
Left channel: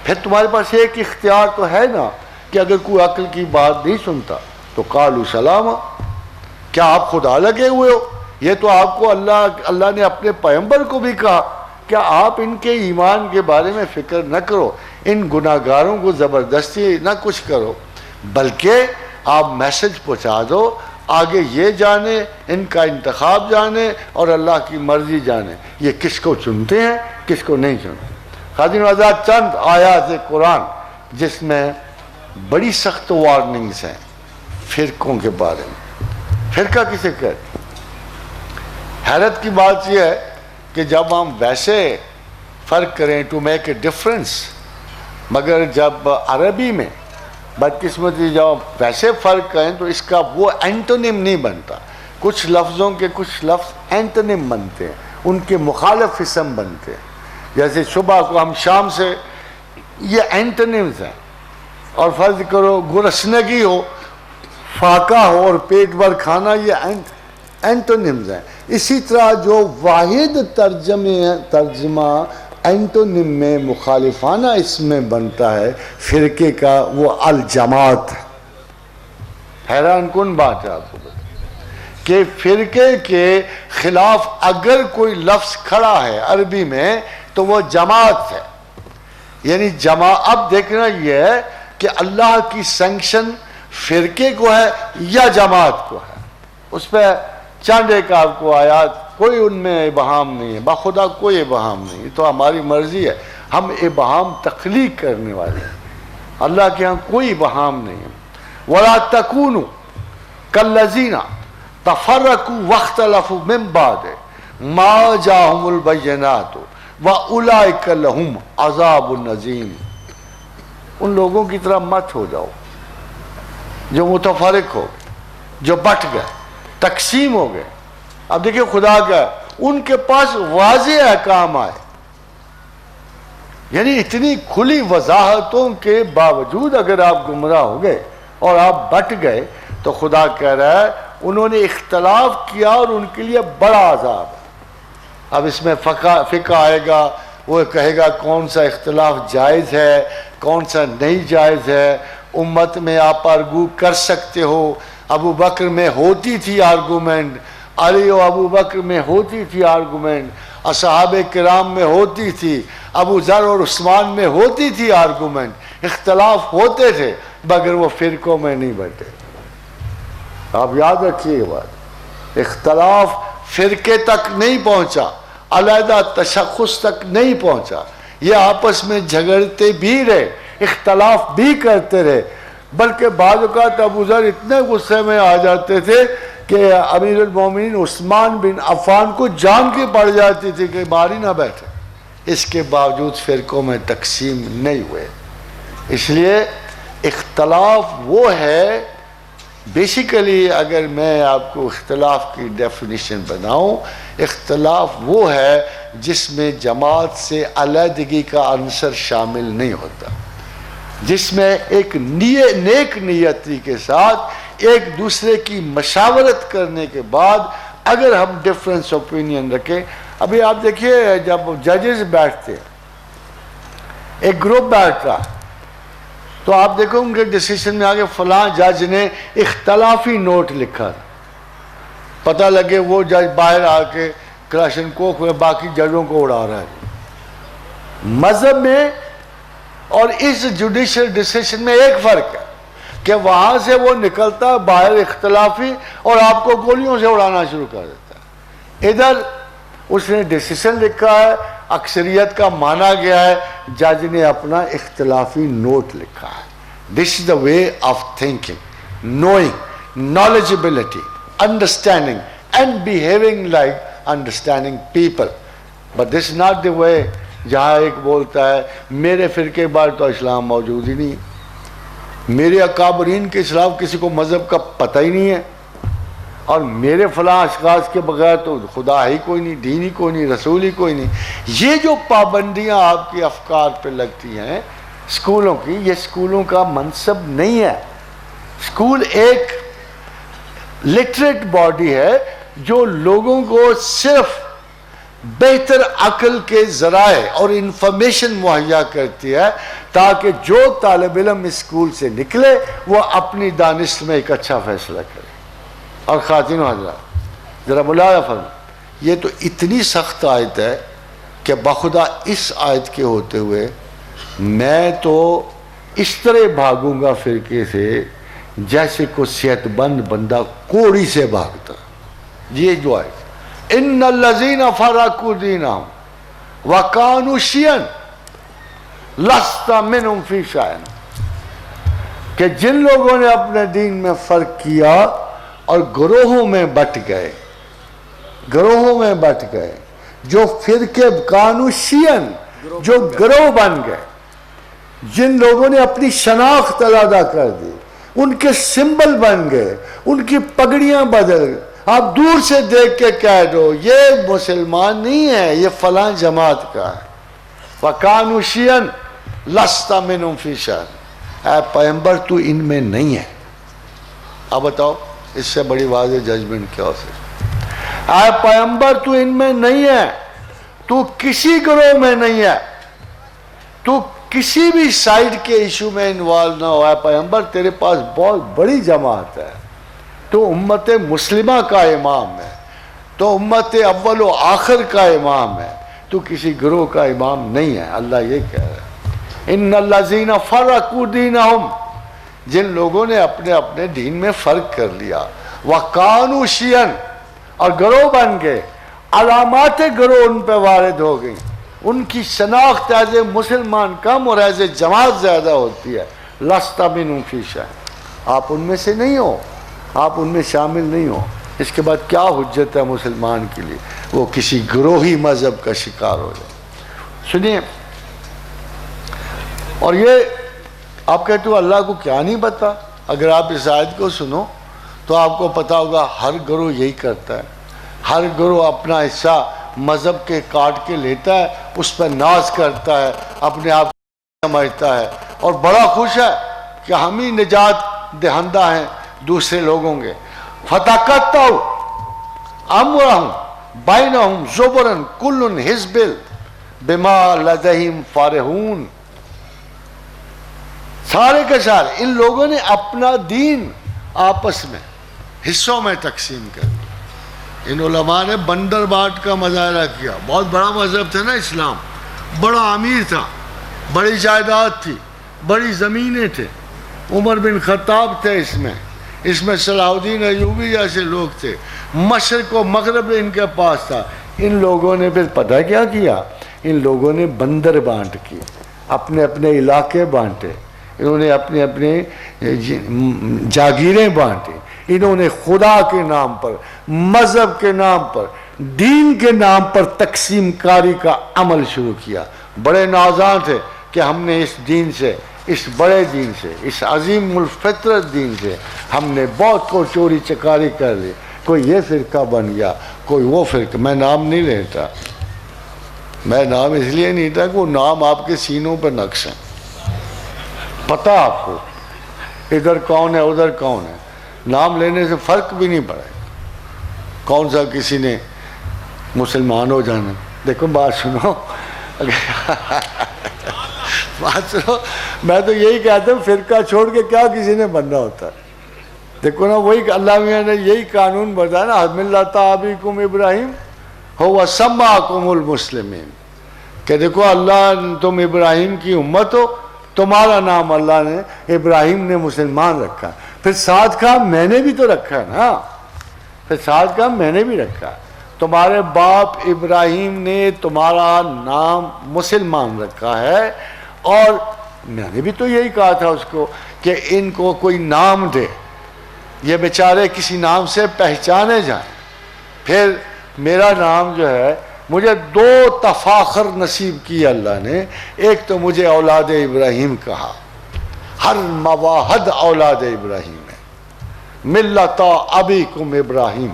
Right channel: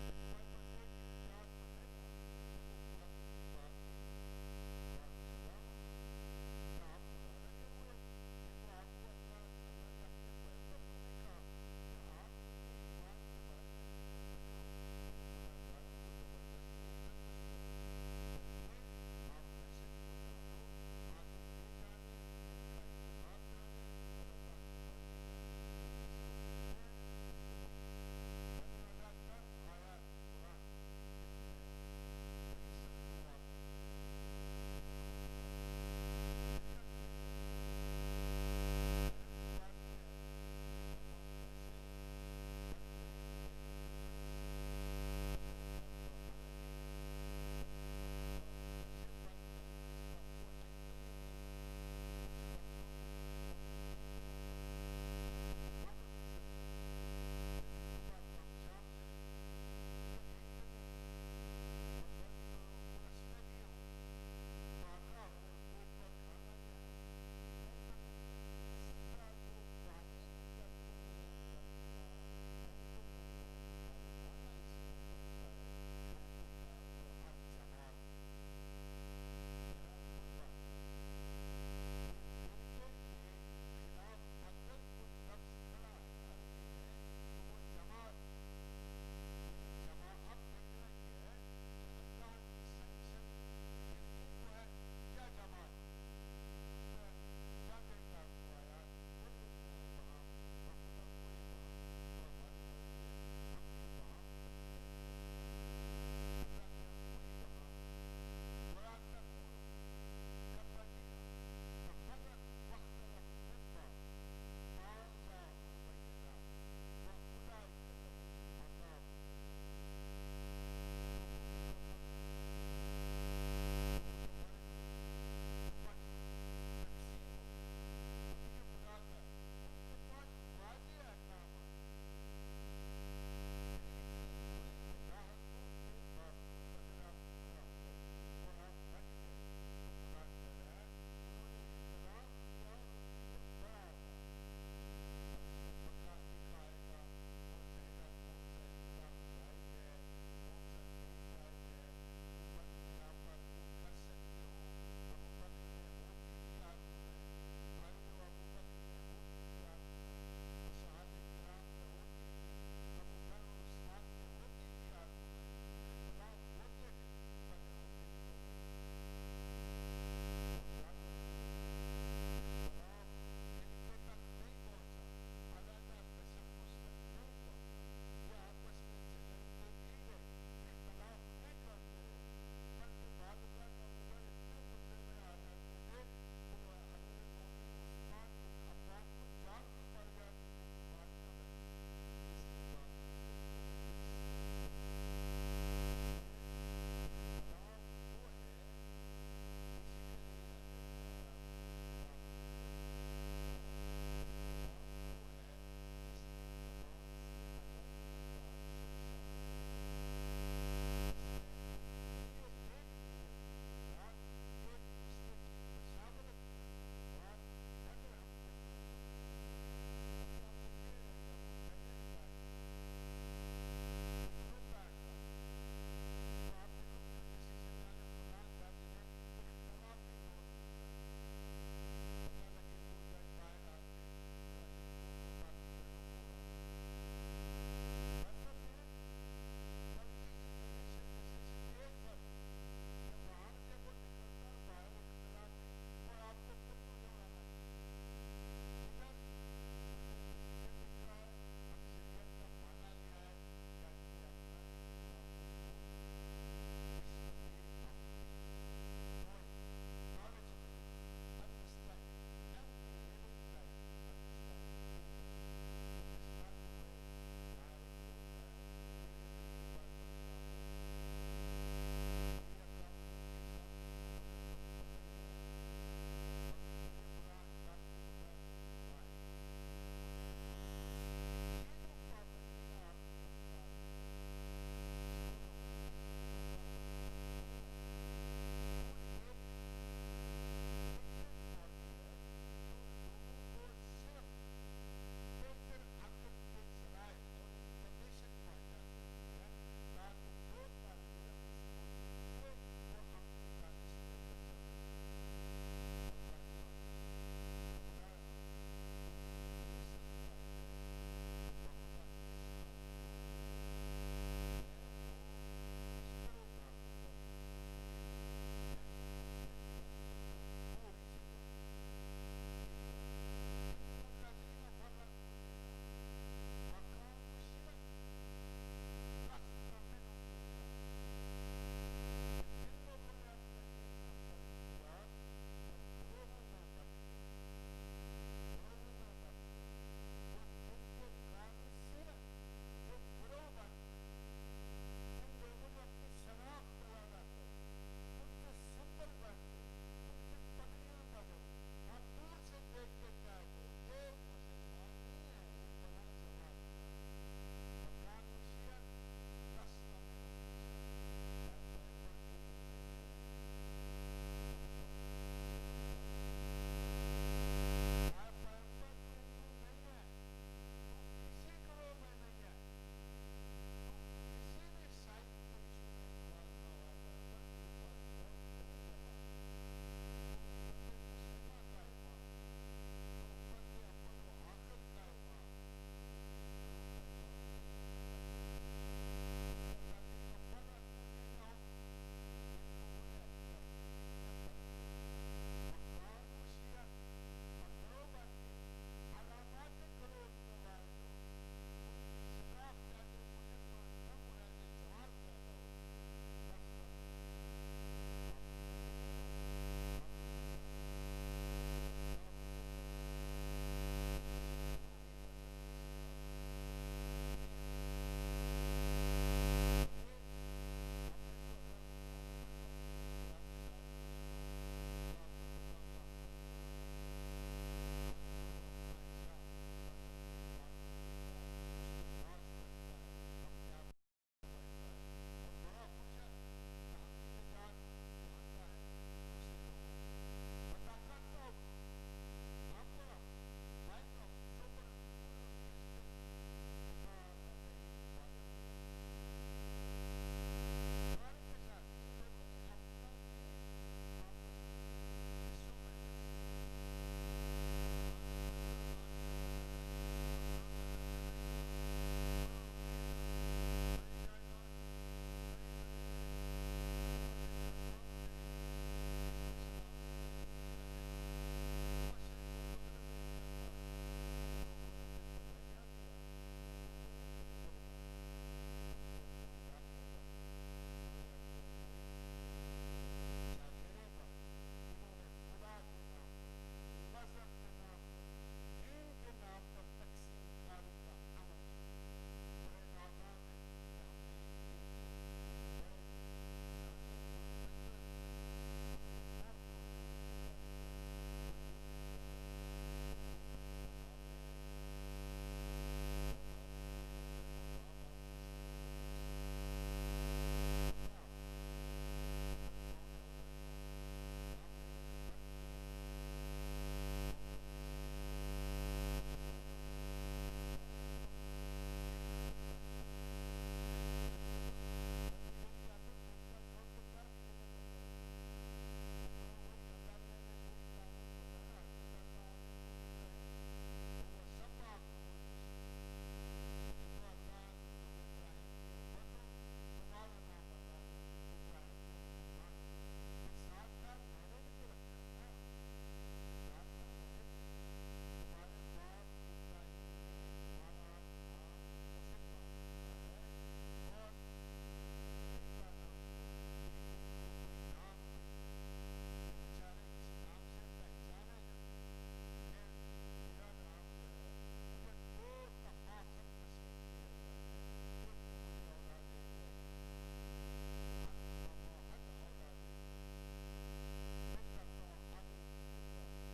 پھر تمہارے پاس ایک اختیار تو ہے نا کہ اگر کوئی عقل کی بات نہیں سنتا تو قالوا سلاما، کیا آپ خدا لگے ہوئے ہو؟ یہ تو آپ کو اللہ نے اپنے پیغمبر کو بھی کہا کہ آپ ان کے ایمان کے بارے میں فکر نہ کرو، ان گناہگاروں کو زبردستی نہ کچھ کرو، بلکہ آپ میسج پہنچا دو، آگے یہ جانے، ان کا انتخاب جانے اور اللہ کی مرضی جانے، یہ کس کو چنتے ہیں کس کو نہیں چنتے۔ خادم آزاد چند آیات قرآن جس میں بڑی سخت وارننگز ہیں فرقوں کے بارے میں۔ فرقہ کسے کہتے ہیں؟ حیرت کی بات یہ ہے کہ جب ہم ویسے فرق کریں ٹو میک اے ڈفرنس، مگر جب عربی میں بدقسمتی جب ویسے فرق کریں تو اس کا وہ اینٹونیم نہیں بنتا، کچھ لفظوں کے کچھ لفظ اینٹونیم بنتے ہیں، ان کے مخالف اسم بنتے ہیں، جیسے صبح کو ہم شام سے، یہ اینٹونیمز ہیں، اور فرض کرو گرسنگی ہو، فاقہ ہو اور پیٹ بھر کھانا، یہ اینٹونیمز ہیں۔ اسی طرح جو واحد ترجمہ اینٹونیم میں مخالفانہ اس میں بنتا ہے فرقے کا، وہ الجماعت۔ حیران کن بات ہے آپ کو کہ فرقے کے خلاف اگر کوئی لفظ کھڑا ہے عربی میں تو وہ جماعت ہے، یعنی اب دیکھنا یہ ہے کہ اللہ کی سینکشن فرقے کو ہے یا جماعت کو ہے۔ اس پہ چند ایک آپ کو آیات، کوئی ان میں ابہام نہیں ہے، بخدا کوئی ابہام نہیں، تو ہماری مرضی ہے، ہم ابہام تخلیق کرنے والے ہیں، اللہ کے ہاں کوئی ابہام نہیں ہے. وَلَا تَكُونُوا كَالَّذِينَ تَفَرَّقُوا وَاخْتَلَفُوا مِن بَعْدِ مَا جَاءَهُمُ الْبَيِّنَاتُ وَأُولَٰئِكَ لَهُمْ عَذَابٌ عَظِيمٌ. ان لوگوں کی طرح مت ہو جاؤ جو متفرق ہو، جو بٹ گئے، تقسیم ہو گئے. اب دیکھیں خدا کا ان کے پاس واضح احکام آئے، یعنی اتنی کھلی وضاحتوں کے باوجود اگر آپ گمراہ ہو گئے اور آپ بٹ گئے تو خدا کہہ رہا ہے انہوں نے اختلاف کیا اور ان کے لیے بڑا عذاب ہے. اب اس میں فقہ آئے گا، وہ کہے گا کون سا اختلاف جائز ہے، کون سا نہیں جائز ہے. امت میں آپ آرگو کر سکتے ہو. ابو بکر میں ہوتی تھی آرگومنٹ، علی و ابو بکر میں ہوتی تھی آرگومنٹ، اصحاب کرام میں ہوتی تھی، ابو ذر اور عثمان میں ہوتی تھی آرگومنٹ. اختلاف ہوتے تھے مگر وہ فرقوں میں نہیں بٹے. آپ یاد رکھیے یہ بات، اختلاف فرقے تک نہیں پہنچا، علیحدہ تشخص تک نہیں پہنچا. یہ آپس میں جھگڑتے بھی رہے، اختلاف بھی کرتے رہے، بلکہ بعض اوقات ابو ذر اتنے غصے میں آ جاتے تھے کہ امیر المومنین عثمان بن عفان کو جان کی پڑ جاتی تھی کہ باہر ہی نہ بیٹھے. اس کے باوجود فرقوں میں تقسیم نہیں ہوئے. اس لیے اختلاف وہ ہے، بیسیکلی اگر میں آپ کو اختلاف کی ڈیفینیشن بناؤں، اختلاف وہ ہے جس میں جماعت سے علیحدگی کا عنصر شامل نہیں ہوتا، جس میں ایک نیک نیتی کے ساتھ ایک دوسرے کی مشاورت کرنے کے بعد اگر ہم ڈیفرنس اوپینین رکھیں. ابھی آپ دیکھیے جب ججز بیٹھتے ہیں، ایک گروپ بیٹھ رہا تو آپ دیکھو ان کے ڈیسیشن میں آگے فلاں جج نے اختلافی نوٹ لکھا، پتہ لگے وہ جج باہر آ کے کلاشن کوف میں باقی ججوں کو اڑا رہا ہے. مذہب میں اور اس جوڈیشل ڈیسیشن میں ایک فرق ہے کہ وہاں سے وہ نکلتا ہے باہر اختلافی اور آپ کو گولیوں سے اڑانا شروع کر دیتا ہے. ادھر اس نے ڈیسیشن لکھا ہے، اکثریت کا مانا گیا ہے، جج نے اپنا اختلافی نوٹ لکھا ہے. This is the way of thinking, knowing, knowledgeability, understanding and behaving like understanding people. But this is not the way جہاں ایک بولتا ہے میرے فرقے بار تو اسلام موجود ہی نہیں، میرے اکابرین کے خلاف کسی کو مذہب کا پتہ ہی نہیں ہے، اور میرے فلاں اشخاص کے بغیر تو خدا ہی کوئی نہیں، دین ہی کوئی نہیں، رسول ہی کوئی نہیں. یہ جو پابندیاں آپ کے افکار پہ لگتی ہیں اسکولوں کی، یہ اسکولوں کا منصب نہیں ہے. اسکول ایک لٹریٹ باڈی ہے جو لوگوں کو صرف بہتر عقل کے ذرائع اور انفارمیشن مہیا کرتی ہے تاکہ جو طالب علم اسکول سے نکلے وہ اپنی دانش میں ایک اچھا فیصلہ کرے. اور خواتین و حضرات ذرا ملاحظہ فرمائیں، یہ تو اتنی سخت آیت ہے کہ بخدا اس آیت کے ہوتے ہوئے میں تو اس طرح بھاگوں گا فرقے سے جیسے کو صحت مند بندہ کوڑی سے بھاگتا. یہ جو آیت ان الذین فرقوا دینہم وکانوا شیعا لست منہم فی شیء، کہ جن لوگوں نے اپنے دین میں فرق کیا اور گروہوں میں بٹ گئے، جو فرقے کانوا شیعا، جو گروہ بن گئے، جن لوگوں نے اپنی شناخت علیحدہ کر دی، ان کے سمبل بن گئے، ان کی پگڑیاں بدل گئے. آپ دور سے دیکھ کے کہہ دو یہ مسلمان نہیں ہے، یہ فلاں جماعت کا ہے. وَكَانُوا شِيَعًا لَسْتَ مِنْهُمْ فِي شَيْءٍ، اے پیغمبر تو ان میں نہیں ہے. اب بتاؤ اس سے بڑی واضح ججمنٹ کیا ہو سکتی؟ اے پیغمبر تو ان میں نہیں ہے، تو کسی گروہ میں نہیں ہے، تو کسی بھی سائیڈ کے ایشو میں انوالو نہ ہو. اے پیغمبر تیرے پاس بہت بڑی جماعت ہے، تو امت مسلمہ کا امام ہے، تو امت اول و آخر کا امام ہے، تو کسی گروہ کا امام نہیں ہے. اللہ یہ کہہ رہا ہے ان الذین فرقوا دینہم، جن لوگوں نے اپنے اپنے دین میں فرق کر لیا، وکانوا شیعا، اور گروہ بن گئے، علامات گروہ ان پہ وارد ہو گئی، ان کی شناخت ایز اے مسلمان کم اور ایز اے جماعت زیادہ ہوتی ہے. لست منهم فی شیء، آپ ان میں سے نہیں ہو، آپ ان میں شامل نہیں ہو۔ اس کے بعد کیا حجت ہے مسلمان کے لیے وہ کسی گروہی مذہب کا شکار ہو جائے؟ سنیے، اور یہ آپ کہتے ہو اللہ کو کیا نہیں پتا؟ اگر آپ اس آیت کو سنو تو آپ کو پتا ہوگا ہر گروہ یہی کرتا ہے، ہر گروہ اپنا حصہ مذہب کے کاٹ کے لیتا ہے، اس پر ناز کرتا ہے، اپنے آپ کو سمجھتا ہے اور بڑا خوش ہے کہ ہم ہی نجات دہندہ ہیں دوسرے لوگوں کے۔ فَتَقَطَّعُوا أَمْرَهُمْ بَيْنَهُمْ زُبُرًا كُلٌّ حِزْبٍ بِمَا لَدَيْهِمْ فَارِحُونَ۔ سارے کے سارے ان لوگوں نے اپنا دین آپس میں حصوں میں تقسیم کر دیا۔ ان علماء نے بندر بانٹ کا مظاہرہ کیا۔ بہت بڑا مذہب تھا نا اسلام، بڑا امیر تھا، بڑی جائیداد تھی، بڑی زمینیں تھے، عمر بن خطاب تھے اس میں صلاح الدین ایوبی جیسے لوگ تھے، مشرق و مغرب ان کے پاس تھا۔ ان لوگوں نے پھر پتہ کیا کیا؟ ان لوگوں نے بندر بانٹ کی، اپنے اپنے علاقے بانٹے، انہوں نے اپنے اپنے جاگیریں بانٹی، انہوں نے خدا کے نام پر، مذہب کے نام پر، دین کے نام پر تقسیم کاری کا عمل شروع کیا۔ بڑے نازاں تھے کہ ہم نے اس دین سے، اس بڑے دین سے، اس عظیم الفطرت دین سے ہم نے بہت کو چوری چکاری کر لی، کوئی یہ فرقہ بن گیا، کوئی وہ فرقہ۔ میں نام نہیں لیتا، میں نام اس لیے نہیں لیتا کہ وہ نام آپ کے سینوں پر نقش ہیں، پتہ آپ کو ادھر کون ہے ادھر کون ہے، نام لینے سے فرق بھی نہیں پڑے۔ کون سا کسی نے مسلمان ہو جانا؟ دیکھو بات سنو، بات سنو، میں تو یہی کہتا ہوں فرقہ چھوڑ کے کیا کسی نے بننا ہوتا ہے؟ دیکھو نا، وہی اللہ میاں نے یہی قانون بتایا نا، ملۃ ابیکم ابراہیم ھو سماکم المسلمین، کہ دیکھو اللہ تم ابراہیم کی امت ہو، تمہارا نام اللہ نے ابراہیم نے مسلمان رکھا، پھر ساتھ کہا میں نے بھی تو رکھا ہے نا، پھر ساتھ کہا میں نے بھی رکھا، تمہارے باپ ابراہیم نے تمہارا نام مسلمان رکھا ہے، اور میں نے بھی تو یہی کہا تھا اس کو کہ ان کو کوئی نام دے، یہ بیچارے کسی نام سے پہچانے جائیں۔ پھر میرا نام جو ہے، مجھے دو تفاخر نصیب کی اللہ نے، ایک تو مجھے اولاد ابراہیم کہا، ہر مواحد اولاد ابراہیم ہے، ملۃ ابیکم ابراہیم،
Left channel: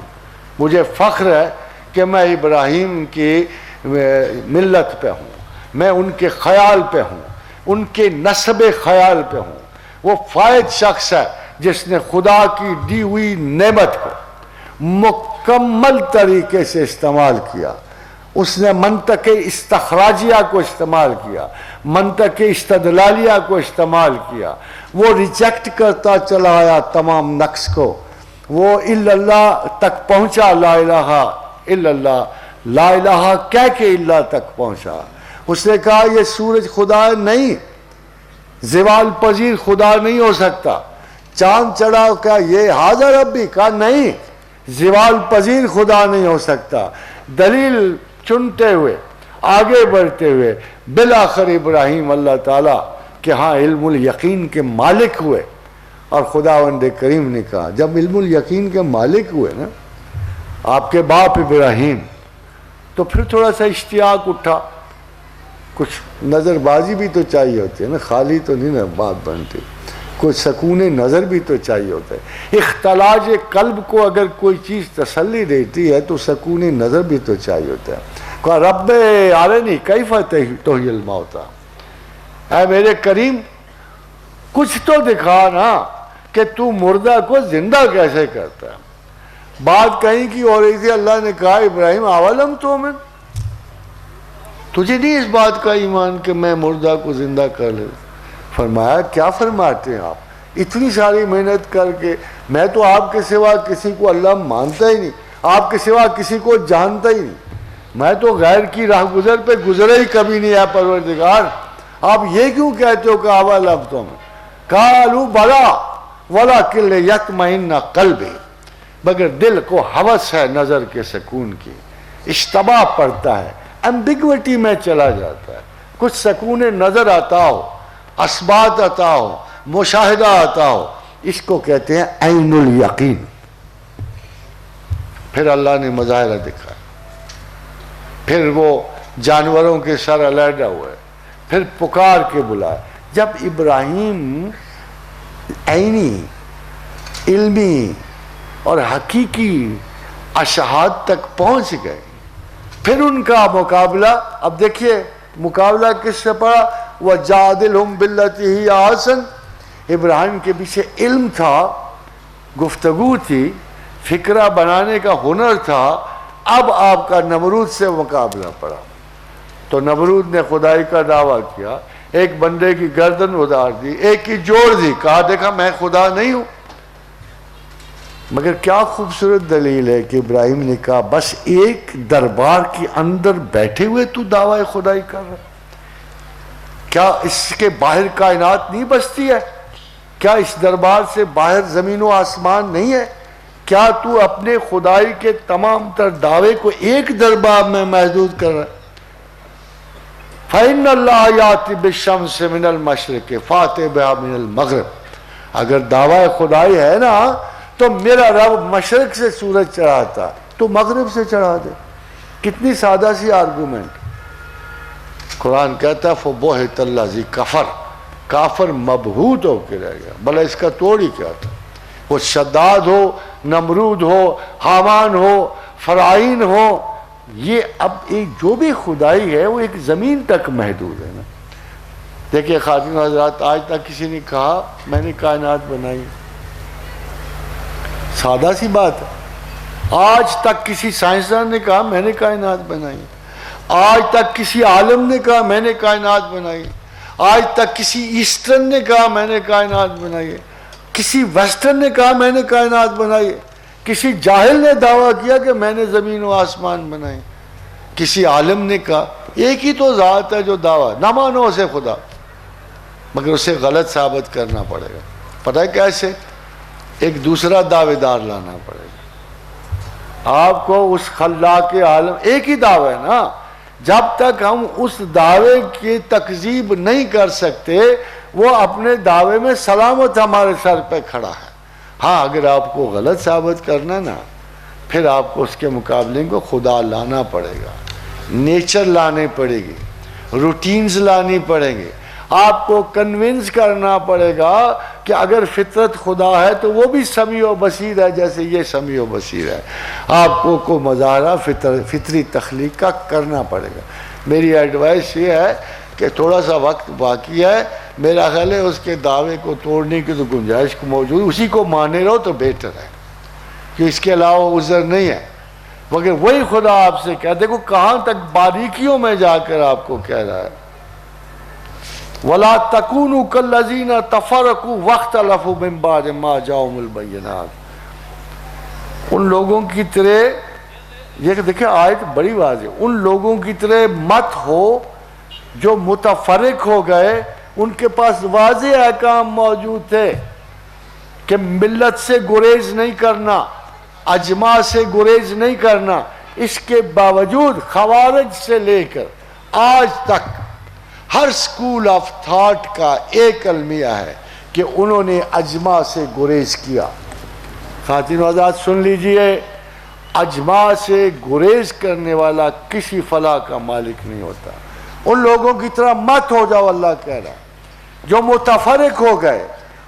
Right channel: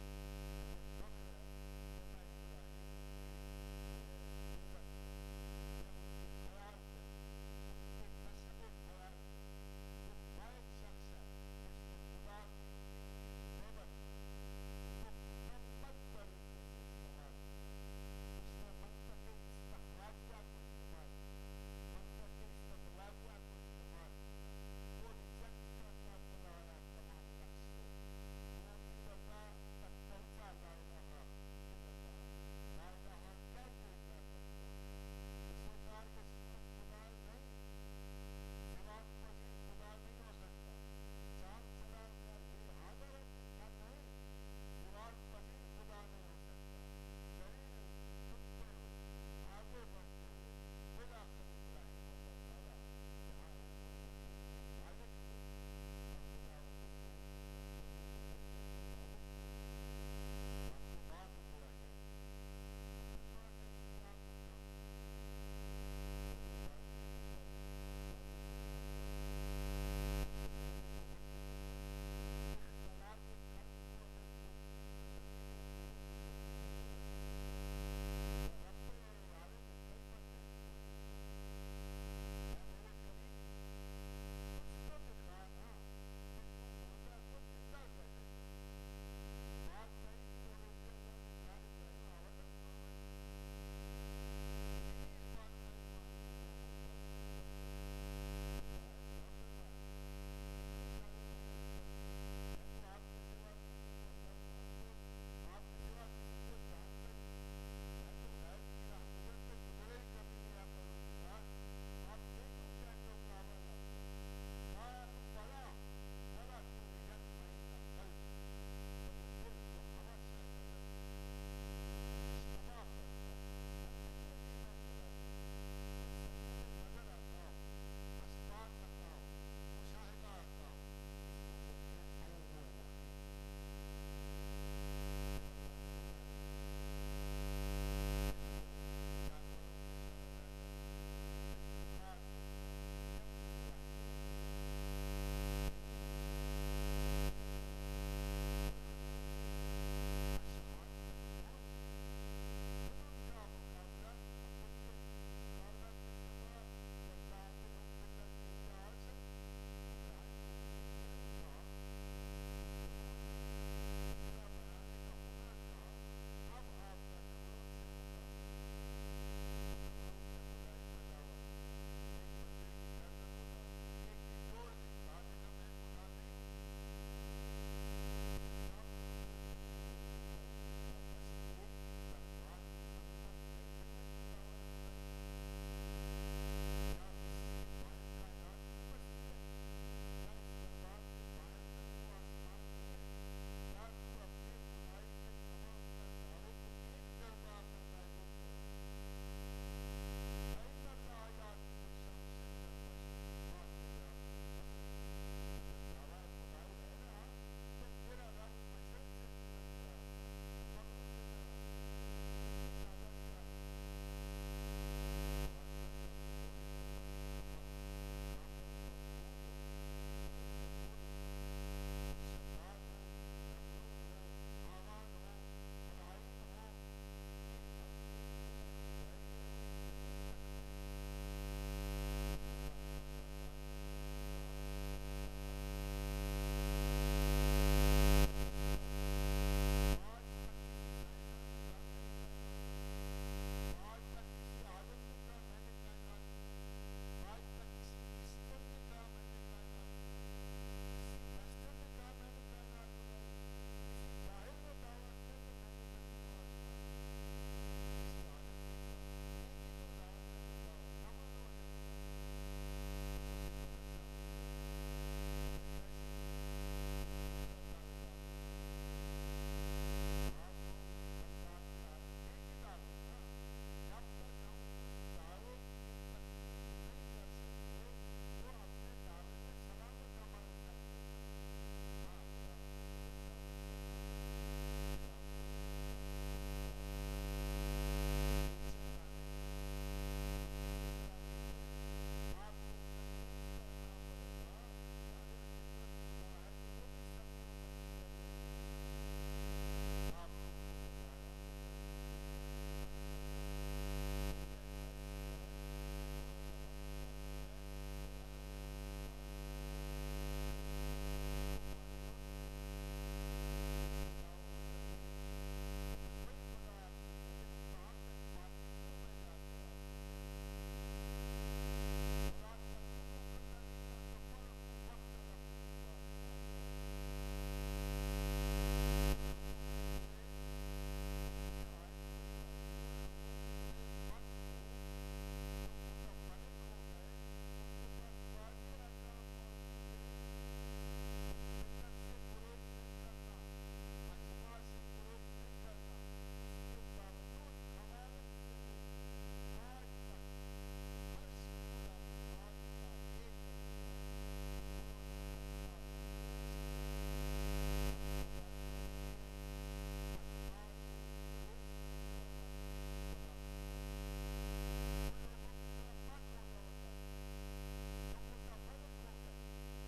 مجھے فخر ہے کہ میں ابراہیم کی ملت پہ ہوں، میں ان کے خیال پہ ہوں، ان کے نسب خیال پہ ہوں۔ وہ فائد شخص ہے جس نے خدا کی دی ہوئی نعمت کو مکمل طریقے سے استعمال کیا، اس نے منطق استخراجیہ کو استعمال کیا، منطق استدلالیہ کو استعمال کیا، وہ ریجیکٹ کرتا چلا آیا تمام نقص کو، وہ الا اللہ تک پہنچا، لا الہ الا اللہ، لا الہ کہہ کے اللہ تک پہنچا۔ اس نے کہا یہ سورج خدا نہیں، زوال پذیر خدا نہیں ہو سکتا، چاند چڑھا کیا یہ حاضر ربی، کہا نہیں، زوال پذیر خدا نہیں ہو سکتا۔ دلیل چنتے ہوئے، آگے بڑھتے ہوئے، بالآخر ابراہیم اللہ تعالیٰ کہ ہاں علم الیقین کے مالک ہوئے، اور خداوند کریم نے کہا جب علم الیقین کے مالک ہوئے نا آپ کے باپ ابراہیم، تو پھر تھوڑا سا اشتیاق اٹھا، کچھ نظر بازی بھی تو چاہیے ہوتی ہے نا، خالی تو نہیں نا بات بنتی، کچھ سکون نظر بھی تو چاہیے ہوتا ہے۔ اختلاج قلب کو اگر کوئی چیز تسلی دیتی ہے تو سکون نظر بھی تو چاہیے ہوتا ہے۔ کہا رب ارنی کیف تحیی الموتیٰ، اے میرے کریم کچھ تو دکھا نا کہ تو مردہ کو زندہ کیسے کرتا ہے۔ بات کہیں کی ہو رہی تھی، اللہ نے کہا ابراہیم اولم تؤمن، تجھے نہیں اس بات کا ایمان کہ میں مردہ کو زندہ کر لوں؟ فرمایا کیا فرماتے ہیں آپ، اتنی ساری محنت کر کے، میں تو آپ کے سوا کسی کو اللہ مانتا ہی نہیں، آپ کے سوا کسی کو جانتا ہی نہیں، میں تو غیر کی راہ گزر پہ گزرا ہی کبھی نہیں ہے پروردگار، آپ یہ کیوں کہتے ہو کہ اولم تؤمن؟ قالوا بلا ولکن لیطمئن قلبی، مگر دل کو ہوس ہے نظر کے سکون کی، اشتباہ پڑتا ہے، ایمبیگوٹی میں چلا جاتا ہے، کچھ سکون نظر عطا ہو، اثبات عطا ہو، مشاہدہ آتا ہو، اس کو کہتے ہیں عین الیقین۔ پھر اللہ نے مظاہرہ دکھایا، پھر وہ جانوروں کے سر علیحدہ ہوئے، پھر پکار کے بلایا۔ جب ابراہیم عینی، علمی اور حقیقی اشہاد تک پہنچ گئے، پھر ان کا مقابلہ، اب دیکھیے مقابلہ کس سے پڑا؟ وَجَادِلْهُمْ بِالَّتِي هِيَ أَحْسَنُ۔ ابراہیم کے پیچھے علم تھا، گفتگو تھی، فکرہ بنانے کا ہنر تھا، اب آپ کا نمرود سے مقابلہ پڑا۔ تو نمرود نے خدائی کا دعویٰ کیا، ایک بندے کی گردن ادار دی، ایک کی جوڑ دی، کہا دیکھا میں خدا نہیں ہوں۔ مگر کیا خوبصورت دلیل ہے کہ ابراہیم نے کہا بس ایک دربار کے اندر بیٹھے ہوئے تو دعویٰ خدائی کر رہا، کیا اس کے باہر کائنات نہیں بستی ہے؟ کیا اس دربار سے باہر زمین و آسمان نہیں ہے؟ کیا تو اپنے خدائی کے تمام تر دعوے کو ایک دربار میں محدود کر رہا ہے؟ فَإِنَّ اللَّهَ يَأْتِي بِالشَّمْسِ مِنَ الْمَشْرِقِ فَأْتِ بِهَا مِنَ الْمَغْرِبِ۔ اگر دعویٰ خدائی ہے نا تو میرا رب مشرق سے سورج چڑھاتا تو مغرب سے چڑھا دے۔ کتنی سادہ سی آرگومنٹ۔ قرآن کہتا ہے فَبُہِتَ الَّذِي كَفَرَ، کافر مبہوت ہو کے رہ گیا، بھلا اس کا توڑ ہی کیا تھا؟ وہ شداد ہو، نمرود ہو، حامان ہو، فرعون ہو، یہ اب ایک جو بھی خدائی ہے وہ ایک زمین تک محدود ہے نا۔ دیکھیں خاتون حضرات، آج تک کسی نے کہا میں نے کائنات بنائی؟ سادہ سی بات ہے۔ آج تک کسی سائنسدان نے کہا میں نے کائنات بنائی؟ آج تک کسی عالم نے کہا میں نے کائنات بنائی؟ آج تک کسی ایسٹرن نے کہا میں نے کائنات بنائی ہے؟ کسی ویسٹرن نے کہا میں نے کائنات بنائی ہے؟ کسی جاہل نے دعویٰ کیا کہ میں نے زمین و آسمان بنائے؟ کسی عالم نے کہا؟ ایک ہی تو ذات ہے جو دعویٰ، نہ مانو اسے خدا، مگر اسے غلط ثابت کرنا پڑے گا۔ پتہ ہے کیسے؟ ایک دوسرا دعوے دار لانا پڑے گا۔ آپ کو اس خلاق عالم، ایک ہی دعویٰ ہے نا، جب تک ہم اس دعوے کی تکذیب نہیں کر سکتے وہ اپنے دعوے میں سلامت ہمارے سر پہ کھڑا ہے۔ ہاں اگر آپ کو غلط ثابت کرنا نا، پھر آپ کو اس کے مقابلے کو خدا لانا پڑے گا، نیچر لانی پڑے گی، روٹینز لانی پڑیں گے، آپ کو کنونس کرنا پڑے گا کہ اگر فطرت خدا ہے تو وہ بھی سمیع و بصیر ہے جیسے یہ سمیع و بصیر ہے۔ آپ کو مظاہرہ فطری تخلیق کا کرنا پڑے گا۔ میری ایڈوائس یہ ہے کہ تھوڑا سا وقت باقی ہے، میرا خیال ہے اس کے دعوے کو توڑنے کی تو گنجائش موجود، اسی کو مانے رہو تو بہتر ہے، کہ اس کے علاوہ عذر نہیں ہے۔ مگر وہی خدا آپ سے کہہ دیکھو کہاں تک باریکیوں میں جا کر آپ کو کہہ رہا ہے، وَلَا تَكُونُوا كَالَّذِينَ تَفَرَّقُوا وَاخْتَلَفُوا مِن بَعْدِ مَا جَاءَهُمُ الْبَيِّنَاتُ۔ ان لوگوں کی طرح، یہ دیکھیں آیت بڑی واضح، ان لوگوں کی طرح مت ہو جو متفرق ہو گئے، ان کے پاس واضح احکام موجود تھے کہ ملت سے گریز نہیں کرنا، اجماع سے گریز نہیں کرنا، اس کے باوجود خوارج سے لے کر آج تک ہر سکول آف تھاٹ کا ایک المیہ ہے کہ انہوں نے اجماع سے گریز کیا۔ خواتین و حضرات سن لیجئے، اجماع سے گریز کرنے والا کسی فلاح کا مالک نہیں ہوتا۔ ان لوگوں کی طرح مت ہو جاؤ، اللہ کہہ رہا ہے، جو متفرق ہو گئے،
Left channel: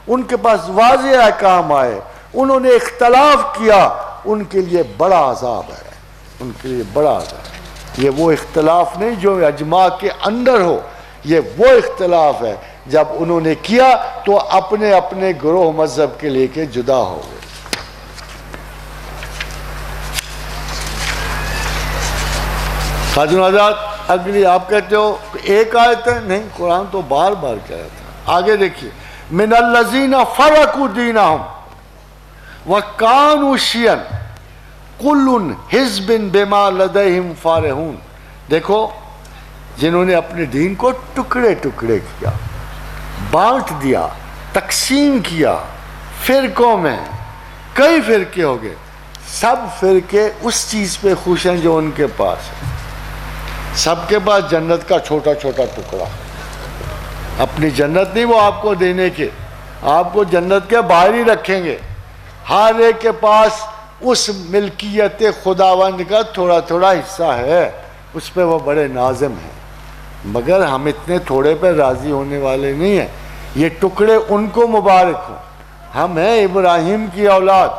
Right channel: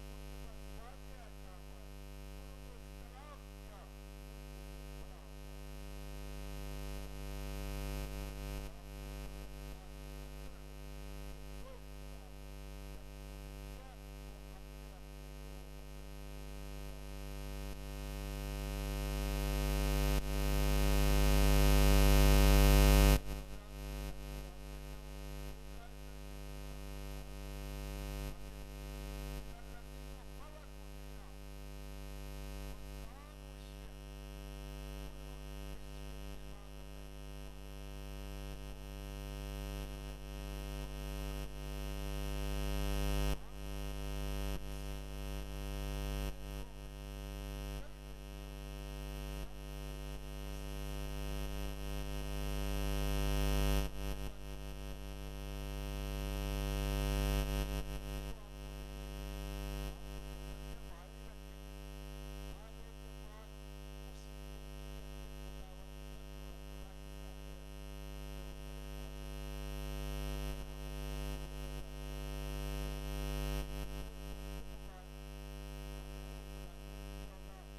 ان کے پاس واضح احکام آئے، انہوں نے اختلاف کیا، ان کے لیے بڑا عذاب ہے، ان کے لیے بڑا عذاب۔ یہ وہ اختلاف نہیں جو اجماع کے اندر ہو، یہ وہ اختلاف ہے جب انہوں نے کیا تو اپنے اپنے گروہ مذہب کے لے کے جدا ہو گئے۔ خاتون حضرات اگلی آپ کہتے ہو ایک آیت ہے، نہیں قرآن تو بار بار کہتا ہے۔ آگے دیکھیے، من الذین فرقوا دینہم وکانوا شیعا کل حزب بما لدیہم فارحون۔ دیکھو، جنہوں نے اپنے دین کو ٹکڑے ٹکڑے کیا، بانٹ دیا، تقسیم کیا، فرقوں میں کئی فرقے ہو گئے، سب فرقے اس چیز پہ خوش ہیں جو ان کے پاس ہے۔ سب کے پاس جنت کا چھوٹا چھوٹا ٹکڑا، اپنی جنت نہیں وہ آپ کو دینے کے، آپ کو جنت کے باہر ہی رکھیں گے. ہر ایک کے پاس اس ملکیت خداوند کا تھوڑا تھوڑا حصہ ہے, اس پہ وہ بڑے نازم ہیں, مگر ہم اتنے تھوڑے پہ راضی ہونے والے نہیں ہیں. یہ ٹکڑے ان کو مبارک ہوں. ہم ہیں ابراہیم کی اولاد,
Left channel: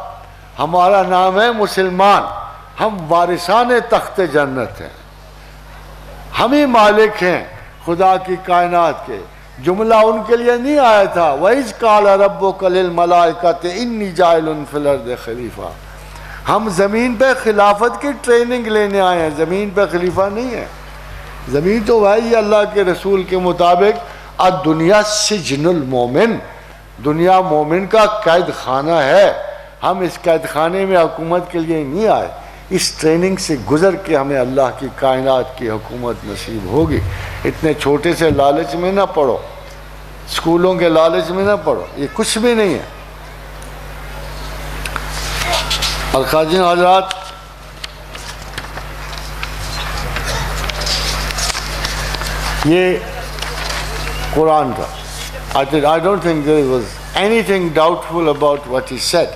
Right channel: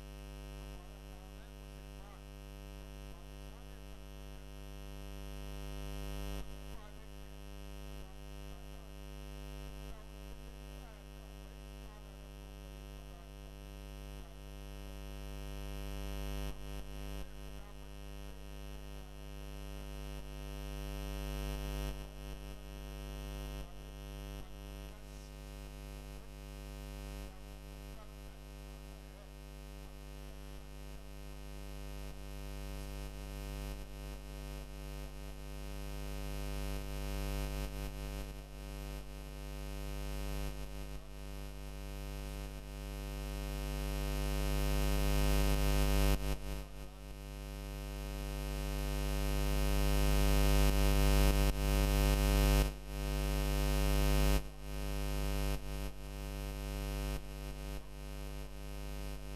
ہمارا نام ہے مسلمان, ہم وارثان تخت جنت ہیں, ہم ہی مالک ہیں خدا کی کائنات کے. جملہ ان کے لیے نہیں آیا تھا وَإِذْ قَالَ رَبُّكَ لِلْمَلَائِكَةِ إِنِّي جَاعِلٌ فِي الْأَرْضِ خلیفہ. ہم زمین پہ خلافت کی ٹریننگ لینے آئے ہیں, زمین پہ خلیفہ نہیں ہے. زمین تو بھائی اللہ کے رسول کے مطابق الدنیا سجن المومن, دنیا مومن کا قید خانہ ہے. ہم اس قید خانے میں حکومت کے لیے نہیں آئے, اس ٹریننگ سے گزر کے ہمیں اللہ کی کائنات کی حکومت نصیب ہوگی. اتنے چھوٹے سے لالچ میں نہ پڑو, اسکولوں کے لالچ میں نہ پڑو, یہ کچھ بھی نہیں ہے. الخواجین حضرات, یہ قرآن کا I don't think there was anything doubtful about what he said.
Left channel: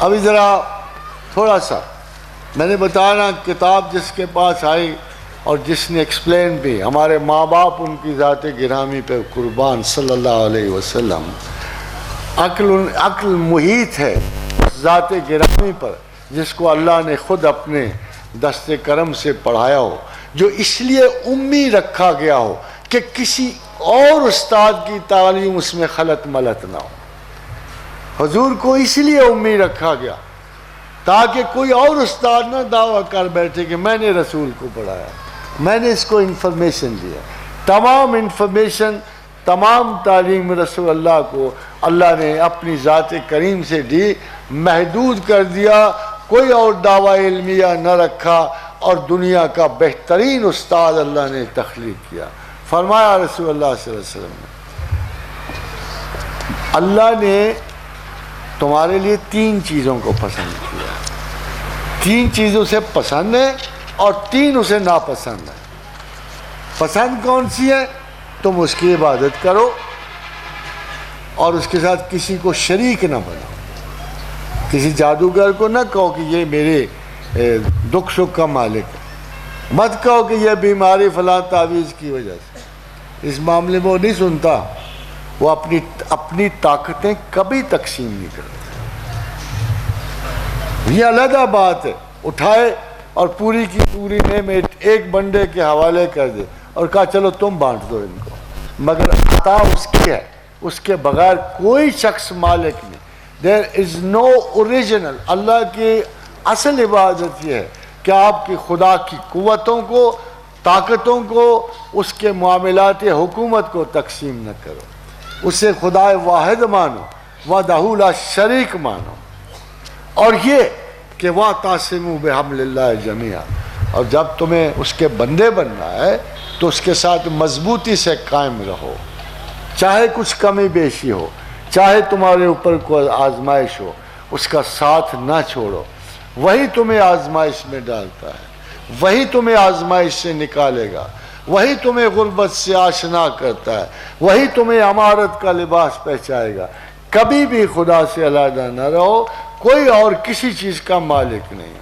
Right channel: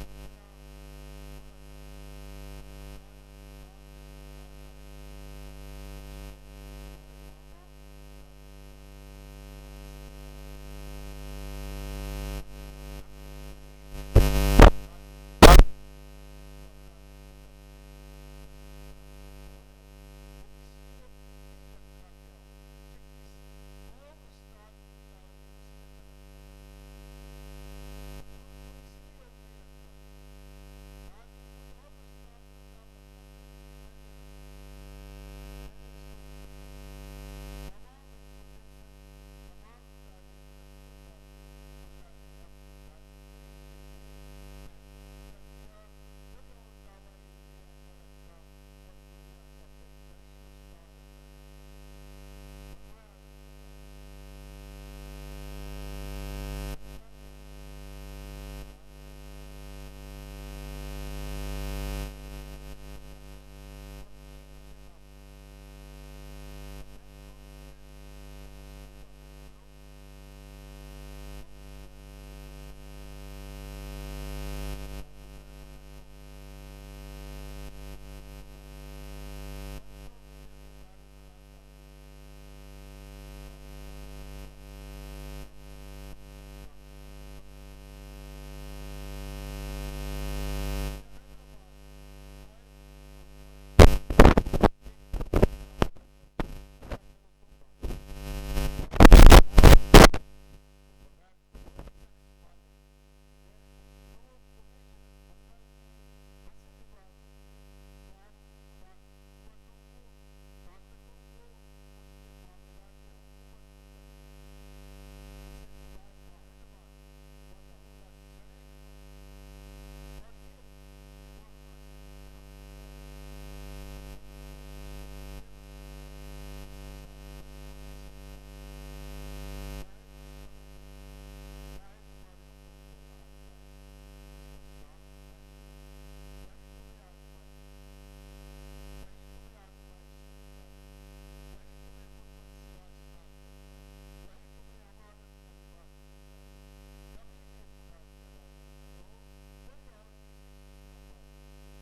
ابھی ذرا تھوڑا سا میں نے بتایا نا, کتاب جس کے پاس آئی اور جس نے ایکسپلین بھی, ہمارے ماں باپ ان کی ذات گرامی پہ قربان صلی اللہ علیہ وسلم. عقل محیط ہے ذات گرامی پر جس کو اللہ نے خود اپنے دست کرم سے پڑھایا ہو, جو اس لیے امی رکھا گیا ہو کہ کسی اور استاد کی تعلیم اس میں خلط ملط نہ ہو. حضور کو اس لیے امی رکھا گیا تاکہ کوئی اور استاد نہ دعویٰ کر بیٹھے کہ میں نے رسول کو پڑھایا, میں نے اس کو انفارمیشن دیا. تمام انفارمیشن, تمام تعلیم رسول اللہ کو اللہ نے اپنی ذات کریم سے دی, محدود کر دیا, کوئی اور دعویٰ علمیہ نہ رکھا, اور دنیا کا بہترین استاد اللہ نے تخلیق کیا. فرمایا رسول اللہ صلی اللہ علیہ وسلم نے, اللہ نے تمہارے لیے 3 چیزوں کو پسند کیا. 3 چیزوں سے پسند ہے اور 3 اسے ناپسند ہے. پسند کون سی ہے؟ تم اس کی عبادت کرو اور اس کے ساتھ کسی کو شریک نہ بناؤ. کسی جادوگر کو نہ کہو کہ یہ میرے دکھ سکھ کا مالک ہے, مت کہو کہ یہ بیماری فلاں تعویذ کی وجہ سے. اس معاملے میں وہ نہیں سنتا, وہ اپنی طاقتیں کبھی تقسیم نہیں کرتا. یہ علیحدہ بات ہے, اٹھائے اور پوری کی پوری نعمت ایک بندے کے حوالے کر دے اور کہا چلو تم بانٹ دو ان کو, مگر عطا اس کی ہے, اس کے بغیر کوئی شخص مالک نہیں. There is no original. اللہ کی اصل عبادت یہ ہے کہ آپ کی خدا کی قوتوں کو, طاقتوں کو, اس کے معاملات حکومت کو تقسیم نہ کرو, اسے خدا واحد مانو, وحدہ لا شریک مانو. اور یہ کہ وَاعْتَصِمُوا بِحَبْلِ اللَّهِ جَمِيعًا, اور جب تمہیں اس کے بندے بننا ہے تو اس کے ساتھ مضبوطی سے قائم رہو, چاہے کچھ کمی بیشی ہو, چاہے تمہارے اوپر کوئی آزمائش ہو, اس کا ساتھ نہ چھوڑو. وہی تمہیں آزمائش میں ڈالتا ہے, وہی تمہیں آزمائش سے نکالے گا, وہی تمہیں غربت سے آشنا کرتا ہے, وہی تمہیں امارت کا لباس پہچائے گا. کبھی بھی خدا سے علیحدہ نہ رہو, کوئی اور کسی چیز کا مالک نہیں.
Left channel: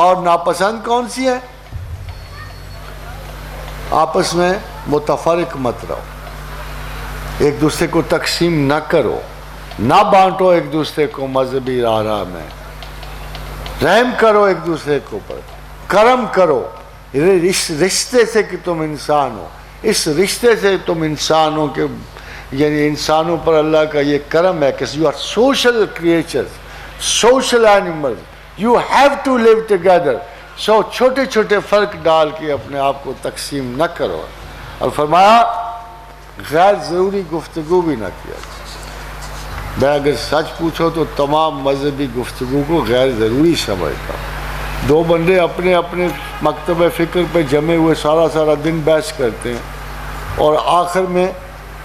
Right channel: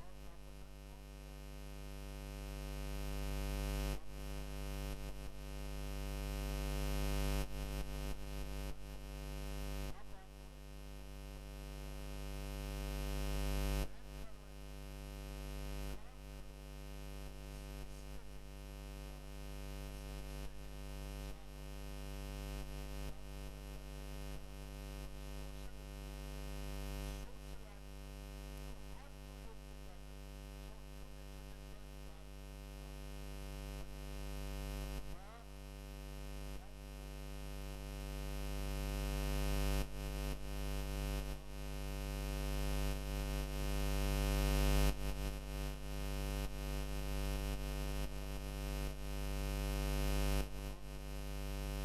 اور ناپسند کون سی ہے؟ آپس میں متفرق مت رہو, ایک دوسرے کو تقسیم نہ کرو, نہ بانٹو ایک دوسرے کو مذہبی راہ میں, رحم کرو ایک دوسرے کے اوپر, کرم کرو. اس رشتے سے کہ تم انسان ہو, اس رشتے سے تم انسانوں کے, یعنی انسانوں پر اللہ کا یہ کرم ہے کہ you are social creatures, social animals, you have to live together. So چھوٹے چھوٹے فرق ڈال کے اپنے آپ کو تقسیم نہ کرو. اور فرمایا غیر ضروری گفتگو بھی نہ کیا. میں اگر سچ پوچھو تو تمام مذہبی گفتگو کو غیر ضروری سمجھتا ہوں. 2 بندے اپنے اپنے مکتب فکر پہ جمے ہوئے سارا دن بحث کرتے ہیں اور آخر میں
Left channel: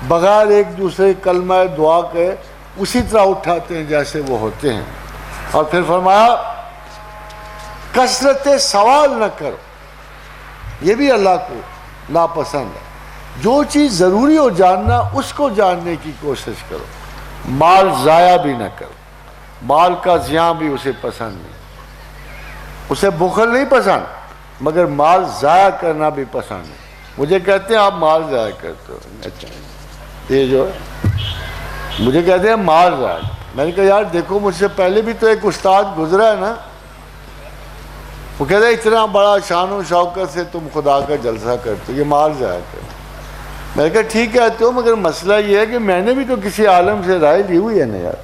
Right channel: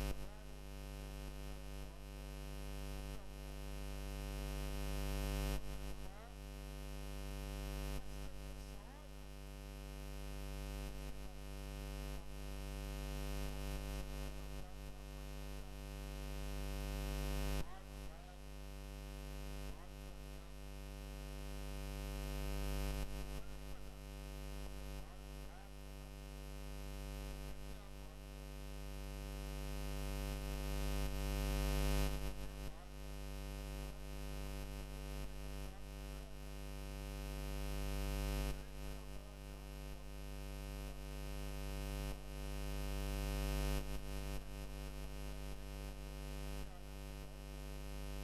بغیر ایک دوسرے کلمہ دعا کے اسی طرح اٹھاتے ہیں جیسے وہ ہوتے ہیں. اور پھر فرمایا کثرت سوال نہ کرو, یہ بھی اللہ کو ناپسند ہے. جو چیز ضروری ہو جاننا اس کو جاننے کی کوشش کرو. مال ضائع بھی نہ کرو. مال کا زیاں بھی اسے پسند نہیں. اسے بخل نہیں پسند مگر مال ضائع کرنا بھی پسند ہے. مجھے کہتے ہیں آپ مال ضائع کرتے ہو. اچھا یہ جو ہے مجھے کہتے ہیں مال ضائع. میں نے کہا یار دیکھو مجھ سے پہلے بھی تو ایک استاد گزرا ہے نا, وہ کہتے ہیں اتنا بڑا شان و شوکت سے تم خدا کا جلسہ کرتے ہو, یہ مال ضائع کرتے. میں نے کہا ٹھیک کہتے ہو مگر مسئلہ یہ ہے کہ میں نے بھی تو کسی عالم سے رائے لی ہوئی ہے نا یار.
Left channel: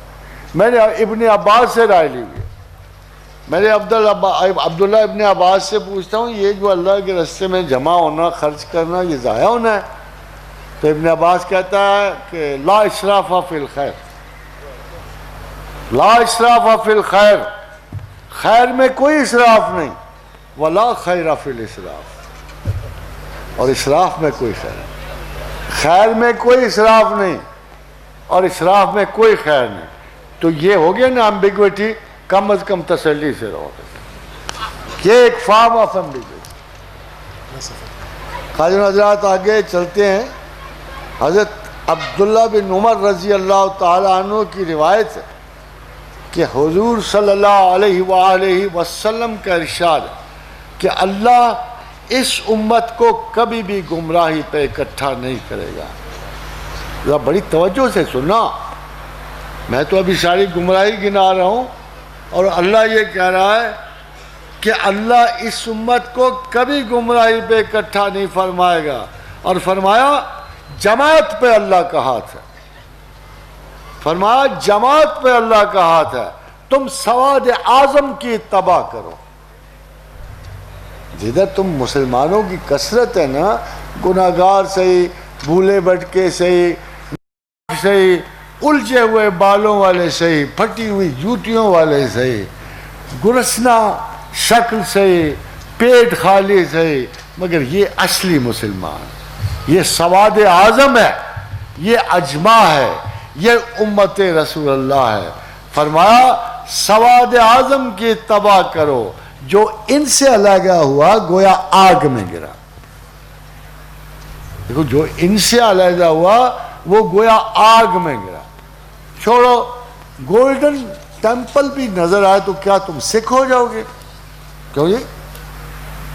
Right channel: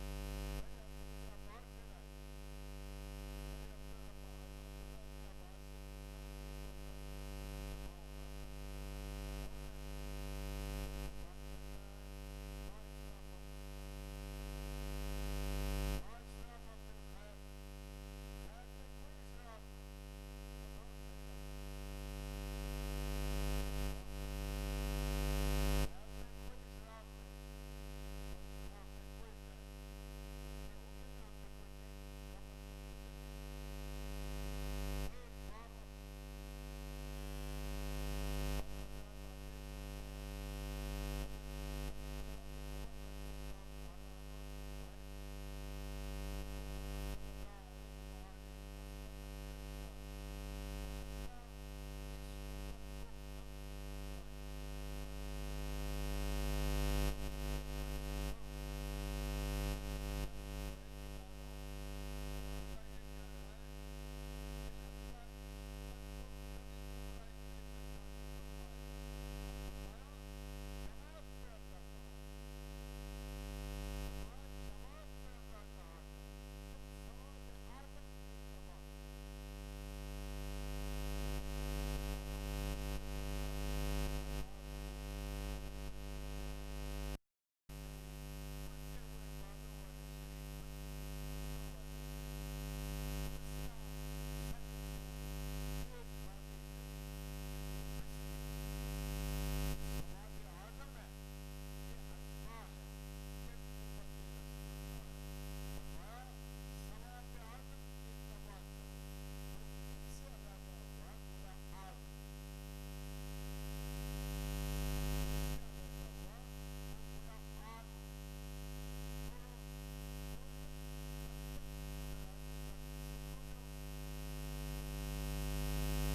میں نے ابن عباس سے رائے لی ہوئی ہے. میں نے عبداللہ ابن عباس سے پوچھتا ہوں یہ جو اللہ کے راستے میں جمع ہونا خرچ کرنا یہ ضائع ہونا ہے؟ تو ابن عباس کہتا ہے کہ لا اسراف فی الخیر, لا اسراف فی الخیر, خیر میں کوئی اسراف نہیں. ولا خیر فی الاسراف, اور اسراف میں کوئی خیر نہیں. خیر میں کوئی اسراف نہیں اور اسراف میں کوئی خیر نہیں. تو یہ ہو گیا نا ایمبیگوٹی. کم از کم تسلی سے رہو. یہ ایک فارم آف ایمبیگوٹی. خواجہ حضرات آگے چلتے ہیں. حضرت عبداللہ بن عمر رضی اللہ تعالیٰ عنہ کی روایت ہے کہ حضور صلی اللہ علیہ وآلہ وسلم کا ارشاد ہے کہ اللہ اس امت کو کبھی بھی گمراہی پہ اکٹھا نہیں کرے گا. ذرا بڑی توجہ سے سننا, میں تو ابھی ساری گمراہی گنا رہا ہوں اور اللہ یہ کہہ رہا ہے کہ اللہ اس امت کو کبھی گمراہی پہ اکٹھا نہیں فرمائے گا. اور فرمایا جماعت پہ اللہ کا ہاتھ ہے. فرمایا جماعت پہ اللہ کا ہاتھ ہے. تم سواد اعظم کی اتباع کرو. جدھر تم مسلمانوں کی کثرت ہے نا, گناہگار صحیح, بھولے بھٹکے صحیح, صحیح, الجھے ہوئے بالوں والے صحیح, پھٹی ہوئی جوتیوں والے صحیح, گرسنا شکل صحیح, پیٹ خالی صحیح, مگر یہ اصلی مسلمان, یہ سواد اعظم ہے, یہ اجماع ہے, یہ امت رسول اللہ ہے. فرمایا سواد اعظم کی اتباع کرو. جو ان سے علیحدہ ہوا گویا آگ میں گرا. دیکھو جو ان سے علیحدہ ہوا وہ گویا آگ میں گرا. چھوڑو, گولڈن ٹیمپل بھی نظر آئے تو کیا تم سکھ ہو جاؤ گے؟ کیوں جی؟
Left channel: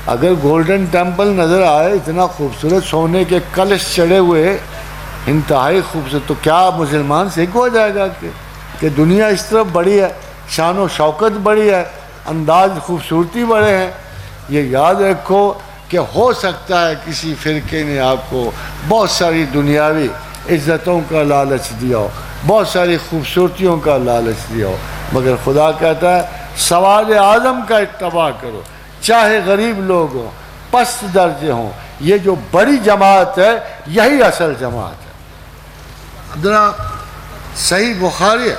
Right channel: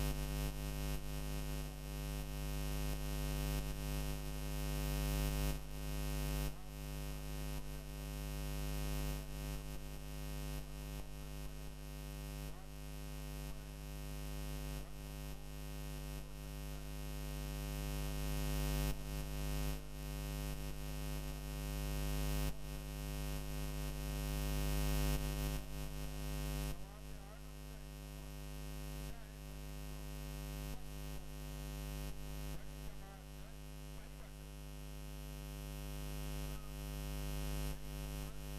اگر گولڈن ٹیمپل نظر آئے اتنا خوبصورت سونے کے کلش چڑھے ہوئے انتہائی خوبصورت, تو کیا مسلمان سکھ ہو جائے گا کہ دنیا اس طرف بڑی ہے, شان و شوکت بڑی ہے, انداز خوبصورتی بڑے ہیں. یہ یاد رکھو کہ ہو سکتا ہے کسی فرقے نے آپ کو بہت ساری دنیاوی عزتوں کا لالچ دیا ہو, بہت ساری خوبصورتیوں کا لالچ دیا ہو, مگر خدا کہتا ہے سواد اعظم کا اتباع کرو. چاہے غریب لوگ ہوں, پست درجے ہوں, یہ جو بڑی جماعت ہے یہی اصل جماعت ہے. ذرا صحیح بخاری ہے,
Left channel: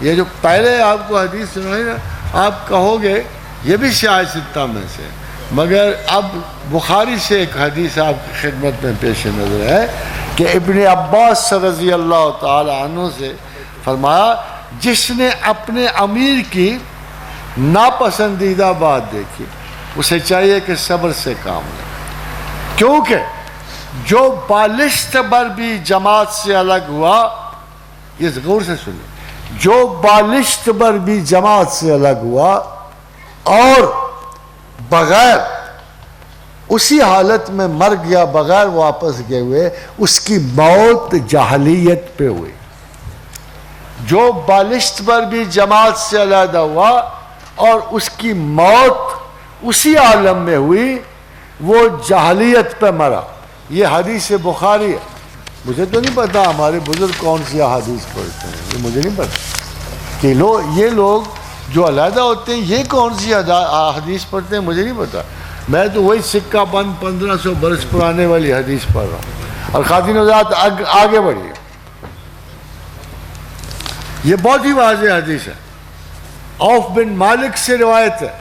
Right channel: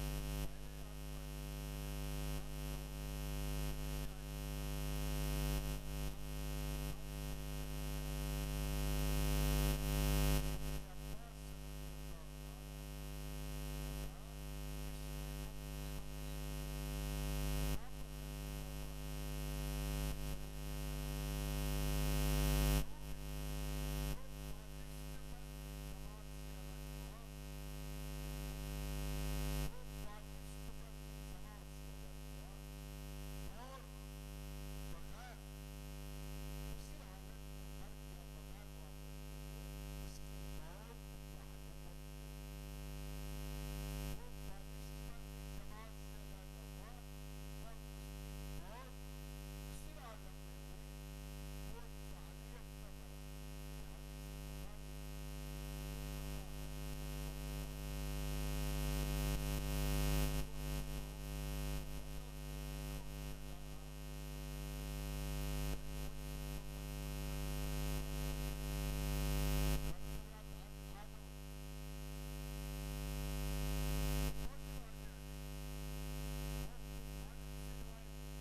یہ جو پہلے آپ کو حدیث سنائی نا, آپ کہو گے یہ بھی شیعہ ستہ میں سے, مگر اب بخاری سے ایک حدیث آپ کی خدمت میں پیش نظر ہے کہ ابن عباس رضی اللہ تعالی عنہ سے فرمایا جس نے اپنے امیر کی ناپسندیدہ بات دیکھی اسے چاہیے کہ صبر سے کام لے, کیونکہ جو بالشت بر بھی جماعت سے الگ ہوا, یہ غور سے سنیں, جو بالشت بر بھی جماعت سے الگ ہوا اور بغیر اسی حالت میں مر گیا, بغیر واپس گئے ہوئے, اس کی موت جاہلیت پہ ہوئی. جو بالشت پر بھی جماعت سے علیحدہ ہوا اور اس کی موت اسی عالم میں ہوئی, وہ جاہلیت پہ مرا. یہ حدیث بخاری ہے. مجھے تو نہیں پتا ہمارے بزرگ کون سی حدیث پڑھتے ہیں, یہ مجھے نہیں پتا کہ یہ لوگ جو علیحدہ ہوتے ہیں یہ کون سی حدیث پڑھتے ہیں, مجھے نہیں پتا. میں تو وہی سکہ بند 1500 برس پرانے والی حدیث پڑھ رہا ہوں. اور خاتین حضرات آگے بڑھیے, یہ بہت ہی واضح حدیث ہے. عوف بن مالک سے روایت ہے,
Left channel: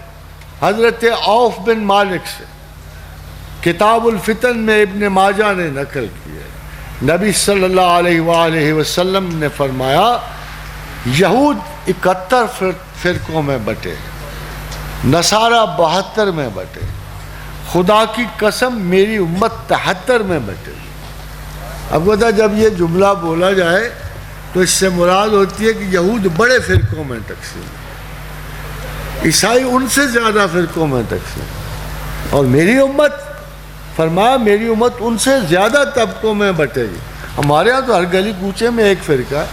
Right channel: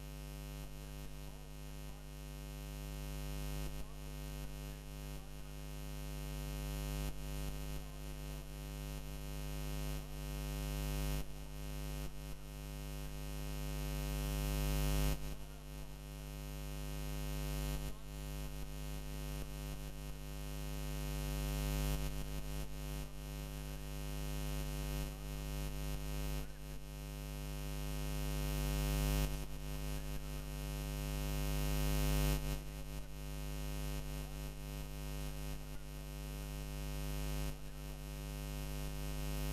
حضرت عوف بن مالک سے, کتاب الفتن میں ابن ماجہ نے نقل کی ہے. نبی صلی اللہ علیہ وآلہ وسلم نے فرمایا یہود 71 فرقوں میں بٹے, نصارہ 72 میں بٹے, خدا کی قسم میری امت 73 میں بٹے. اب پتہ جب یہ جملہ بولا جائے تو اس سے مراد ہوتی ہے کہ یہود بڑے فرقوں میں تقسیم، عیسائی ان سے زیادہ فرقوں میں تقسیم، اور میری امت، فرمایا میری امت ان سے زیادہ طبقوں میں بٹے گی۔ ہمارے ہاں تو ہر گلی کوچے میں ایک فرقہ ہے،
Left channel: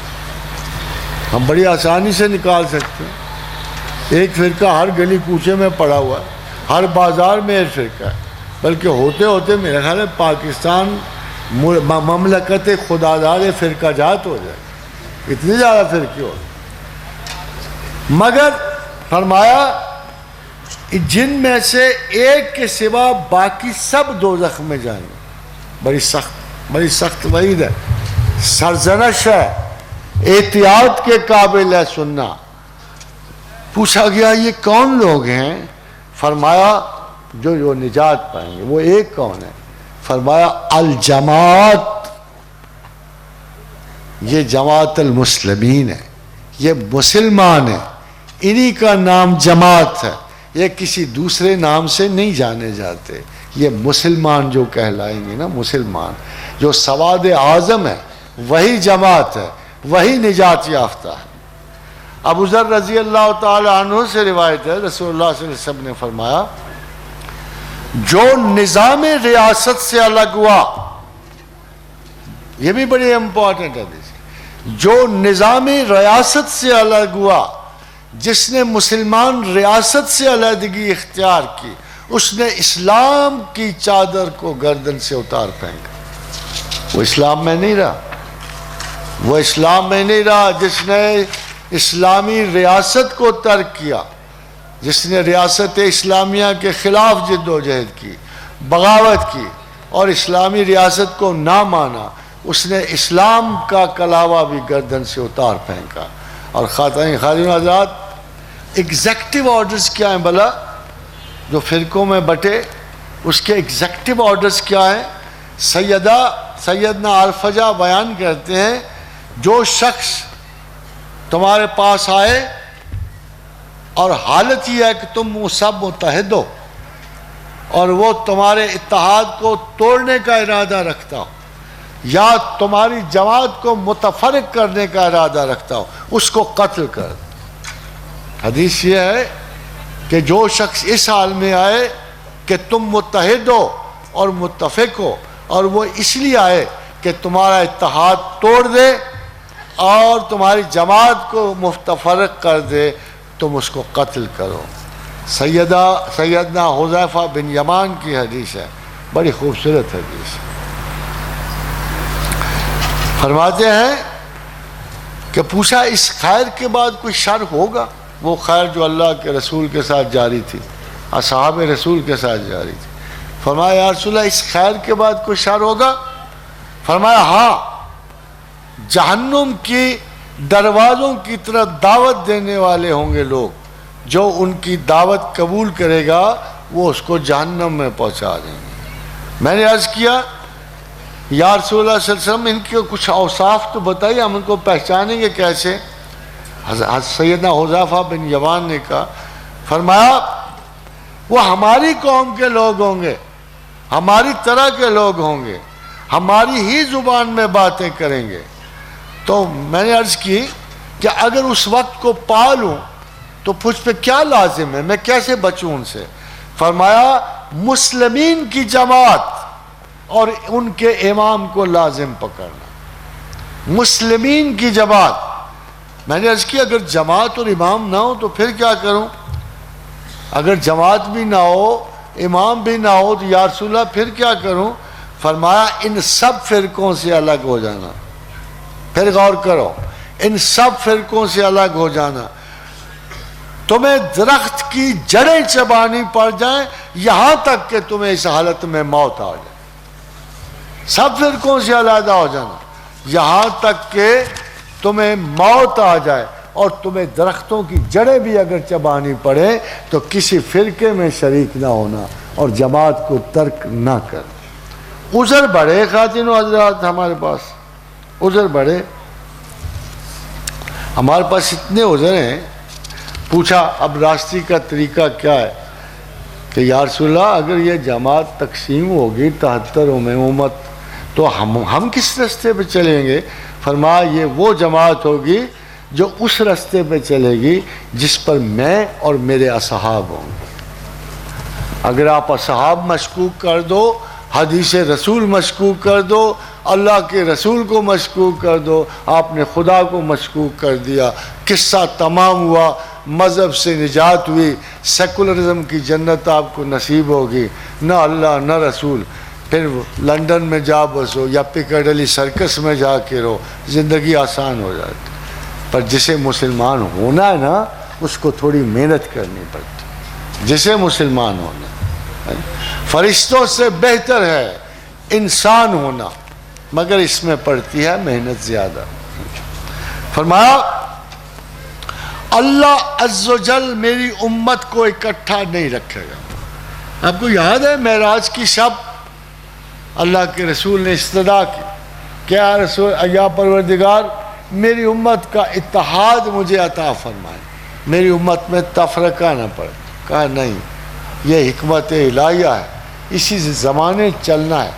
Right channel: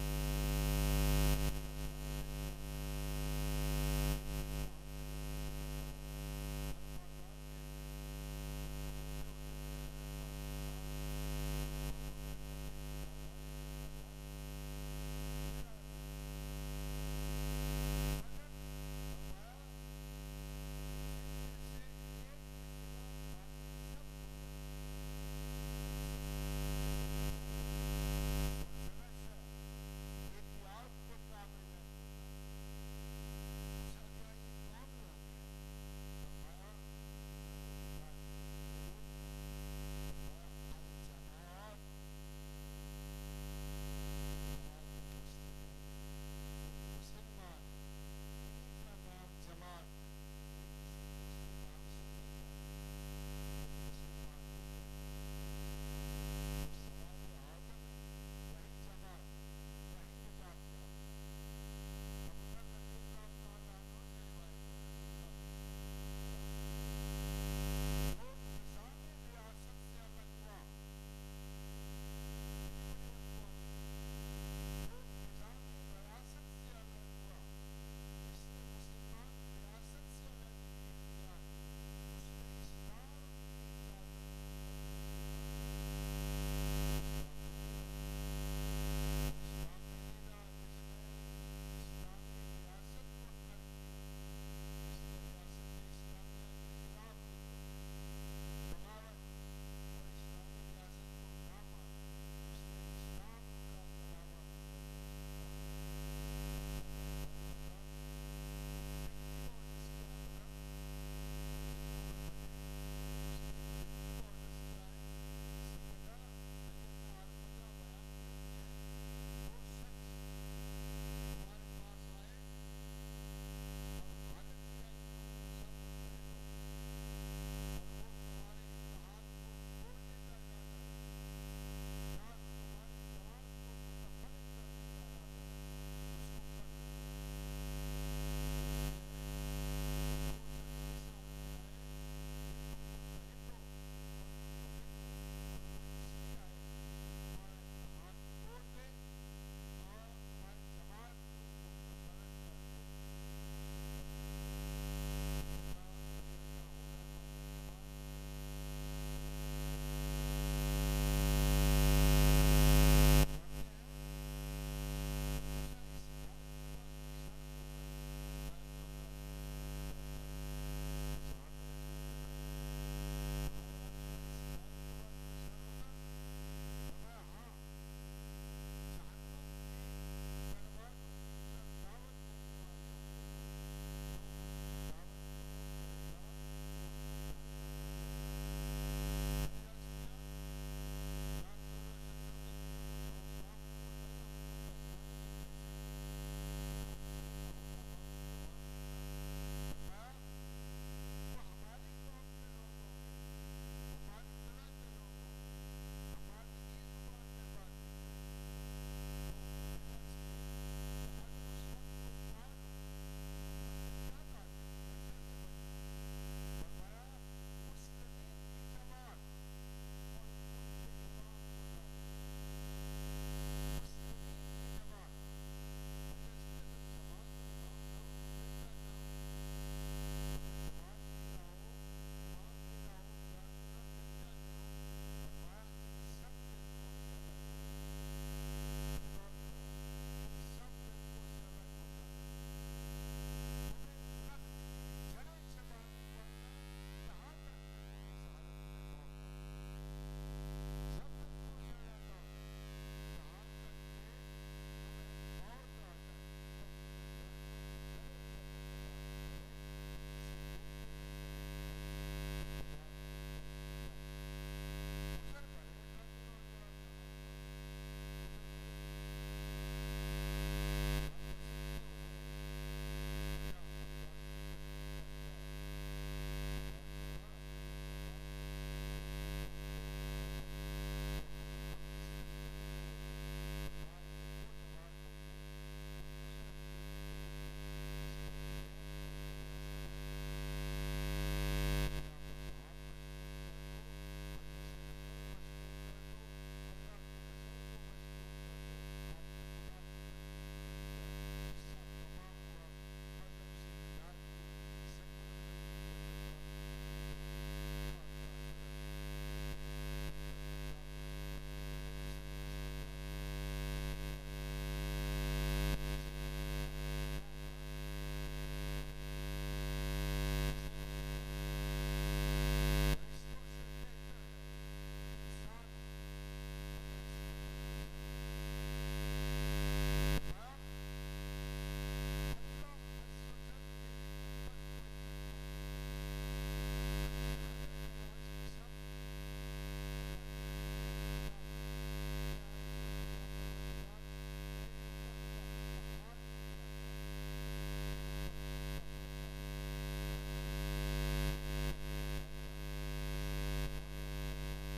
ہم بڑی آسانی سے نکال سکتے ہیں، ایک فرقہ ہر گلی کوچے میں پڑا ہوا ہے، ہر بازار میں ایک فرقہ ہے، بلکہ ہوتے ہوتے میرا خیال ہے پاکستان مملکت خداداد فرقہ جات ہو جائے، اتنے زیادہ فرقے ہو۔ مگر فرمایا جن میں سے ایک کے سوا باقی سب دوزخ میں جائیں گے۔ بڑی سخت وعید ہے، سرزنش ہے، احتیاط کے قابل ہے سننا۔ پوچھا گیا یہ کون لوگ ہیں؟ فرمایا جو نجات پائیں گے۔ وہ ایک کون ہے؟ فرمایا الجماعت، یہ جماعت المسلمین ہے، یہ مسلمان ہے، انہی کا نام جماعت ہے، یہ کسی دوسرے نام سے نہیں جانے جاتے۔ یہ مسلمان جو کہلائیں گے نا، مسلمان جو سواد اعظم ہے، وہی جماعت ہے، وہی نجات یافتہ ہے۔ ابو ذر رضی اللہ تعالی عنہ سے روایت ہے، رسول اللہ صلی اللہ علیہ وسلم نے فرمایا جو نظام ریاست سے الگ ہوا، یہ بھی بڑی امپورٹنٹ ہے، جو نظام ریاست سے الگ ہوا، جس نے مسلمان ریاست سے علیحدگی اختیار کی، اس نے اسلام کی چادر کو گردن سے اتار پھینکا۔ وہ اسلام میں نہیں رہا، وہ اسلام میں نہیں رہا جس نے اسلامی ریاست کو ترک کیا، جس نے ریاست اسلامیہ کے خلاف جد و جہد کی، بغاوت کی اور اسلامی ریاست کو نہ مانا، اس نے اسلام کا کلاوہ بھی گردن سے اتار پھینکا۔ اور خاتون حضرات، ایگزیکٹو آرڈرز کیا ہیں بھلا؟ جو فرقوں میں بٹے اس کے ایگزیکٹو آرڈرز کیا ہیں؟ سیدنا الفجا بیان کرتے ہیں جو شخص تمہارے پاس آئے اور حالت یہ ہے کہ تم وہ سب متحد ہو اور وہ تمہارے اتحاد کو توڑنے کا ارادہ رکھتا ہو یا تمہاری جماعت کو متفرق کرنے کا ارادہ رکھتا ہو، اس کو قتل کر۔ حدیث یہ ہے کہ جو شخص اس حال میں آئے کہ تم متحد ہو اور متفق ہو اور وہ اس لیے آئے کہ تمہارا اتحاد توڑ دے اور تمہاری جماعت کو متفرق کر دے، تم اس کو قتل کرو۔ سیدنا حذیفہ بن یمان کی حدیث ہے، بڑی خوبصورت حدیث ہے۔ فرماتے ہیں کہ پوچھا اس خیر کے بعد کوئی شر ہوگا؟ وہ خیر جو اللہ کے رسول کے ساتھ جاری تھی، اصحاب رسول کے ساتھ جاری تھی۔ فرمایا یا رسول اللہ اس خیر کے بعد کوئی شر ہوگا؟ فرمایا ہاں، جہنم کی دروازوں کی طرف دعوت دینے والے ہوں گے لوگ، جو ان کی دعوت قبول کرے گا وہ اس کو جہنم میں پہنچا دیں گے۔ میں نے عرض کیا یا رسول اللہ صلی اللہ علیہ وسلم ان کے کچھ اوصاف تو بتائیے، ہم ان کو پہچانیں گے کیسے؟ سیدنا حذیفہ بن یمان نے کہا، فرمایا وہ ہماری قوم کے لوگ ہوں گے، ہماری طرح کے لوگ ہوں گے، ہماری ہی زبان میں باتیں کریں گے۔ تو میں نے عرض کی کہ اگر اس وقت کو پا لوں تو مجھ پہ کیا لازم ہے، میں کیسے بچوں ان سے؟ فرمایا مسلمین کی جماعت اور ان کے امام کو لازم پکڑنا۔ مسلمین کی جماعت۔ میں نے عرض کی اگر جماعت اور امام نہ ہو تو پھر کیا کروں؟ اگر جماعت بھی نہ ہو، امام بھی نہ ہو تو یا رسول اللہ پھر کیا کروں؟ فرمایا ان سب فرقوں سے الگ ہو جانا۔ پھر غور کرو، ان سب فرقوں سے الگ ہو جانا۔ تمہیں درخت کی جڑیں چبانی پڑ جائیں یہاں تک کہ تمہیں اس حالت میں موت آ جائے۔ سب فرقوں سے علیحدہ ہو جانا یہاں تک کہ تمہیں موت آ جائے، اور تمہیں درختوں کی جڑیں بھی اگر چبانی پڑے تو کسی فرقے میں شریک نہ ہونا اور جماعت کو ترک نہ کر۔ عذر بڑے خواتین و حضرات، ہمارے پاس عذر بڑے، ہمارے پاس اتنے عذر ہیں۔ پوچھا اب راستے کا طریقہ کیا ہے کہ یا رسول اللہ اگر یہ جماعت تقسیم ہوگی 73 میں امت تو ہم کس راستے پہ چلیں گے؟ فرمایا یہ وہ جماعت ہوگی جو اس راستے پہ چلے گی جس پر میں اور میرے اصحاب ہوں گے۔ اگر آپ اصحاب مشکوک کر دو، حدیث رسول مشکوک کر دو، اللہ کے رسول کو مشکوک کر دو، آپ نے خدا کو مشکوک کر دیا، قصہ تمام ہوا، مذہب سے نجات ہوئی، سیکولرزم کی جنت آپ کو نصیب ہوگی، نہ اللہ نہ رسول، پھر لندن میں جا بسو یا پیکاڈیلی سرکس میں جا کے رہو، زندگی آسان ہو جاتی۔ پر جسے مسلمان ہونا ہے نا، اس کو تھوڑی محنت کرنی پڑتی، جسے مسلمان ہونا۔ فرشتوں سے بہتر ہے انسان ہونا، مگر اس میں پڑتی ہے محنت زیادہ۔ فرمایا اللہ عز و جل میری امت کو اکٹھا نہیں رکھے گا۔ آپ کو یاد ہے معراج کی شب اللہ کے رسول نے استدعا کی، کیا رسول یا پروردگار میری امت کا اتحاد مجھے عطا فرمائے، میری امت میں تفرقہ نہ پڑے۔ کہا نہیں، یہ حکمت الہیہ ہے، اسی زمانے چلنا ہے،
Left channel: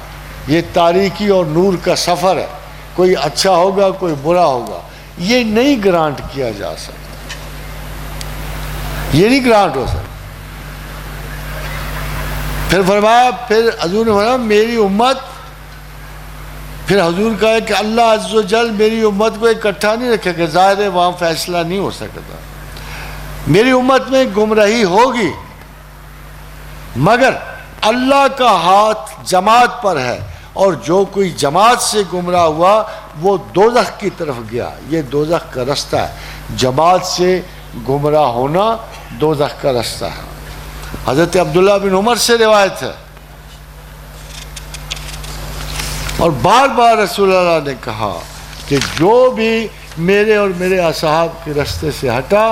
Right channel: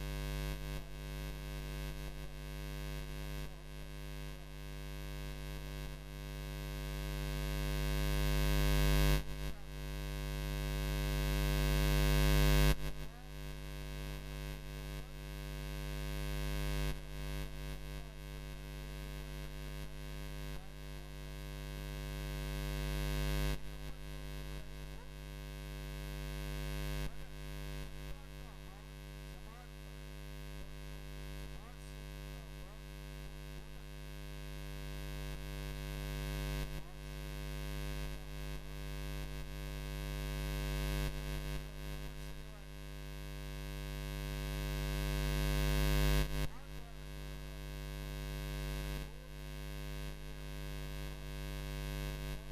یہ تاریکی اور نور کا سفر ہے، کوئی اچھا ہوگا کوئی برا ہوگا، یہ نہیں گرانٹ کیا جا سکتا، یہ نہیں گرانٹ ہو سکتا۔ پھر فرمایا، پھر حضور نے فرمایا میری امت، پھر حضور کہا کہ اللہ عز و جل میری امت کو اکٹھا نہیں رکھے گا، ظاہر ہے وہاں فیصلہ نہیں ہو سکتا، میری امت میں گمراہی ہوگی، مگر اللہ کا ہاتھ جماعت پر ہے، اور جو کوئی جماعت سے گمراہ ہوا وہ دوزخ کی طرف گیا۔ یہ دوزخ کا رستہ ہے، جماعت سے گمراہ ہونا دوزخ کا رستہ ہے۔ حضرت عبداللہ بن عمر سے روایت ہے، اور بار بار رسول اللہ نے کہا کہ جو بھی میرے اور میرے اصحاب کے رستے سے ہٹا،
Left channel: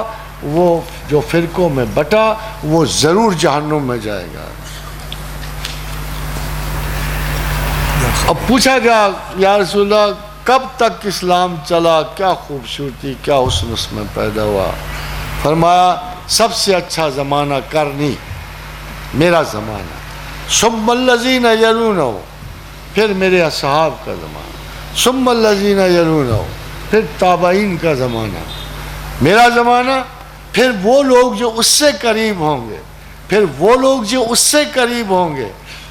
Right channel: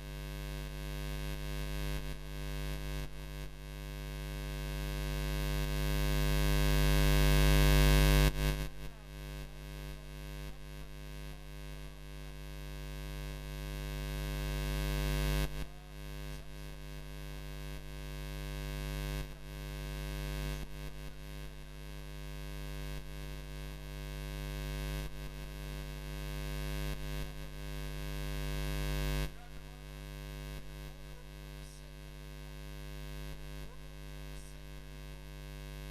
وہ جو فرقوں میں بٹا، وہ ضرور جہنم میں جائے گا۔ اب پوچھا گیا یا رسول اللہ کب تک اسلام چلا، کیا خوبصورتی کیا حسن اس میں پیدا ہوا؟ فرمایا سب سے اچھا زمانہ کرنی میرا زمانہ، ثم الذین یلونہ، پھر میرے اصحاب کا زمانہ، ثم الذین یلونہ، پھر تابعین کا زمانہ، میرا زمانہ، پھر وہ لوگ جو اس سے قریب ہوں گے، پھر وہ لوگ جو اس سے قریب ہوں گے۔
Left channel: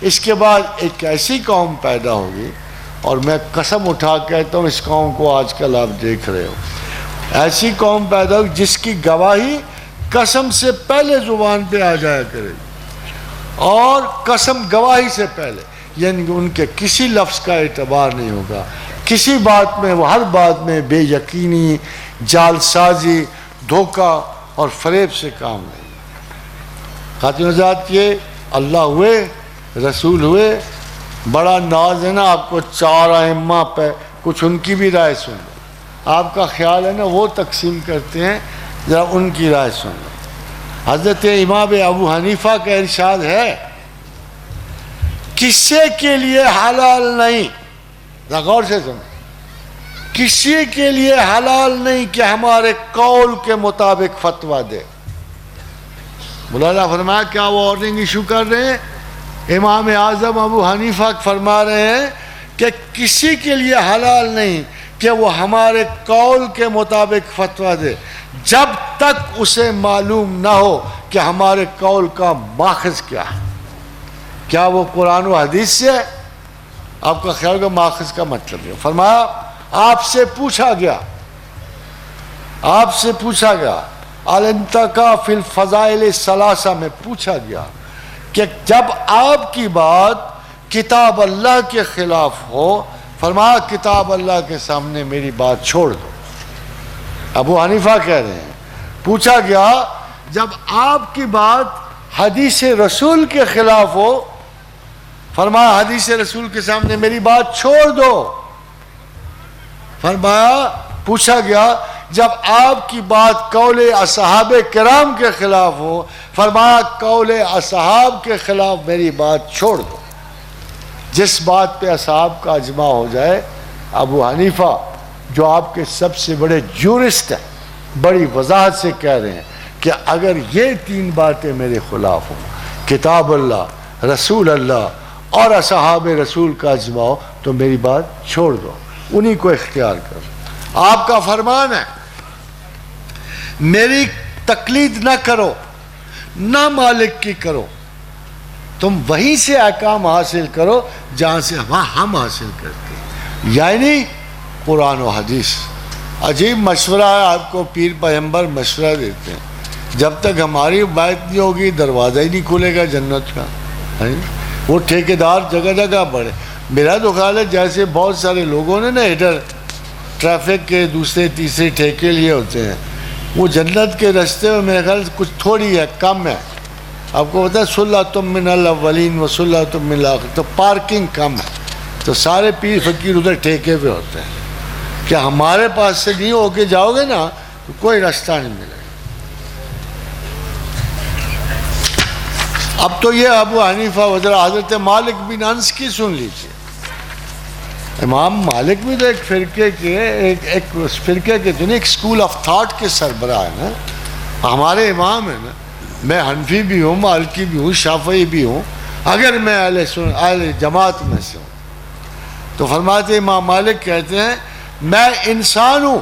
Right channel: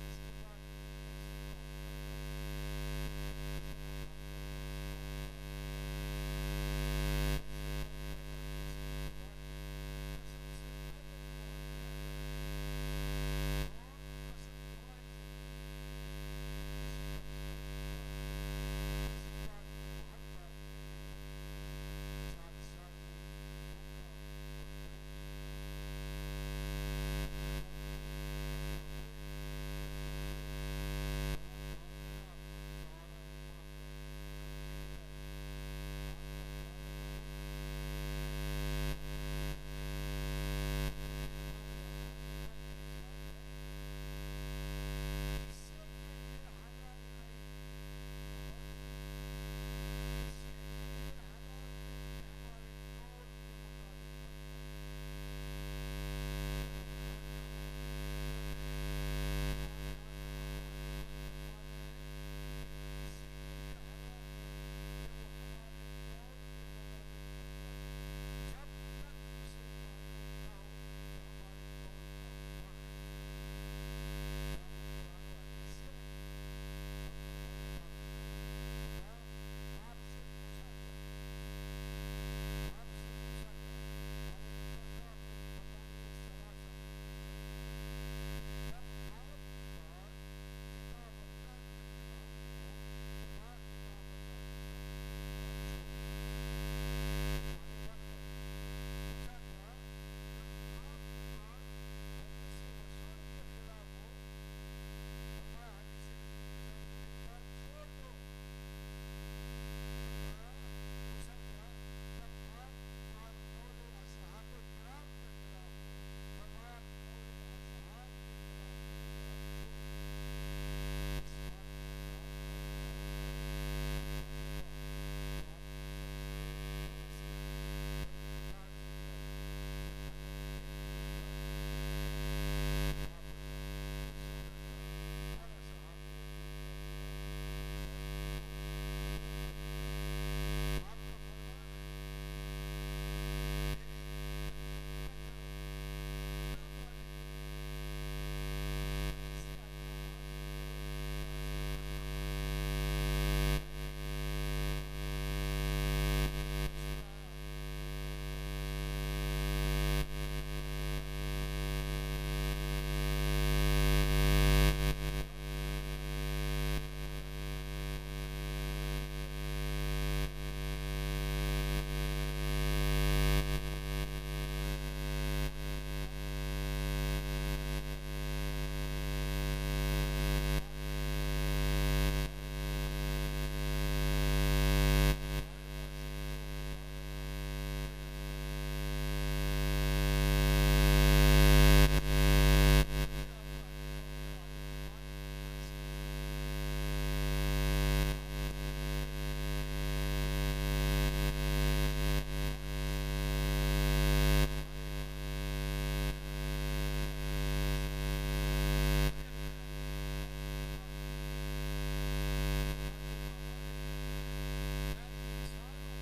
اس کے بعد ایک ایسی قوم پیدا ہوگی، اور میں قسم اٹھا کہتا ہوں اس قوم کو آج کل آپ دیکھ رہے ہو، ایسی قوم پیدا ہوگی جس کی گواہی قسم سے پہلے زبان پہ آ جایا کرے گی، اور قسم گواہی سے پہلے، یعنی ان کے کسی لفظ کا اعتبار نہیں ہوگا، کسی بات میں، وہ ہر بات میں بے یقینی، جال سازی، دھوکہ اور فریب سے کام نہیں۔ خاتون حضرات، یہ اللہ ہوئے، رسول ہوئے، بڑا ناز ہے نا آپ کو، چار ائمہ پہ کچھ ان کی بھی رائے سن لو، آپ کا خیال ہے نا وہ تقسیم کرتے ہیں، ذرا ان کی رائے سن لو۔ حضرت امام ابو حنیفہ کا ارشاد ہے کسی کے لیے حلال نہیں، ذرا غور سے سنو، کسی کے لیے حلال نہیں کہ ہمارے قول کے مطابق فتویٰ دے۔ مولانا فرمایا کیا وہ وارننگ ایشو کر رہے ہیں؟ امام اعظم ابو حنیفہ فرما رہے ہیں کہ کسی کے لیے حلال نہیں کہ وہ ہمارے قول کے مطابق فتویٰ دے جب تک اسے معلوم نہ ہو کہ ہمارے قول کا ماخذ کیا ہے، کیا وہ قرآن و حدیث سے ہے؟ آپ کا خیال کا ماخذ کا مطلب ہے۔ فرمایا آپ سے پوچھا گیا الانتقاء فی الفضائل الثلاثہ میں پوچھا گیا کہ جب آپ کی بات کتاب اللہ کے خلاف ہو، فرمایا کتاب اللہ کے سامنے میری بات چھوڑ دو۔ ابو حنیفہ کہہ رہے ہیں پوچھا گیا جب آپ کی بات حدیث رسول کے خلاف ہو، فرمایا حدیث رسول کے سامنے میری بات چھوڑ دو۔ فرمایا پوچھا گیا جب آپ کی بات قول اصحاب کرام کے خلاف ہو، فرمایا قول اصحاب کے خلاف میری بات چھوڑ دو۔ جس بات پہ اصحاب کا اجماع ہو جائے، ابو حنیفہ جو آپ کے سب سے بڑے جورسٹ ہیں، بڑی وضاحت سے کہہ رہے ہیں کہ اگر یہ تین باتیں میرے خلاف ہوں، کتاب اللہ، رسول اللہ اور اصحاب رسول کا اجماع ہو، تو میری بات چھوڑ دو، انہی کو اختیار کرو۔ آپ کا فرمان ہے میری تقلید نہ کرو، نہ مالک کی کرو، تم وہیں سے احکام حاصل کرو جہاں سے ہم حاصل کرتے ہیں، یعنی قرآن و حدیث۔ عجیب مشورہ ہے، آپ کو پیر پیغمبر مشورہ دیتے ہیں، جب تک ہماری بات نہیں ہوگی دروازہ ہی نہیں کھلے گا جنت کا۔ وہ ٹھیکیدار جگہ جگہ بڑھے۔ میرا تو خیال ہے جیسے بہت سارے لوگوں نے نا ادھر ٹریفک کے دوسرے تیسرے ٹھیکے لیے ہوتے ہیں، وہ جنت کے رستے میں میرے خیال کچھ تھوڑی ہے، کم ہے۔ آپ کو پتا ہے سلۃ من الاولین و سلۃ من الاخرین، تو پارکنگ کم ہے، تو سارے پیر فقیر ادھر ٹھیکے پہ ہوتے ہیں کہ ہمارے پاس سے نہیں ہو کے جاؤ گے نا تو کوئی راستہ نہیں ملے گا۔ اب تو یہ ابو حنیفہ حضرت مالک بن انس کی سن لیجیے۔ امام مالک بھی تو ایک فرقے کے تو نہیں، ایک اسکول آف تھاٹ کے سربراہ ہیں نا، ہمارے امام ہیں نا۔ میں حنفی بھی ہوں، مالکی بھی ہوں، شافعی بھی ہوں، اگر میں اہل جماعت میں سے ہوں تو فرماتے امام مالک کہتے ہیں میں انسان ہوں،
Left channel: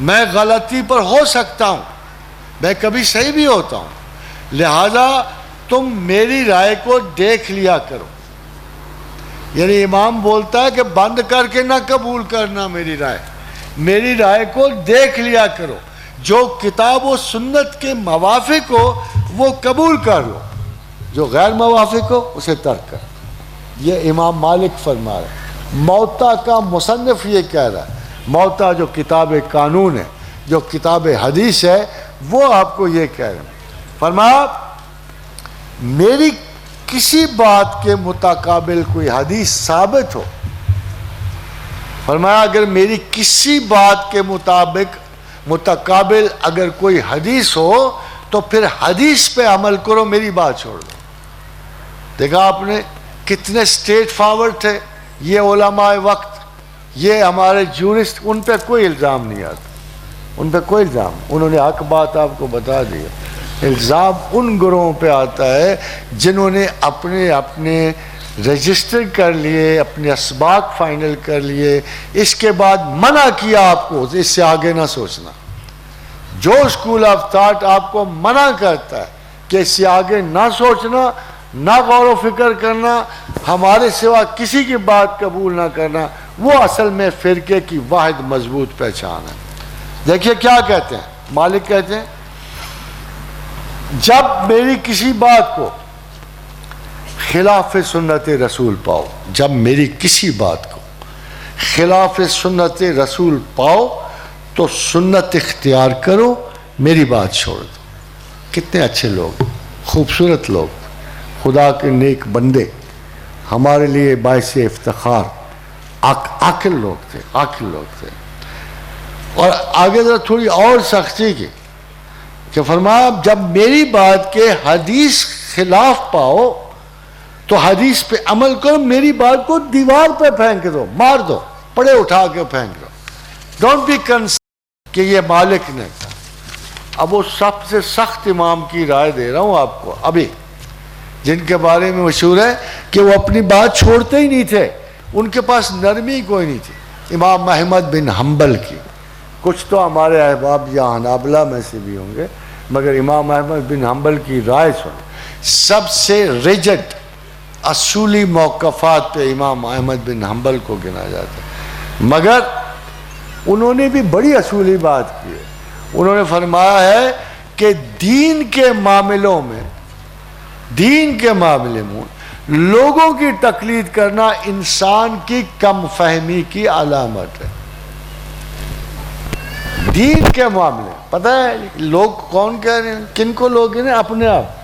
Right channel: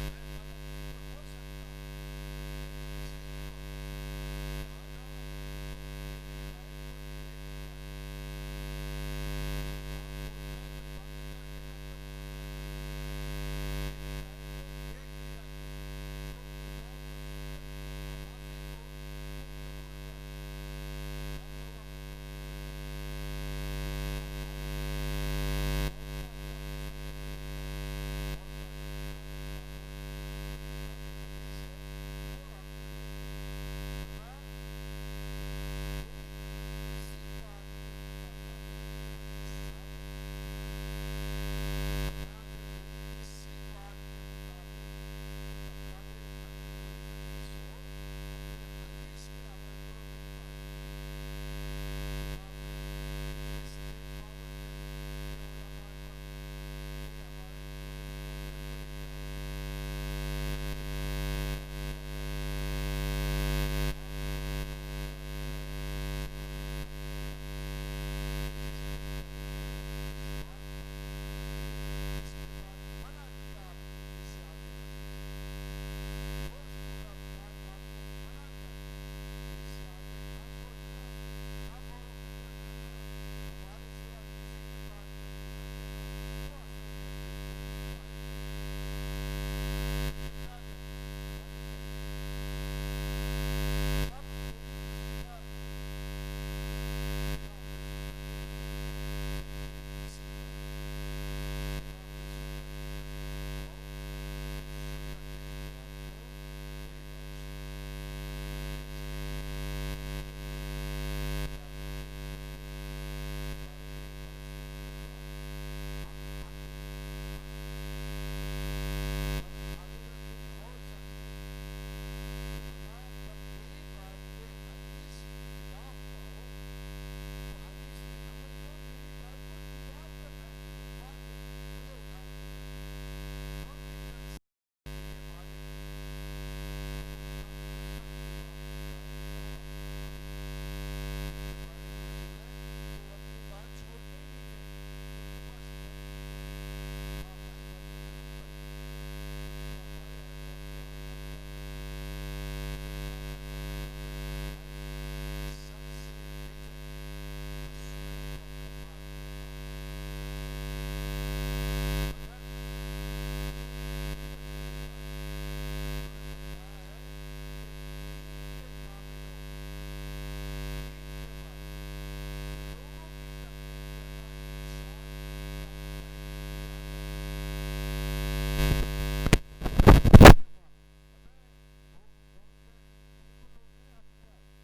میں غلطی پر ہو سکتا ہوں، میں کبھی صحیح بھی ہوتا ہوں، لہذا تم میری رائے کو دیکھ لیا کرو۔ یعنی امام بولتا ہے کہ بند کر کے نہ قبول کرنا میری رائے کو دیکھ لیا کرو، جو کتاب و سنت کے موافق ہو وہ قبول کر لو، جو غیر موافق ہو اسے ترک کر۔ یہ امام مالک فرما رہے ہیں۔ موطا کا مصنف یہ کہہ رہا ہے، موطا جو کتاب قانون ہے، جو کتاب حدیث ہے، وہ آپ کو یہ کہہ رہے ہیں، فرمایا میری کسی بات کے متقابل کوئی حدیث ثابت ہو، فرمایا اگر میری کسی بات کے متقابل اگر کوئی حدیث ہو تو پھر حدیث پہ عمل کرو، میری بات چھوڑ دو۔ دیکھا آپ نے کتنے اسٹریٹ فارورڈ تھے یہ علماء وقت، یہ ہمارے جورسٹ، ان پہ کوئی الزام نہیں آتا، ان پہ کوئی الزام، انہوں نے حق بات آپ کو بتا دی۔ الزام ان گروہوں پہ آتا ہے جنہوں نے اپنے رجسٹر کر لیے، اپنے اسباق فائنل کر لیے، اس کے بعد منع کیا آپ کو اس سے آگے نہ سوچنا۔ جو اسکول آف تھاٹ آپ کو منع کرتا ہے کہ اس سے آگے نہ سوچنا، نہ غور و فکر کرنا، ہمارے سوا کسی کی بات قبول نہ کرنا، وہ اصل میں فرقے کی واحد مضبوط پہچان ہے۔ دیکھیے کیا کہتے ہیں مالک، کہتے ہیں جب میری کسی بات کو خلاف سنت رسول پاؤ، جب میری کسی بات کو خلاف سنت رسول پاؤ تو سنت اختیار کرو، میری بات چھوڑ دو۔ کتنے اچھے لوگ، خوبصورت لوگ، خدا کے نیک بندے، ہمارے لیے باعث افتخار، عاقل لوگ تھے۔ اور آگے ذرا تھوڑی اور سختی کی کہ فرمایا جب میری بات کے حدیث خلاف پاؤ تو حدیث پہ عمل کرو، میری بات کو دیوار پہ پھینک دو، مار دو، پڑے اٹھا کے پھینک دو۔ ڈونٹ بی کنسرن کہ یہ مالک نے کہا۔ اب وہ سب سے سخت امام کی رائے دے رہا ہوں آپ کو ابھی، جن کے بارے میں مشہور ہے کہ وہ اپنی بات چھوڑتے ہی نہیں تھے، ان کے پاس نرمی کوئی نہیں تھی۔ امام احمد بن حنبل کی، کچھ تو ہمارے احباب یا حنابلہ میں سے بھی ہوں گے، مگر امام احمد بن حنبل کی رائے سن، سب سے ریجڈ اصولی موقفات پہ امام احمد بن حنبل کو گنا جاتا ہے، مگر انہوں نے بھی بڑی اصولی بات کی ہے۔ انہوں نے فرمایا ہے کہ دین کے معاملوں میں لوگوں کی تقلید کرنا انسان کی کم فہمی کی علامت ہے۔ دین کے معاملے پتہ ہے لوگ کون کہہ رہے ہیں، کن کو لوگ ہیں، اپنے آپ۔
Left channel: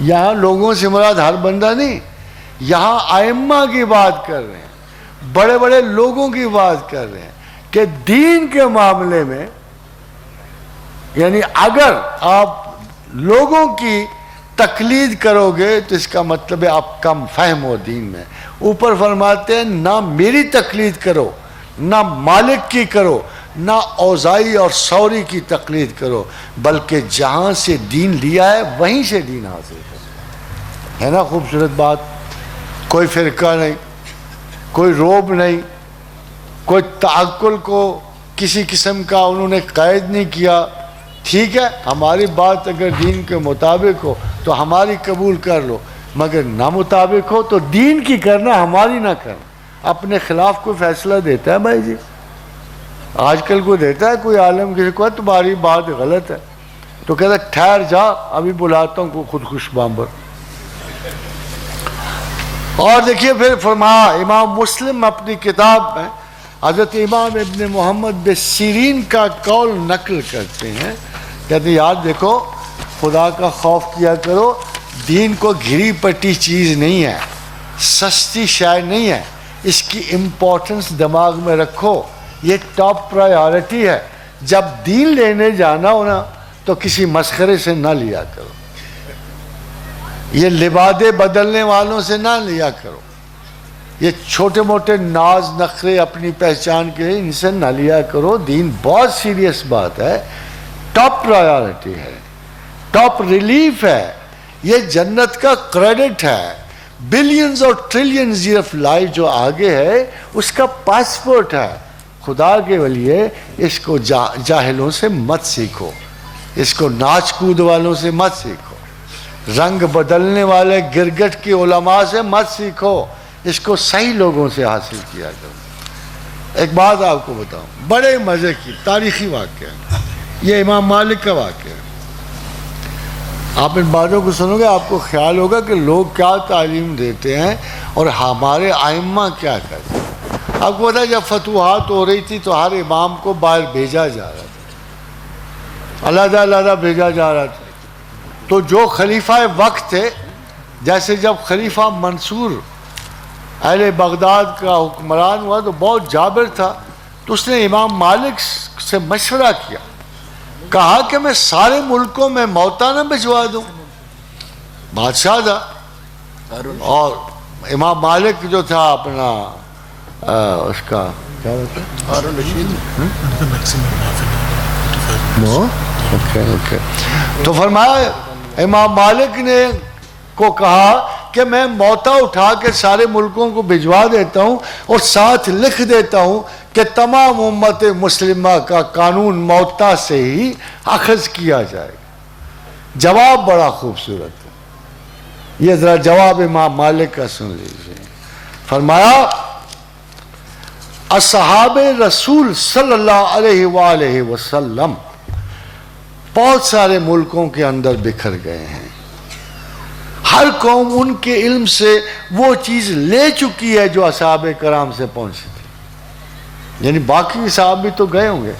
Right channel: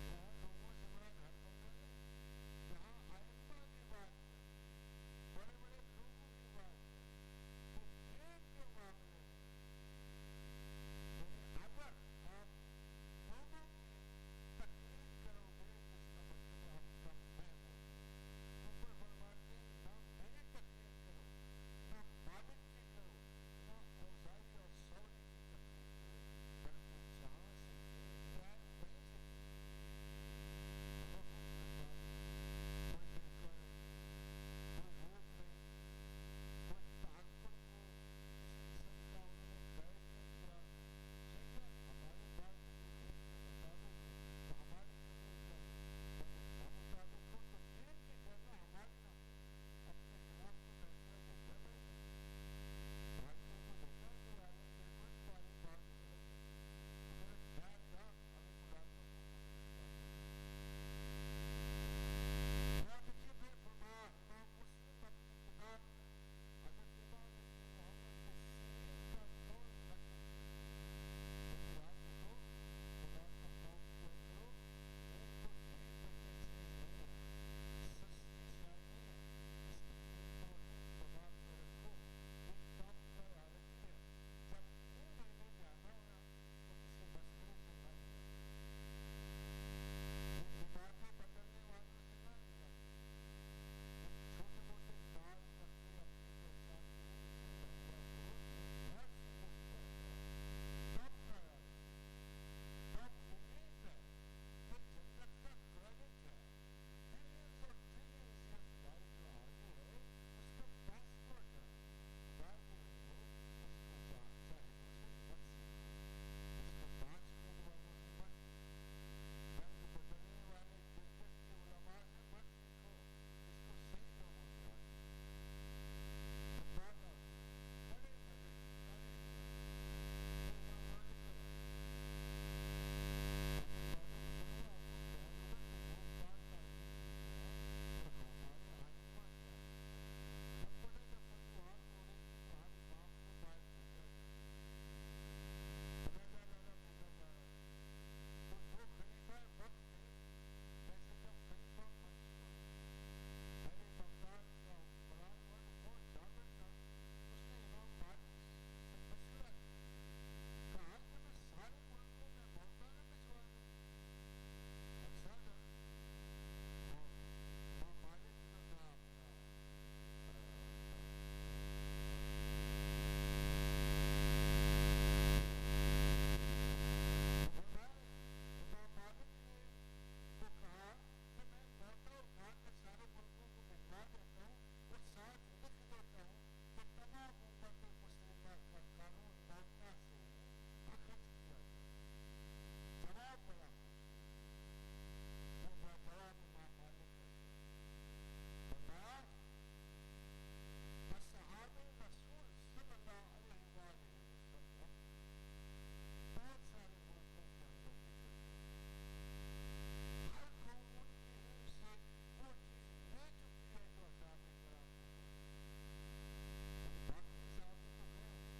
یہاں لوگوں سے مراد ہر بندہ نہیں، یہاں ائمہ کی بات کر رہے ہیں، بڑے بڑے لوگوں کی بات کر رہے ہیں کہ دین کے معاملے میں، یعنی اگر آپ لوگوں کی تقلید کرو گے تو اس کا مطلب ہے آپ کم فہم ہو دین میں۔ اوپر فرماتے ہیں نہ میری تقلید کرو، نہ مالک کی کرو، نہ اوزائی اور ثوری کی تقلید کرو، بلکہ جہاں سے دین لیا ہے وہیں سے دین حاصل کرو۔ ہے نا خوبصورت بات؟ کوئی فرقہ نہیں، کوئی روب نہیں, کوئی تعقل کو کسی قسم کا انہوں نے قید نہیں کیا. ٹھیک ہے, ہماری بات اگر دین کے مطابق ہو تو ہماری قبول کر لو, مگر نہ مطابق ہو تو دین کی کرنا, ہماری نہ کرنا. اپنے خلاف کوئی فیصلہ دیتا ہے بھائی جی؟ آج کل کوئی دیتا ہے کوئی عالم کسی کو تمہاری بات غلط ہے تو کہتا ہے ٹھہر جا ابھی بلاتا ہوں کو خودکش بامبر. اور دیکھیے پھر فرمایا, امام مسلم اپنی کتاب میں حضرت امام ابن محمد بن سیرین کا قول نقل کرتے ہیں, کہتے ہیں یار دیکھو خدا کا خوف کیا کرو, دین کو گھری پٹی چیز نہیں ہے, سستی شے نہیں ہے, اس کی امپورٹنس دماغ میں رکھو, یہ ٹاپ پرائیورٹی ہے. جب دین لینے جانا ہو نا تو کسی مسخرے سے نہ لیا کرو, یہ لبادے بدلنے والوں سے نہ لیا کرو, یہ چھوٹے موٹے ناز نخرے اپنی پہچان کے ان سے نہ لیا کرو. دین بہت سیریس بات ہے, ٹاپ پرائیورٹی ہے, ٹاپ ریلیف ہے, یہ جنت کا کریڈٹ ہے. بلینز اور ٹریلینز آف لائف جو آگے ہے اس کا پاسپورٹ ہے. خدا کے ولیے اس کو جاہلوں سے مت سیکھو, اس کو ناچ کود والوں سے مت سیکھو, رنگ بدلنے والے گرگٹ کے علماء سے مت سیکھو, اس کو صحیح لوگوں سے حاصل کیا کرو. ایک بات آپ کو بتاؤں, بڑے مزے کی تاریخی واقعہ, یہ امام مالک کا واقعہ ہے. آپ ان باتوں کو سنو گے آپ کو خیال ہوگا کہ لوگ کیا تعلیم دیتے ہیں اور ہمارے ائمہ کیا کرتے ہیں. آپ کو پتا ہے جب فتوحات ہو رہی تھی تو ہر امام کو باہر بھیجا جا رہا تھا, علیحدہ علیحدہ بھیجا جا رہا تھا. تو جو خلیفہ وقت تھے, جیسے جب خلیفہ منصور اہل بغداد کا حکمران ہوا تو بہت جابر تھا, تو اس نے امام مالک سے مشورہ کیا, کہا کہ میں سارے ملکوں میں موتا نہ بھجوا دوں. بادشاہ تھا, اور امام مالک جو تھا اپنا اس کا کیا تو فرمایا امام مالک نے کو کہا کہ میں موتا اٹھا کے سارے ملکوں کو بھجوا دیتا ہوں اور ساتھ لکھ دیتا ہوں کہ تمام امت مسلمہ کا قانون موتا سے ہی اخذ کیا جائے گا. جواب بڑا خوبصورت ہے, یہ ذرا جواب امام مالک کا سن لیجیے. فرمایا اصحاب رسول صلی اللہ علیہ وآلہ وسلم بہت سارے ملکوں کے اندر بکھر گئے ہیں, ہر قوم ان کے علم سے وہ چیز لے چکی ہے جو اصحاب کرام سے پہنچی تھی. یعنی باقی صحاب بھی تو گئے ہوں گے,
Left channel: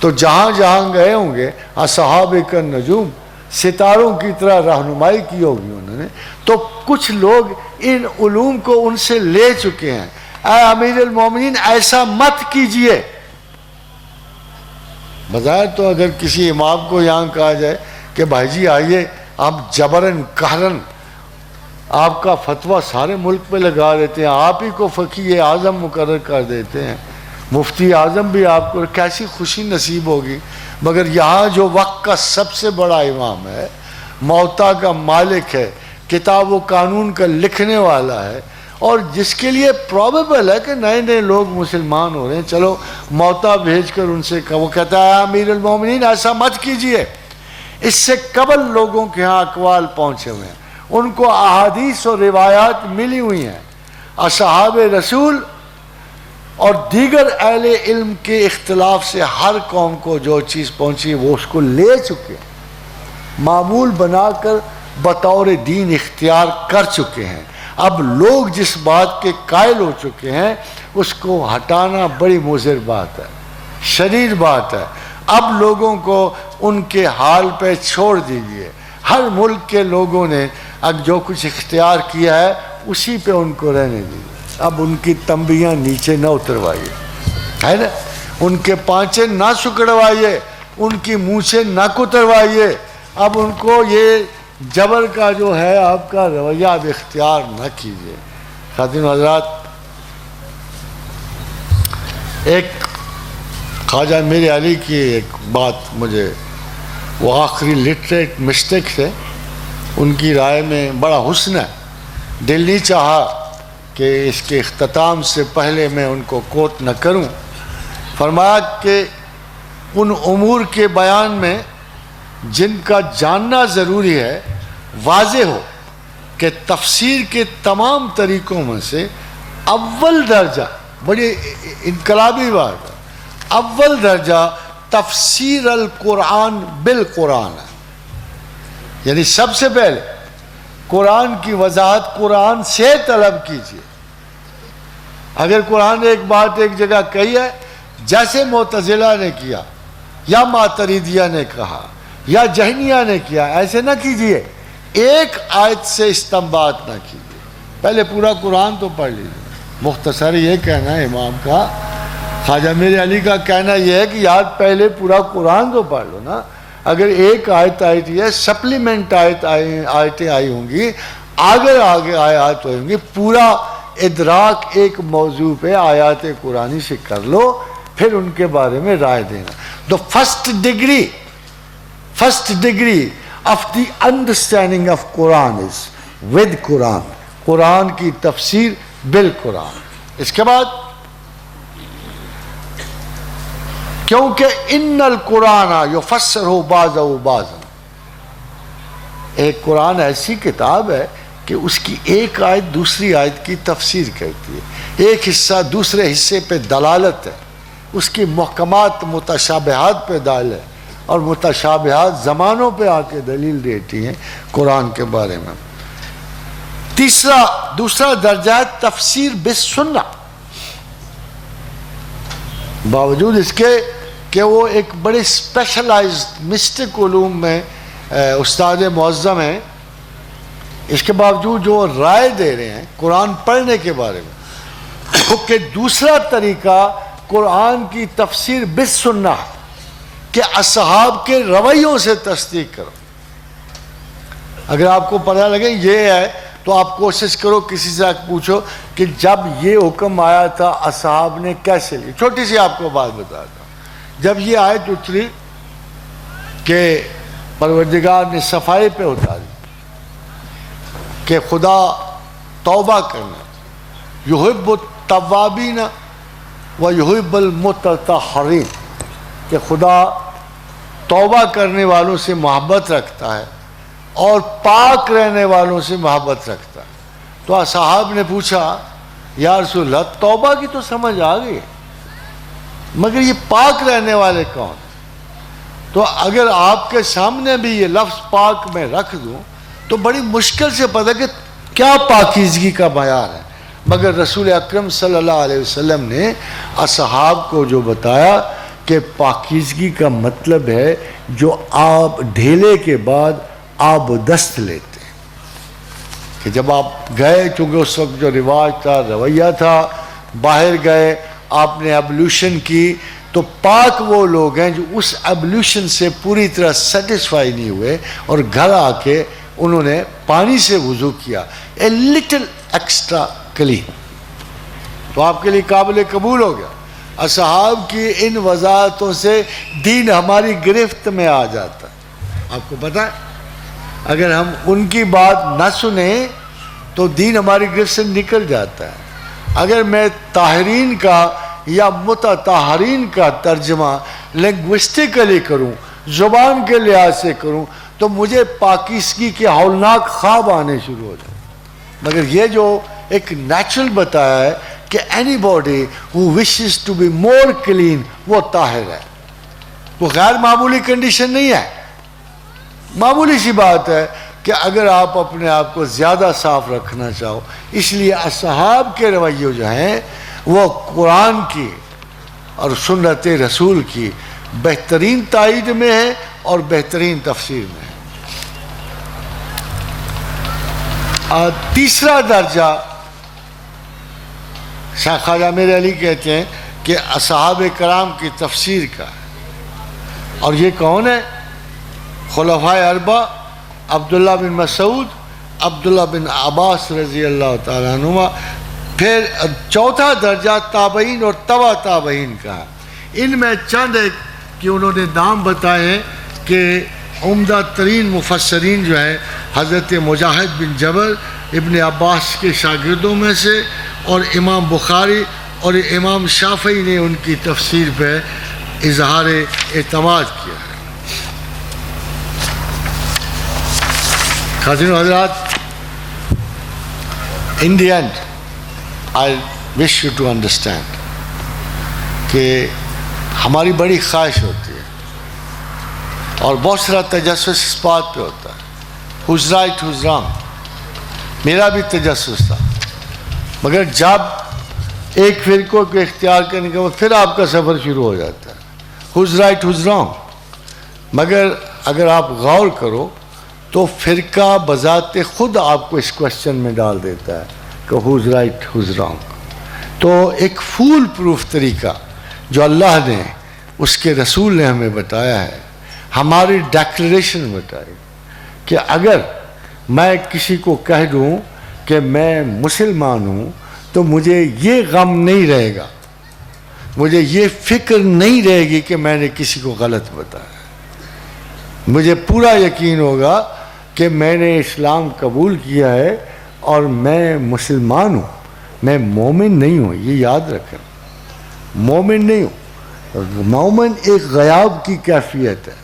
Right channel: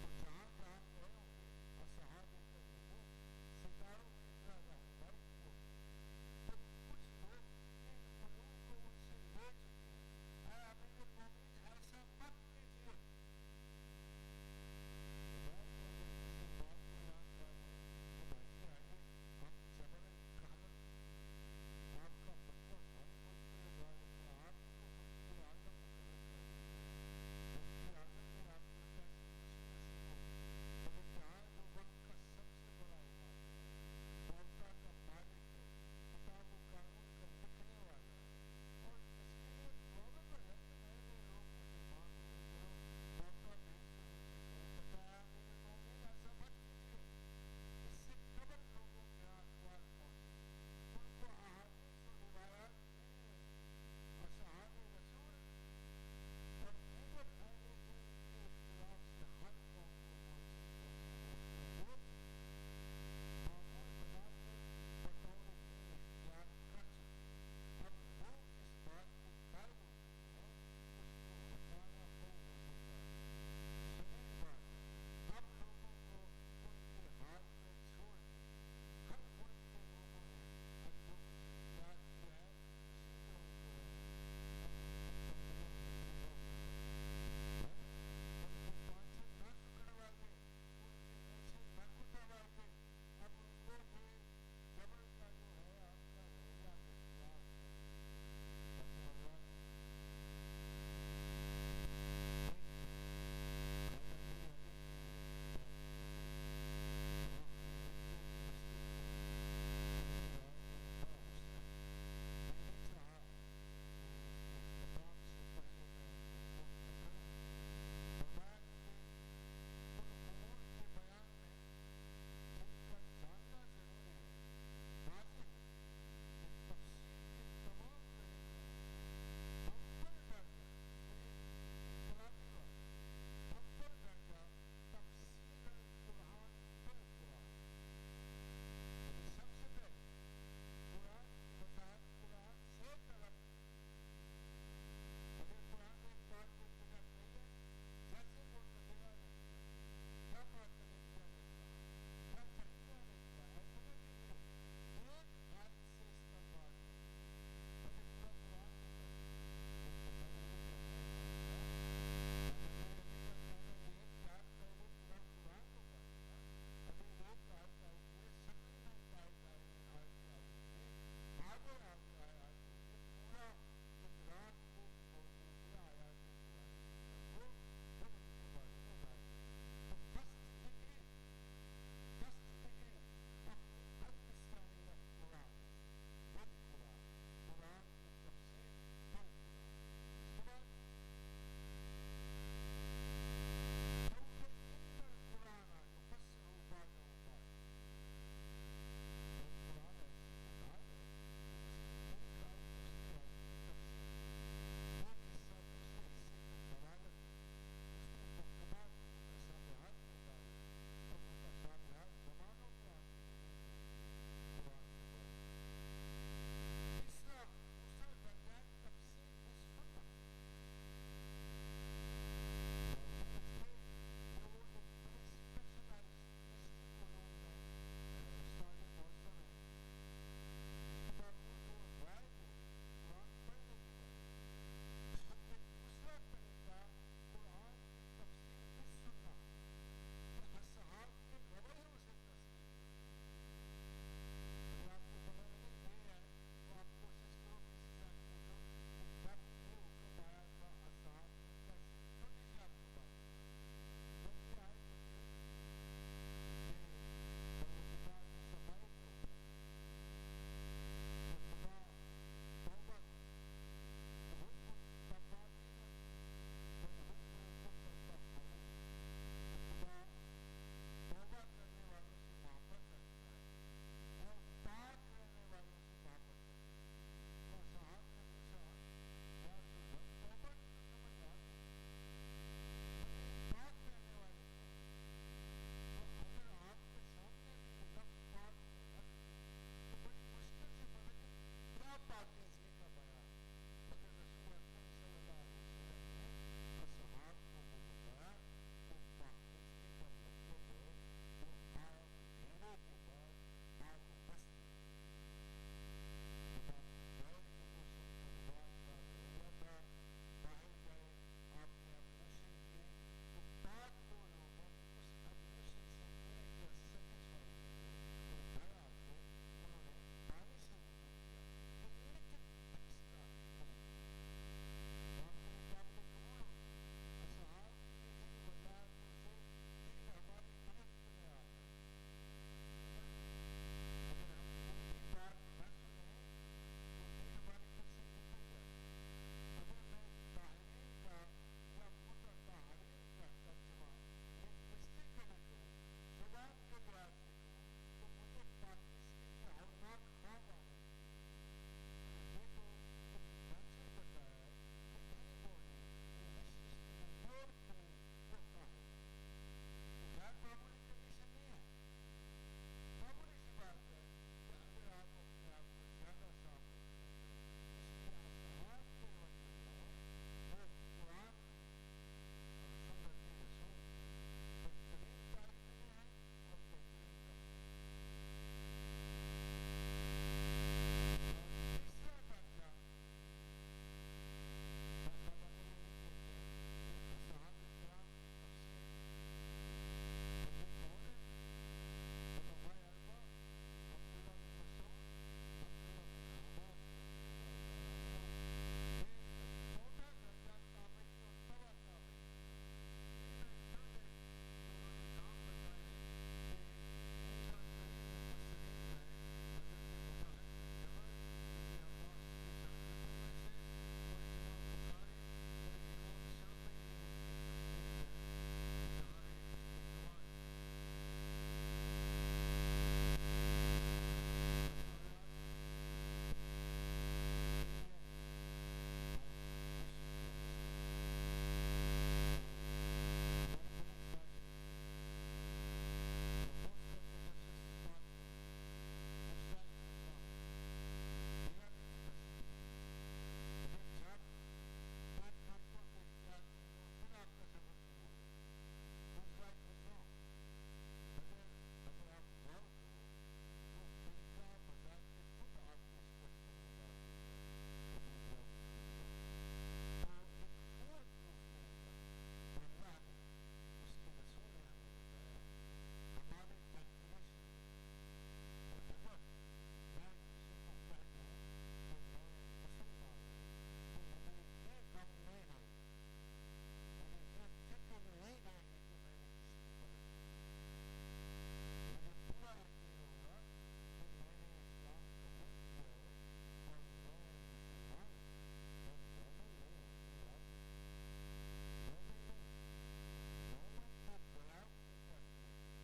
تو جہاں جہاں گئے ہوں گے اصحاب کا نجوم ستاروں کی طرح رہنمائی کی ہوگی انہوں نے, تو کچھ لوگ ان علوم کو ان سے لے چکے ہیں. اے امیر المومنین ایسا مت کیجئے. بظاہر تو اگر کسی امام کو یہاں کہا جائے کہ بھائی جی آئیے آپ جبرن قہرن آپ کا فتویٰ سارے ملک پہ لگا دیتے ہیں, آپ ہی کو فقیہ اعظم مقرر کر دیتے ہیں, مفتی اعظم بھی آپ کو, کیسی خوشی نصیب ہوگی. مگر یہاں جو وقت کا سب سے بڑا امام ہے, موتا کا مالک ہے, کتاب و قانون کا لکھنے والا ہے, اور جس کے لیے پروبیبل ہے کہ نئے نئے لوگ مسلمان ہو رہے ہیں, چلو موتا بھیج کر ان سے وہ کہتا ہے امیر المومنین ایسا مت کیجئے. اس سے قبل لوگوں کے ہاں اقوال پہنچے ہوئے ہیں, ان کو احادیث اور روایات ملی ہوئی ہیں. اصحاب رسول اور دیگر اہل علم کے اختلاف سے ہر قوم کو جو چیز پہنچی وہ اس کو لے چکے, معمول بنا کر بطور دین اختیار کر چکے ہیں. اب لوگ جس بات کے قائل ہو چکے ہیں اس کو ہٹانا بڑی مضر بات ہے, شریر بات ہے. اب لوگوں کو ان کے حال پہ چھوڑ دیجئے. ہر ملک کے لوگوں نے اب جو کچھ اختیار کیا ہے اسی پہ ان کو رہنے دیجئے. اب ان کی تنبیاں نیچے نہ اتروائیے, ہے نا, ان کے پانچے نہ سکڑوائیے, ان کی مونچھیں نہ کتروائیے. اب ان کو یہ جبر کا جو ہے آپ کا رویہ اب اختیار نہ کیجیے. خواتین و حضرات, ایک خواجہ میر علی کی ایک بات مجھے, وہ آخری لٹریٹ مسٹیک تھے, ان کی رائے میں بڑا حسن ہے. دل نہیں چاہا کہ اس کے اختتام سے پہلے میں ان کو کوٹ نہ کروں، فرمایا کہ ان امور کے بیان میں جن کا جاننا ضروری ہے واضح ہو کہ تفسیر کے تمام طریقوں میں سے اول درجہ، بڑی انقلابی بات ہے، اول درجہ تفسیر القرآن بالقرآن ہے، یعنی سب سے پہلے قرآن کی وضاحت قرآن سے طلب کیجیے۔ اگر قرآن نے ایک بات ایک جگہ کہی ہے، جیسے معتزلہ نے کیا یا ماتریدیہ نے کہا یا جہمیہ نے کیا، ایسے نہ کیجیے، ایک آیت سے استنباط نہ کیجیے، پہلے پورا قرآن تو پڑھ لیجیے۔ مختصر یہ کہنا ہے امام کا، خواجہ میر علی کا کہنا یہ ہے کہ یار پہلے پورا قرآن تو پڑھ لو نا۔ اگر ایک آیت آئی ہے، سپلیمنٹ آیتیں آئی ہوں گی، آگے آیات ہوئیں گی، پورا ادراک ایک موضوع پہ آیات قرآنی سے کر لو، پھر ان کے بارے میں رائے دینا۔ The first degree of the understanding of Quran is with Quran، قرآن کی تفسیر بالقرآن۔ اس کے بعد کیونکہ ان القرآن یفسرہ بعضہ بعضا، ایک قرآن ایسی کتاب ہے کہ اس کی ایک آیت دوسری آیت کی تفسیر کرتی ہے، ایک حصہ دوسرے حصے پہ دلالت ہے، اس کی محکمات متشابہات پہ دال ہے، اور متشابہات زمانوں پہ آ کے دلیل دیتی ہیں قرآن کے بارے میں۔ دوسرا درجہ ہے تفسیر بالسنہ، باوجود اس کے کہ وہ ایک بڑے اسپیشلائزڈ مسٹک علوم میں استاد معظم ہیں، اس کے باوجود جو رائے دے رہے ہیں قرآن پڑھنے کے بارے میں، کہ دوسرا طریقہ قرآن کی تفسیر بالسنہ کہ اصحاب کے رویوں سے تصدیق کرو۔ اگر آپ کو پتہ لگے یہ ہے تو آپ کوشش کرو کسی سے پوچھو کہ جب یہ حکم آیا تھا اصحاب نے کیسے لی۔ چھوٹی سی آپ کو بات بتاتا ہوں، جب یہ آیت اتری کہ پروردگار نے صفائی پہ اتاری کہ خدا توبہ کرنا، یحب التوابین و یحب المتطہرین، کہ خدا توبہ کرنے والوں سے محبت رکھتا ہے اور پاک رہنے والوں سے محبت رکھتا ہے۔ تو اصحاب نے پوچھا یا رسول اللہ توبہ کی تو سمجھ آ گئی مگر یہ پاک رہنے والے کون؟ تو اگر آپ کے سامنے بھی یہ لفظ پاک میں رکھ دوں تو بڑی مشکل سے پتہ کہ کیا پاکیزگی کا معیار ہے، مگر رسول اکرم صلی اللہ علیہ وسلم نے اصحاب کو جو بتایا کہ پاکیزگی کا مطلب ہے جو آپ ڈھیلے کے بعد آب دست لیتے ہیں، کہ جب آپ گئے، چونکہ اس وقت جو رواج تھا، رویہ تھا، باہر گئے، آپ نے ایبلیوشن کی، تو پاک وہ لوگ ہیں جو اس ایبلیوشن سے پوری طرح سیٹسفائی نہیں ہوئے اور گھر آ کے انہوں نے پانی سے وضو کیا، اے لٹل ایکسٹرا کلین، تو آپ کے لیے قابل قبول ہو گیا۔ اصحاب کی ان وضاحتوں سے دین ہماری گرفت میں آ جاتا ہے۔ آپ کو پتہ ہے اگر ہم ان کی بات نہ سنیں تو دین ہماری گرفت سے نکل جاتا ہے۔ اگر میں طاہرین کا یا متطہرین کا ترجمہ لنگوسٹیکلی کروں، زبان کے لحاظ سے کروں، تو مجھے پاکیزگی کے ہولناک خواب آنے شروع ہو جائیں، مگر یہ جو ایک نیچرل بتایا ہے کہ any body who wishes to be more clean وہ طاہر ہے، وہ غیر معمولی کنڈیشن نہیں ہے، معمولی سی بات ہے کہ اگر آپ اپنے آپ کو زیادہ صاف رکھنا چاہو۔ اس لیے اصحاب کے رویے جو ہیں وہ قرآن کی اور سنت رسول کی بہترین تائید میں ہے اور بہترین تفسیر میں ہے۔ تیسرا درجہ شاہ خواجہ میر علی کہتے ہیں کہ اصحاب کرام کی تفسیر کا ہے، اور یہ کون ہے؟ خلفائے اربعہ، عبداللہ بن مسعود، عبداللہ بن عباس رضی اللہ تعالیٰ عنہما۔ پھر چوتھا درجہ تابعین اور تبع تابعین کا ہے۔ ان میں چند ایک کہ انہوں نے نام بتائے ہیں کہ عمدہ ترین مفسرین جو ہیں حضرت مجاہد بن جبر ابن عباس کے شاگردوں میں سے، اور امام بخاری اور امام شافعی نے ان کی تفسیر پہ اظہار اعتماد کیا ہے. خاتون حضرات, in the end, I wish you to understand کہ ہماری بڑی خواہش ہوتی ہے اور بہت سارا تجسس اس بات پہ ہوتا ہے, who's right, who's wrong. میرا بھی تجسس تھا, مگر جب ایک فرقوں کو اختیار کرنے کے بعد پھر آپ کا سفر شروع ہو جاتا ہے, who's right, who's wrong. مگر اگر آپ غور کرو تو فرقہ بذات خود آپ کو اس کوشچن میں ڈال دیتا ہے کہ who's right, who's wrong. تو ایک فول پروف طریقہ جو اللہ نے, اس کے رسول نے ہمیں بتایا ہے, ہماری ڈیکلریشن بتائی کہ اگر میں کسی کو کہہ دوں کہ میں مسلمان ہوں تو مجھے یہ غم نہیں رہے گا, مجھے یہ فکر نہیں رہے گی کہ میں نے کسی کو غلط بتایا. مجھے پورا یقین ہوگا کہ میں نے اسلام قبول کیا ہے اور میں مسلمان ہوں, میں مومن نہیں ہوں. یہ یاد رکھیں, مومن نہیں ہوں. مومن ایک غیاب کی کیفیت ہے,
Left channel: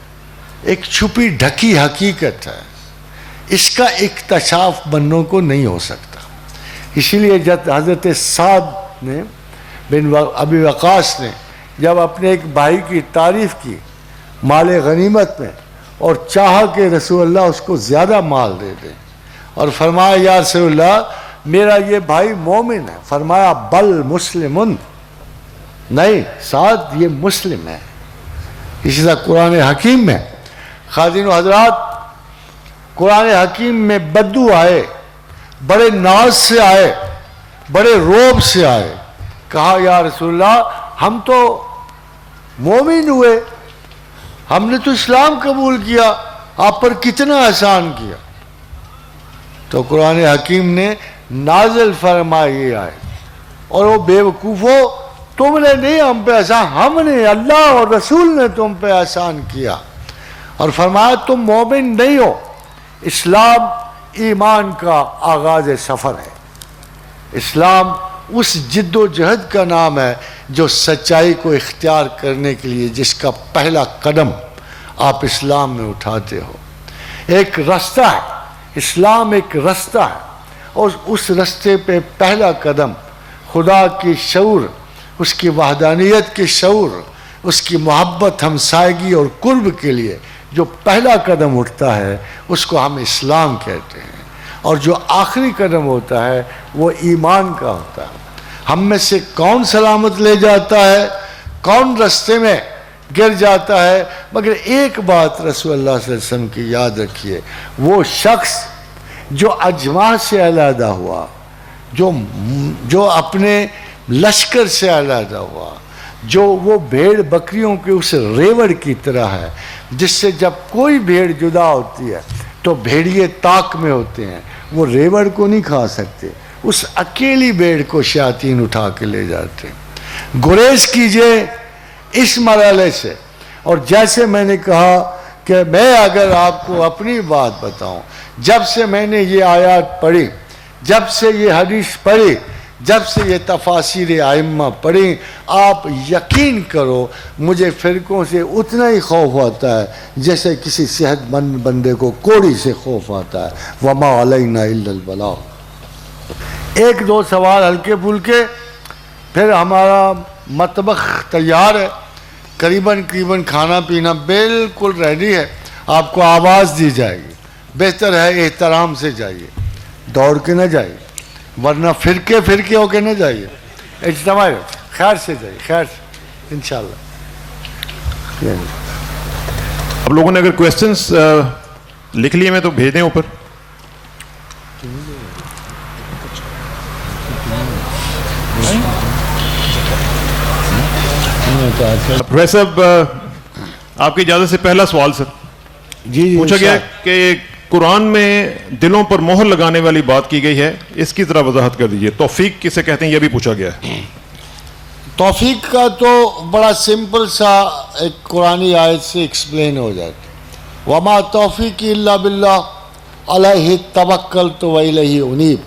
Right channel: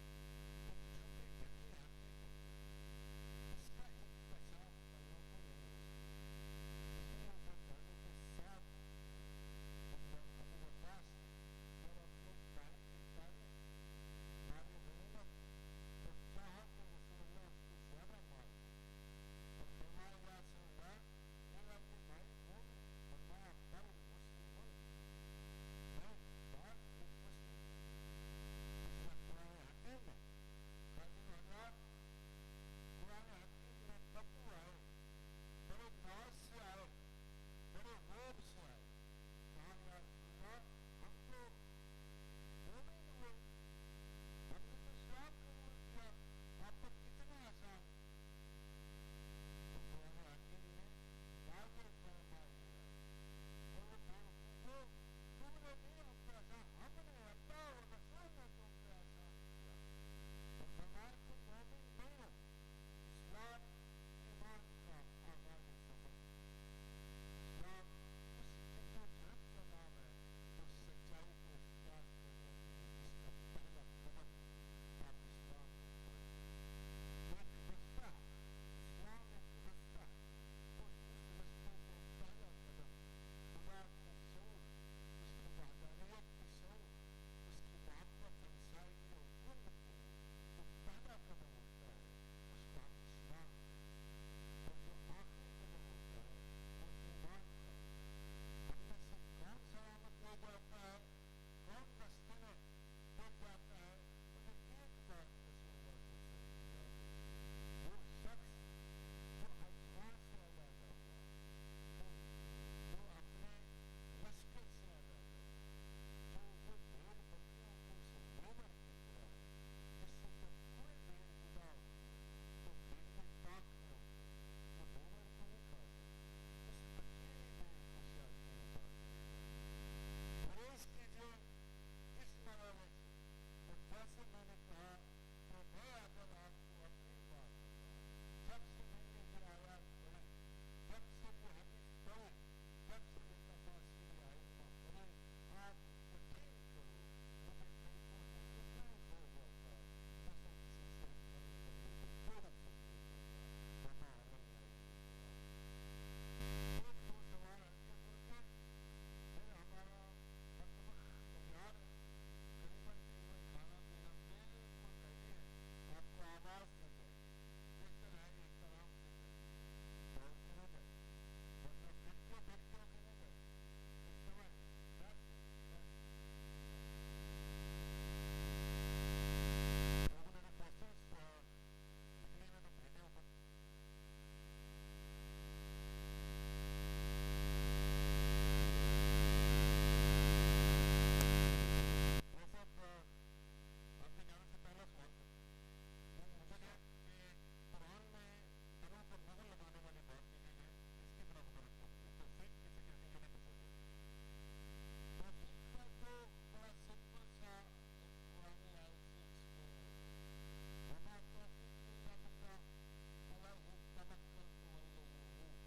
ایک چھپی ڈھکی حقیقت ہے, اس کا اکتشاف بندوں کو نہیں ہو سکتا. اسی لیے جب حضرت سعد نے بن ابی وقاص نے جب اپنے ایک بھائی کی تعریف کی مال غنیمت میں اور چاہا کہ رسول اللہ اس کو زیادہ مال دے دیں, اور فرمایا یا رسول اللہ میرا یہ بھائی مومن ہے, فرمایا بل مسلمن, نہیں سعد یہ مسلم ہے. اسی طرح قرآن حکیم میں خادین و حضرات, قرآن حکیم میں بدو آئے, بڑے ناز سے آئے, بڑے روب سے آئے, کہا یا رسول اللہ ہم تو مومن ہوئے, ہم نے تو اسلام قبول کیا, آپ پر کتنا احسان کیا. تو قرآن حکیم نے نازل فرمائی آئے, اور وہ بے وقوفو تم نے نہیں ہم پہ احسان, ہم نے, اللہ اور رسول نے تم پہ احسان کیا, اور فرمایا تم مومن نہیں ہو. اسلام ایمان کا آغاز سفر ہے. اسلام اس جد و جہد کا نام ہے جو سچائی کو اختیار کرنے کے لیے جس کا پہلا قدم آپ اسلام میں اٹھاتے ہو. ایک رستہ ہے, اسلام ایک رستہ ہے, اور اس رستے پہ پہلا قدم خدا کی شعور, اس کی وحدانیت کے شعور, اس کی محبت, ہمسائیگی اور قرب کے لیے جو پہلا قدم اٹھتا ہے اس کو ہم اسلام کہتے ہیں. اور جو آخری قدم ہوتا ہے وہ ایمان کا ہوتا ہے. ہم میں سے کون سلامت لے جاتا ہے, کون رستے میں گر جاتا ہے, مگر ایک بات رسول اللہ صلی اللہ علیہ وسلم کی یاد رکھیے, وہ شخص جو اجماع سے علیحدہ ہوا, جو اپنے لشکر سے علیحدہ ہوا, جو وہ بھیڑ بکریوں کے اس ریوڑ کی طرح ہے جس سے جب کوئی بھیڑ جدا ہوتی ہے تو بھیڑیے طاق میں ہوتے ہیں, وہ ریوڑ کو نہیں کھا سکتے, اس اکیلی بھیڑ کو شیاطین اٹھا کے لے جاتے ہیں. گریز کیجئے اس مرحلے سے. اور جیسے میں نے کہا کہ میں اگر آپ کو اپنی بات بتاؤں, جب سے میں نے یہ آیات پڑھی, جب سے یہ حدیث پڑھی, جب سے یہ تفاسیر ائمہ پڑھی, آپ یقین کرو مجھے فرقوں سے اتنا ہی خوف آتا ہے جیسے کسی صحت مند بندے کو کوڑی سے خوف آتا ہے. وما علینا الا البلاغ. ایک دو سوال ہلکے پھلکے, پھر ہمارا مطبخ تیار ہے, قریباً کھانا پینا بالکل ریڈی ہے. آپ کو آواز دی جائے گی, بہتر ہے احترام سے جائیے, دوڑ کے نہ جائیے, ورنہ فرقے ہو کے نہ جائیے, اجتماع خیر سے جائیے, خیر سے انشاءاللہ. اب لوگوں نے اگر کویسچنس لکھ لیے میں تو بھیج دیں اوپر. پروفیسر صاحب آپ کی اجازت سے پہلا سوال سر. جی پوچھا گیا کہ قرآن میں دلوں پر مہر لگانے والی بات کی گئی ہے, اس کی ذرا وضاحت کر دیجئے. توفیق کسے کہتے ہیں یہ بھی پوچھا گیا ہے. توفیق کا تو بڑا سمپل سا ایک قرآنی آیت سے ایکسپلین ہو جاتا. وما توفیق الا باللہ علیہ توکلت و الیہ انیب.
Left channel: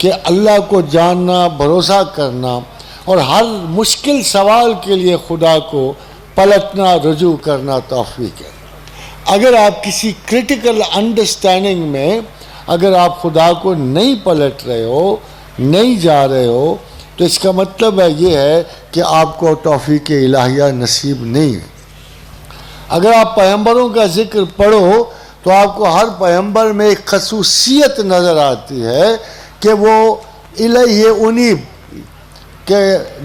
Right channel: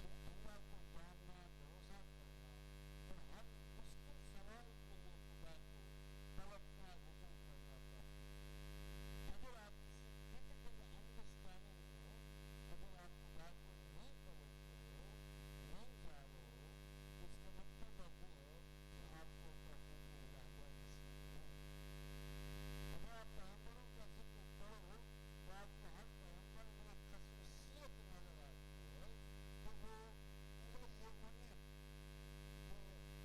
کہ اللہ کو جاننا، بھروسہ کرنا اور ہر مشکل سوال کے لیے خدا کو پلٹنا، رجوع کرنا توفیق ہے۔ اگر آپ کسی کرٹیکل انڈرسٹینڈنگ میں اگر آپ خدا کو نہیں پلٹ رہے ہو، نہیں جا رہے ہو، تو اس کا مطلب ہے یہ ہے کہ آپ کو توفیق الہیہ نصیب نہیں ہے۔ اگر آپ پیغمبروں کا ذکر پڑھو تو آپ کو ہر پیغمبر میں ایک خصوصیت نظر آتی ہے کہ وہ الیہ انیب، کہ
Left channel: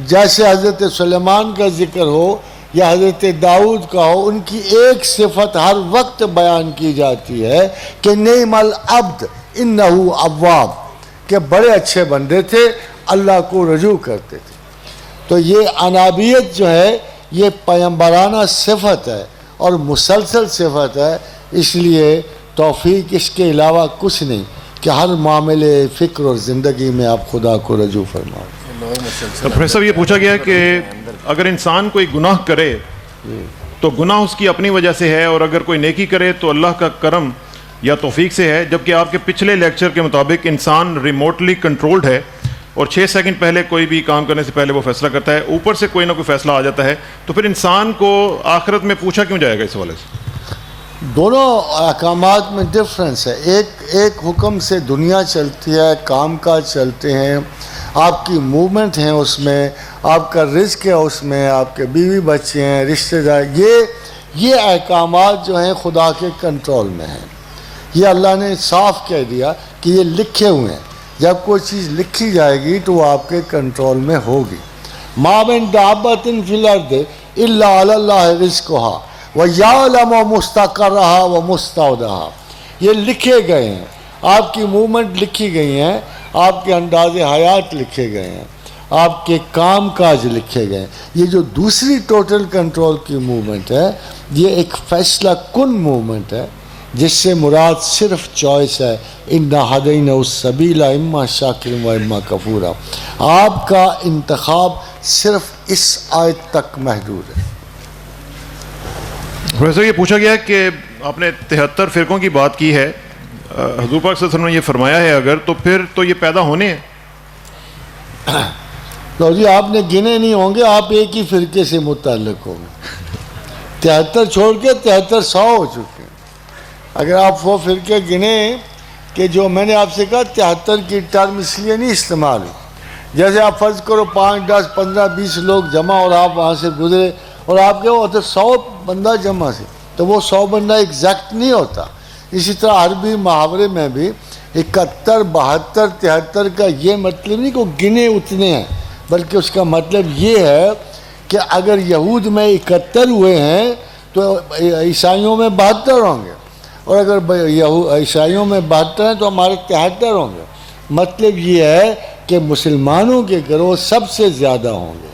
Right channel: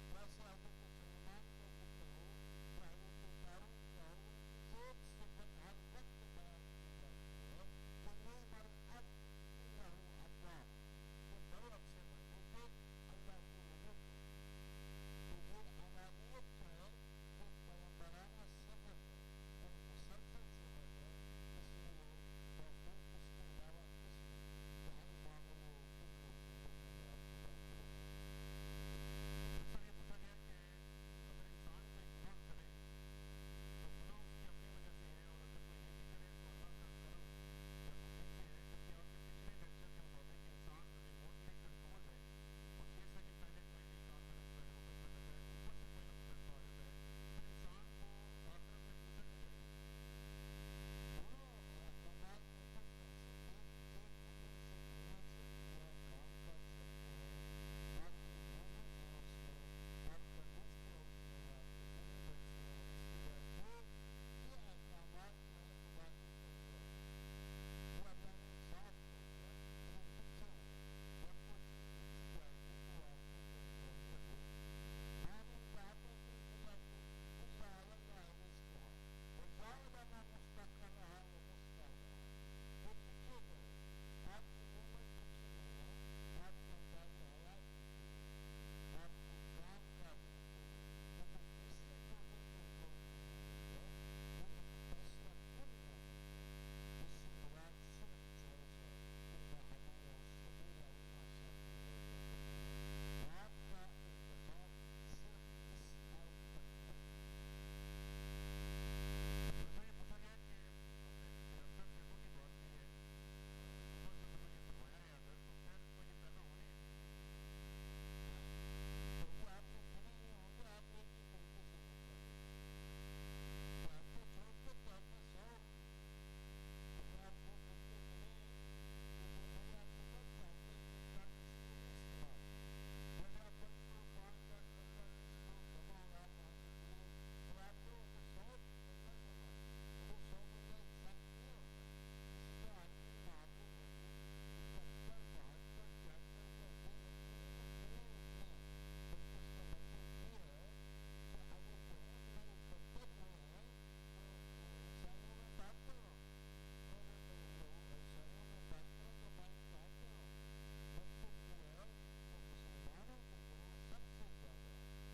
جیسے حضرت سلیمان کا ذکر ہو یا حضرت داؤد کا ہو، ان کی ایک صفت ہر وقت بیان کی جاتی ہے کہ نعم العبد انہ اواب، کہ بڑے اچھے بندے تھے، اللہ کو رجوع کرتے تھے۔ تو یہ انابیت جو ہے یہ پیغمبرانہ صفت ہے اور مسلسل صفت ہے، اس لیے توفیق اس کے علاوہ کچھ نہیں کہ ہر معاملے، فکر اور زندگی میں آپ خدا کو رجوع فرماؤ۔ پروفیسر صاحب یہ پوچھا گیا کہ اگر انسان کوئی گناہ کرے تو گناہ اس کی اپنی وجہ سے ہے، اور اگر کوئی نیکی کرے تو اللہ کا کرم یا توفیق سے ہے، جبکہ آپ کے پچھلے لیکچر کے مطابق انسان ریموٹلی کنٹرولڈ ہے اور 6 سیکنڈ پہلے کوئی بھی کام کرنے سے پہلے وہ فیصلہ کرتا ہے، اوپر سے کوئی نہ کوئی فیصلہ آ جاتا ہے، تو پھر انسان کو آخرت میں پوچھا کیوں جائے گا اس حوالے سے؟ دونوں احکامات میں ڈفرنس ہے۔ ایک حکم سے دنیا چلتی ہے، کام کاج چلتے ہیں، آپ کی موومنٹ ہیں اس میں، آپ کا رزق ہے اس میں، آپ کے بیوی بچے ہیں، رشتہ دار، یہ احکامات جو ہیں خدا کے کنٹرول میں ہیں۔ یہ اللہ نے صاف کہہ دیا کہ یہ لکھے ہوئے ہیں، جب کوئی چیز لکھی جائے گی تو وہ آپ کے کنٹرول میں ہوگی۔ ما من دابۃ فی الارض الا علی اللہ رزقھا وَيَعْلَمُ مُسْتَقَرَّهَا وَمُسْتَوْدَعَهَا، یہ لکھے گئے ہیں، آپ کی موومنٹ لکھی گئی ہیں، آپ کے انداز حیات لکھے گئے ہیں، آپ کے کام کاج لکھے گئے ہیں۔ یہ جو دوسری ٹوٹل کنٹرول کی موومنٹ ہے، یہ ایک فیصلہ کن موومنٹ ہے، جس سے مراد صرف چوائس ہے، اِنَّا هَدَيْنَاهُ السَّبِيلَ إِمَّا شَاكِرًا وَإِمَّا كَفُورًا۔ آپ کا انتخاب صرف اس آیت تک محدود ہے۔ پروفیسر یہ پوچھا گیا کہ آپ نے 73 فرقوں کی بات کی ہے، حضور پاک صلی اللہ علیہ وسلم نے یہ فرمایا ہے اگر، تو پھر تو یہ پیدا ہونے ہیں۔ تو جی آپ نے گنے نہیں ہوں گے، آپ ایک ہی فرقے سے متعلق ہوں گے۔ 73 چھوڑ کے 7300 ہو چکے ہیں۔ اگر آپ وہ فرقے گنے کہ جو میں نے آپ سے کہا 73 کی ٹرم اس لیے نہیں استعمال ہوئی، جیسے آپ فرض کرو 5 10 15 20 لوگ جمع اور آپ وہاں سے گزرے اور آپ کے ہوتے 100 بندہ جمع سے، تو وہ 100 بندہ ایگزیکٹ نہیں ہوتا۔ اسی طرح عربی محاورے میں بھی 71 72 73 کا یہ مطلب نہیں کہ وہ گنے اتنے ہیں، بلکہ اس کا مطلب یہ ہے کہ اگر یہود میں 71 ہوئے ہیں تو عیسائیوں میں 72 ہوں گے، اور اگر عیسائیوں میں 72 ہیں تو ہمارے 73 ہوں گے۔ مطلب یہ ہے کہ مسلمانوں کے گروہ سب سے زیادہ ہوں گے،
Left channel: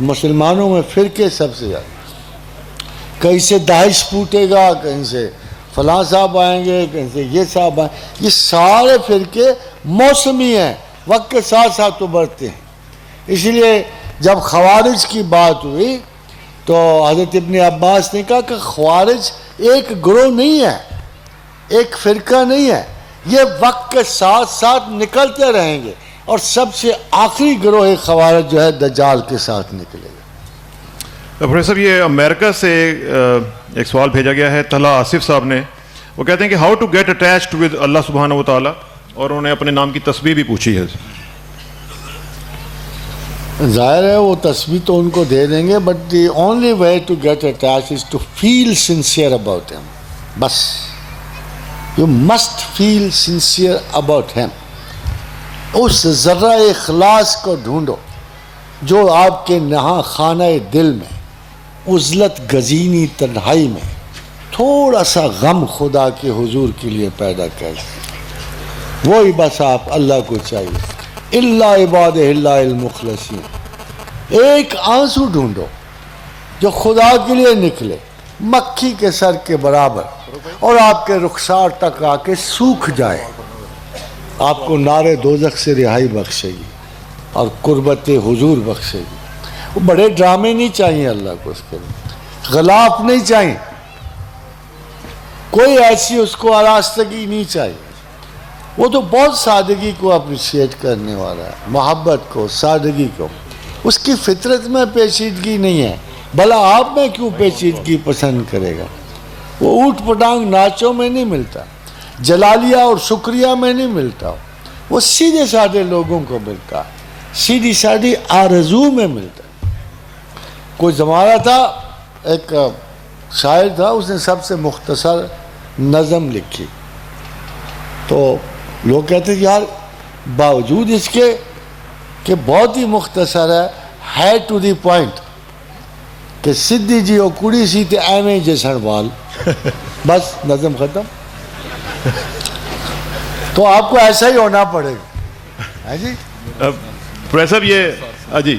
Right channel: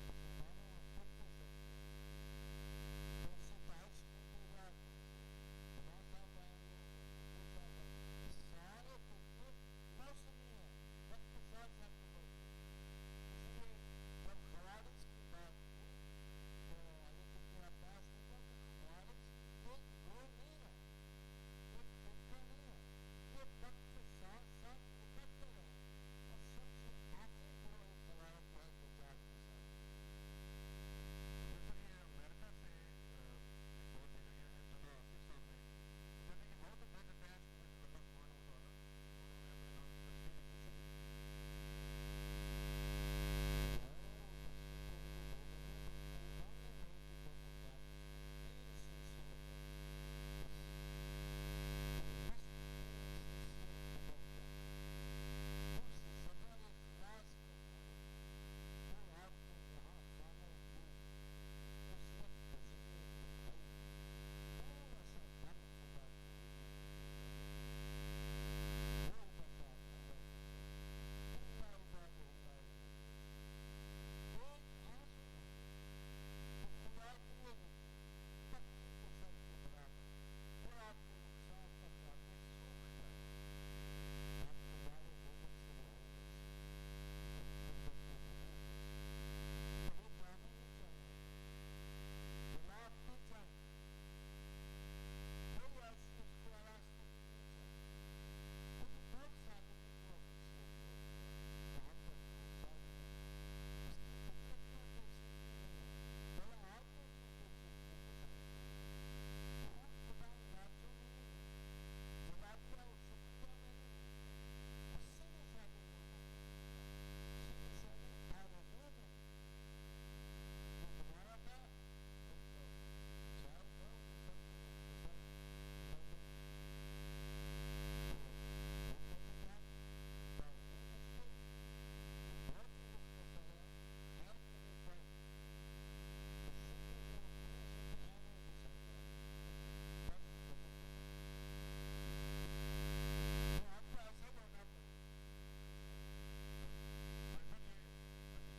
مسلمانوں میں فرقے سب سے زیادہ، کہیں سے داعش پھوٹے گا، کہیں سے فلاں صاحب آئیں گے، کہیں سے یہ صاحب آئیں گے۔ یہ سارے فرقے موسمی ہیں، وقت کے ساتھ ساتھ ابھرتے ہیں۔ اس لیے جب خوارج کی بات ہوئی تو حضرت ابن عباس نے کہا کہ خوارج ایک گروہ نہیں ہے، ایک فرقہ نہیں ہے، یہ وقت کے ساتھ ساتھ نکلتے رہیں گے، اور سب سے آخری گروہ خوارج جو ہے دجال کے ساتھ نکلے گا۔ پروفیسر یہ امریکہ سے ایک سوال بھیجا گیا ہے طلحہ آصف صاحب نے، وہ کہتے ہیں کہ how to get attached with اللہ سبحانہ و تعالیٰ، اور انہوں نے اپنے نام کی تسبیح بھی پوچھی ہے۔ ظاہر ہے وہ تسبیح تو ان کو دے دیں گے، but the only way to get attach is to feel sincere about him, بس you must feel sincere about him. اس ذرہ اخلاص کو ڈھونڈو جو آپ کے نہاں خانہ دل میں، عزلت گزینی تنہائی میں تھوڑا سا غم خدا کے حضور کے لیے پیدا کر، وہی بس آپ اللہ کو چاہیے۔ اللہ عباد اللہ المخلصین، ایک آنسو ڈھونڈو جو خدا کے لیے نکلے، مکھی کے سر کے برابر، اور آپ کے رخسار تک آ کے سوکھ جائے، آپ کو نار دوزخ سے رہائی بخشے گی اور قربت حضور بخشے گی۔ وہ بڑے ڈرامے نہیں چاہیے اللہ کو، اس کے لیے غلاف نہیں چاہیے، کوئی ایسی اس کو آراستگی نہیں چاہیے، وہ تو بہت سادگی کو اپریشیٹ کرنے والا ہے، محبت کو، سادگی کو. اس کی فطرت میں پیچیدگی نہیں ہے، بھلا آپ میں کیوں پیچیدگی پسند کرے گا؟ وہ اوٹ پٹانگ ناچوں میں نہیں ملتا، جلالیہ اور شکریہ میں نہیں ملتا، وہ سیدھے سادے لوگوں کو ملتا، سیدھی سادی آرزو میں ملتا. کوئی زمانہ تھا، ایک شاعر تھا، اس نے سب سے مختصر نظم لکھی. تو لوگ کہتے ہیں یار باوجود اس کے کہ بہت ہی مختصر ہے ٹو دی پوائنٹ کہ سدھی جی او کڑی سی تے ایویں جسن وال، بس نظم ختم. تو آپ کو ایسا ہی ہونا پڑے گا. ہے جی پروفیسر صاحب یہ جی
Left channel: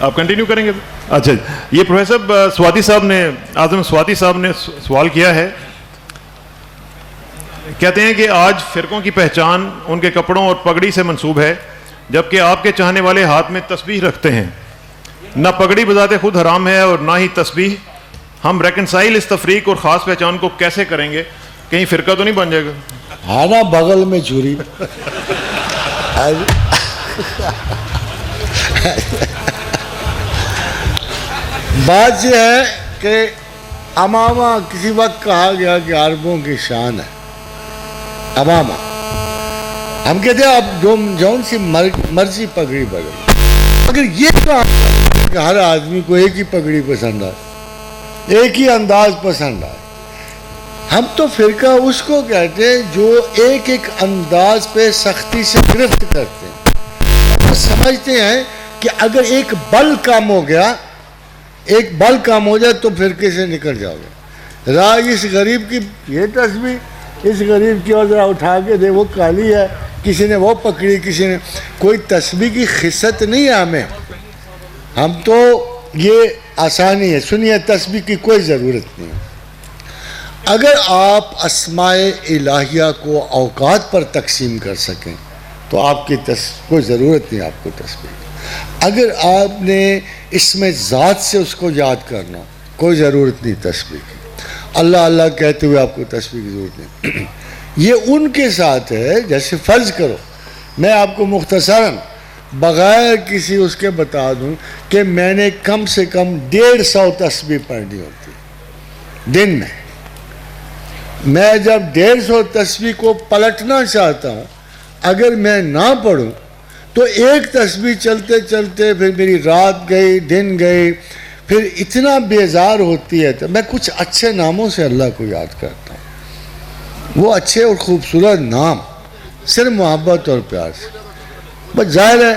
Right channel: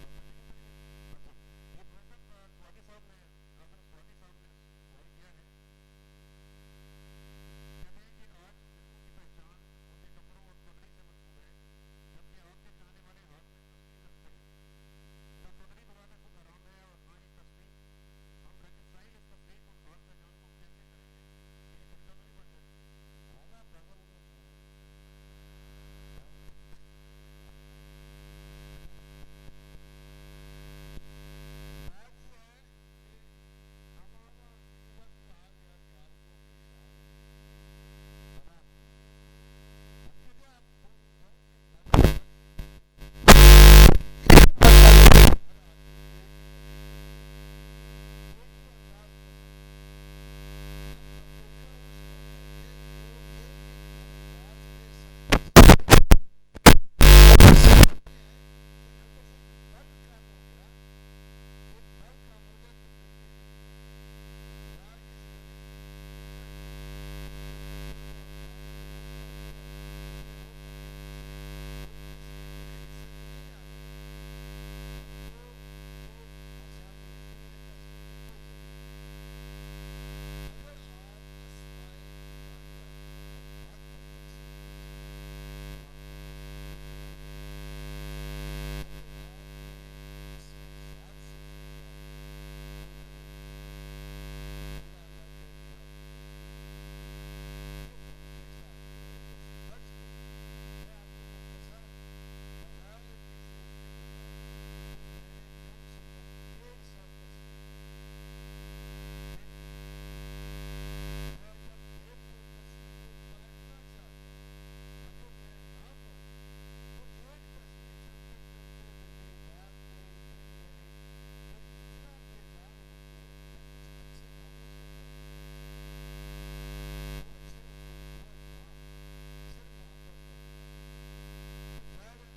آپ کنٹینیو کریں گے؟ اچھا یہ پروفیسر صاحب سواتی صاحب نے، اعظم سواتی صاحب نے سوال کیا ہے، کہتے ہیں کہ آج فرقوں کی پہچان ان کے کپڑوں اور پگڑی سے منسوب ہے، جبکہ آپ کے چاہنے والے ہاتھ میں تسبیح رکھتے ہیں. نہ پگڑی بذات خود حرام ہے اور نہ ہی تسبیح. ہم ریکنسائل اس تفریق اور خاص پہچان کو کیسے کریں گے؟ کہیں فرقہ تو نہیں بن جائے گا؟ ہے نا بغل میں چوری. بات یہ ہے کہ امامہ کسی وقت کہا گیا کہ عربوں کی شان ہے امامہ. ہم کہتے ہیں اب جون سی مرضی پگڑی بدل، مگر یہ کہا کہ ہر آدمی کو ایک ہی پگڑی پسند آئے، ایک ہی انداز پسند آئے. ہم تو فرقہ اس کو کہتے ہیں جو ایک ایک انداز پہ سختی سے گرفت کرتے ہیں. ہم سمجھتے ہیں کہ اگر ایک بل کم ہو گیا، ایک بل کم ہو جائے تو فرقے سے نکل جاؤ گے. راہ اس غریب کی یہ تسبیح، اس غریب کی اور ذرا اٹھا کے دے، وہ کالی ہے، کسی نے وہ پکڑی، کسی نے کوئی تسبیح کی خصت نہیں ہے ہمیں. ہم تو یہ آسانی ہے. سنیے تسبیح کی کوئی ضرورت نہیں. اگر آپ اسماء الہیہ کو اوقات پر تقسیم کر سکیں تو آپ کی کوئی ضرورت نہیں آپ کو تسبیح. اگر آپ نے اسم ذات سے اس کو یاد کرنا، کوئی ضرورت نہیں تسبیح کی. اللہ اللہ کہتے ہوئے آپ کو تسبیح کی ضرورت نہیں. یہ ان کے ساتھ ہے جیسے فرض کرو میں آپ کو مختصراً بغیر کسی اس کے بتا دوں کہ میں نے کم سے کم 150 تسبیح پڑھنی ہوتی دن میں. میں جب 150 تسبیح کو پلٹنا چاہتا ہوں، اگر میں نہ پڑھوں تو ایک تسبیح چلتے چلتے پھر میری رات گئی، دن گئی، پھر اتنا بیزار ہوتی ہے. تو میں کچھ اچھے ناموں سے اللہ کو یاد کرتا ہوں. وہ اچھے اور خوبصورت نام صرف محبت اور پیار سے. بس ظاہر ہے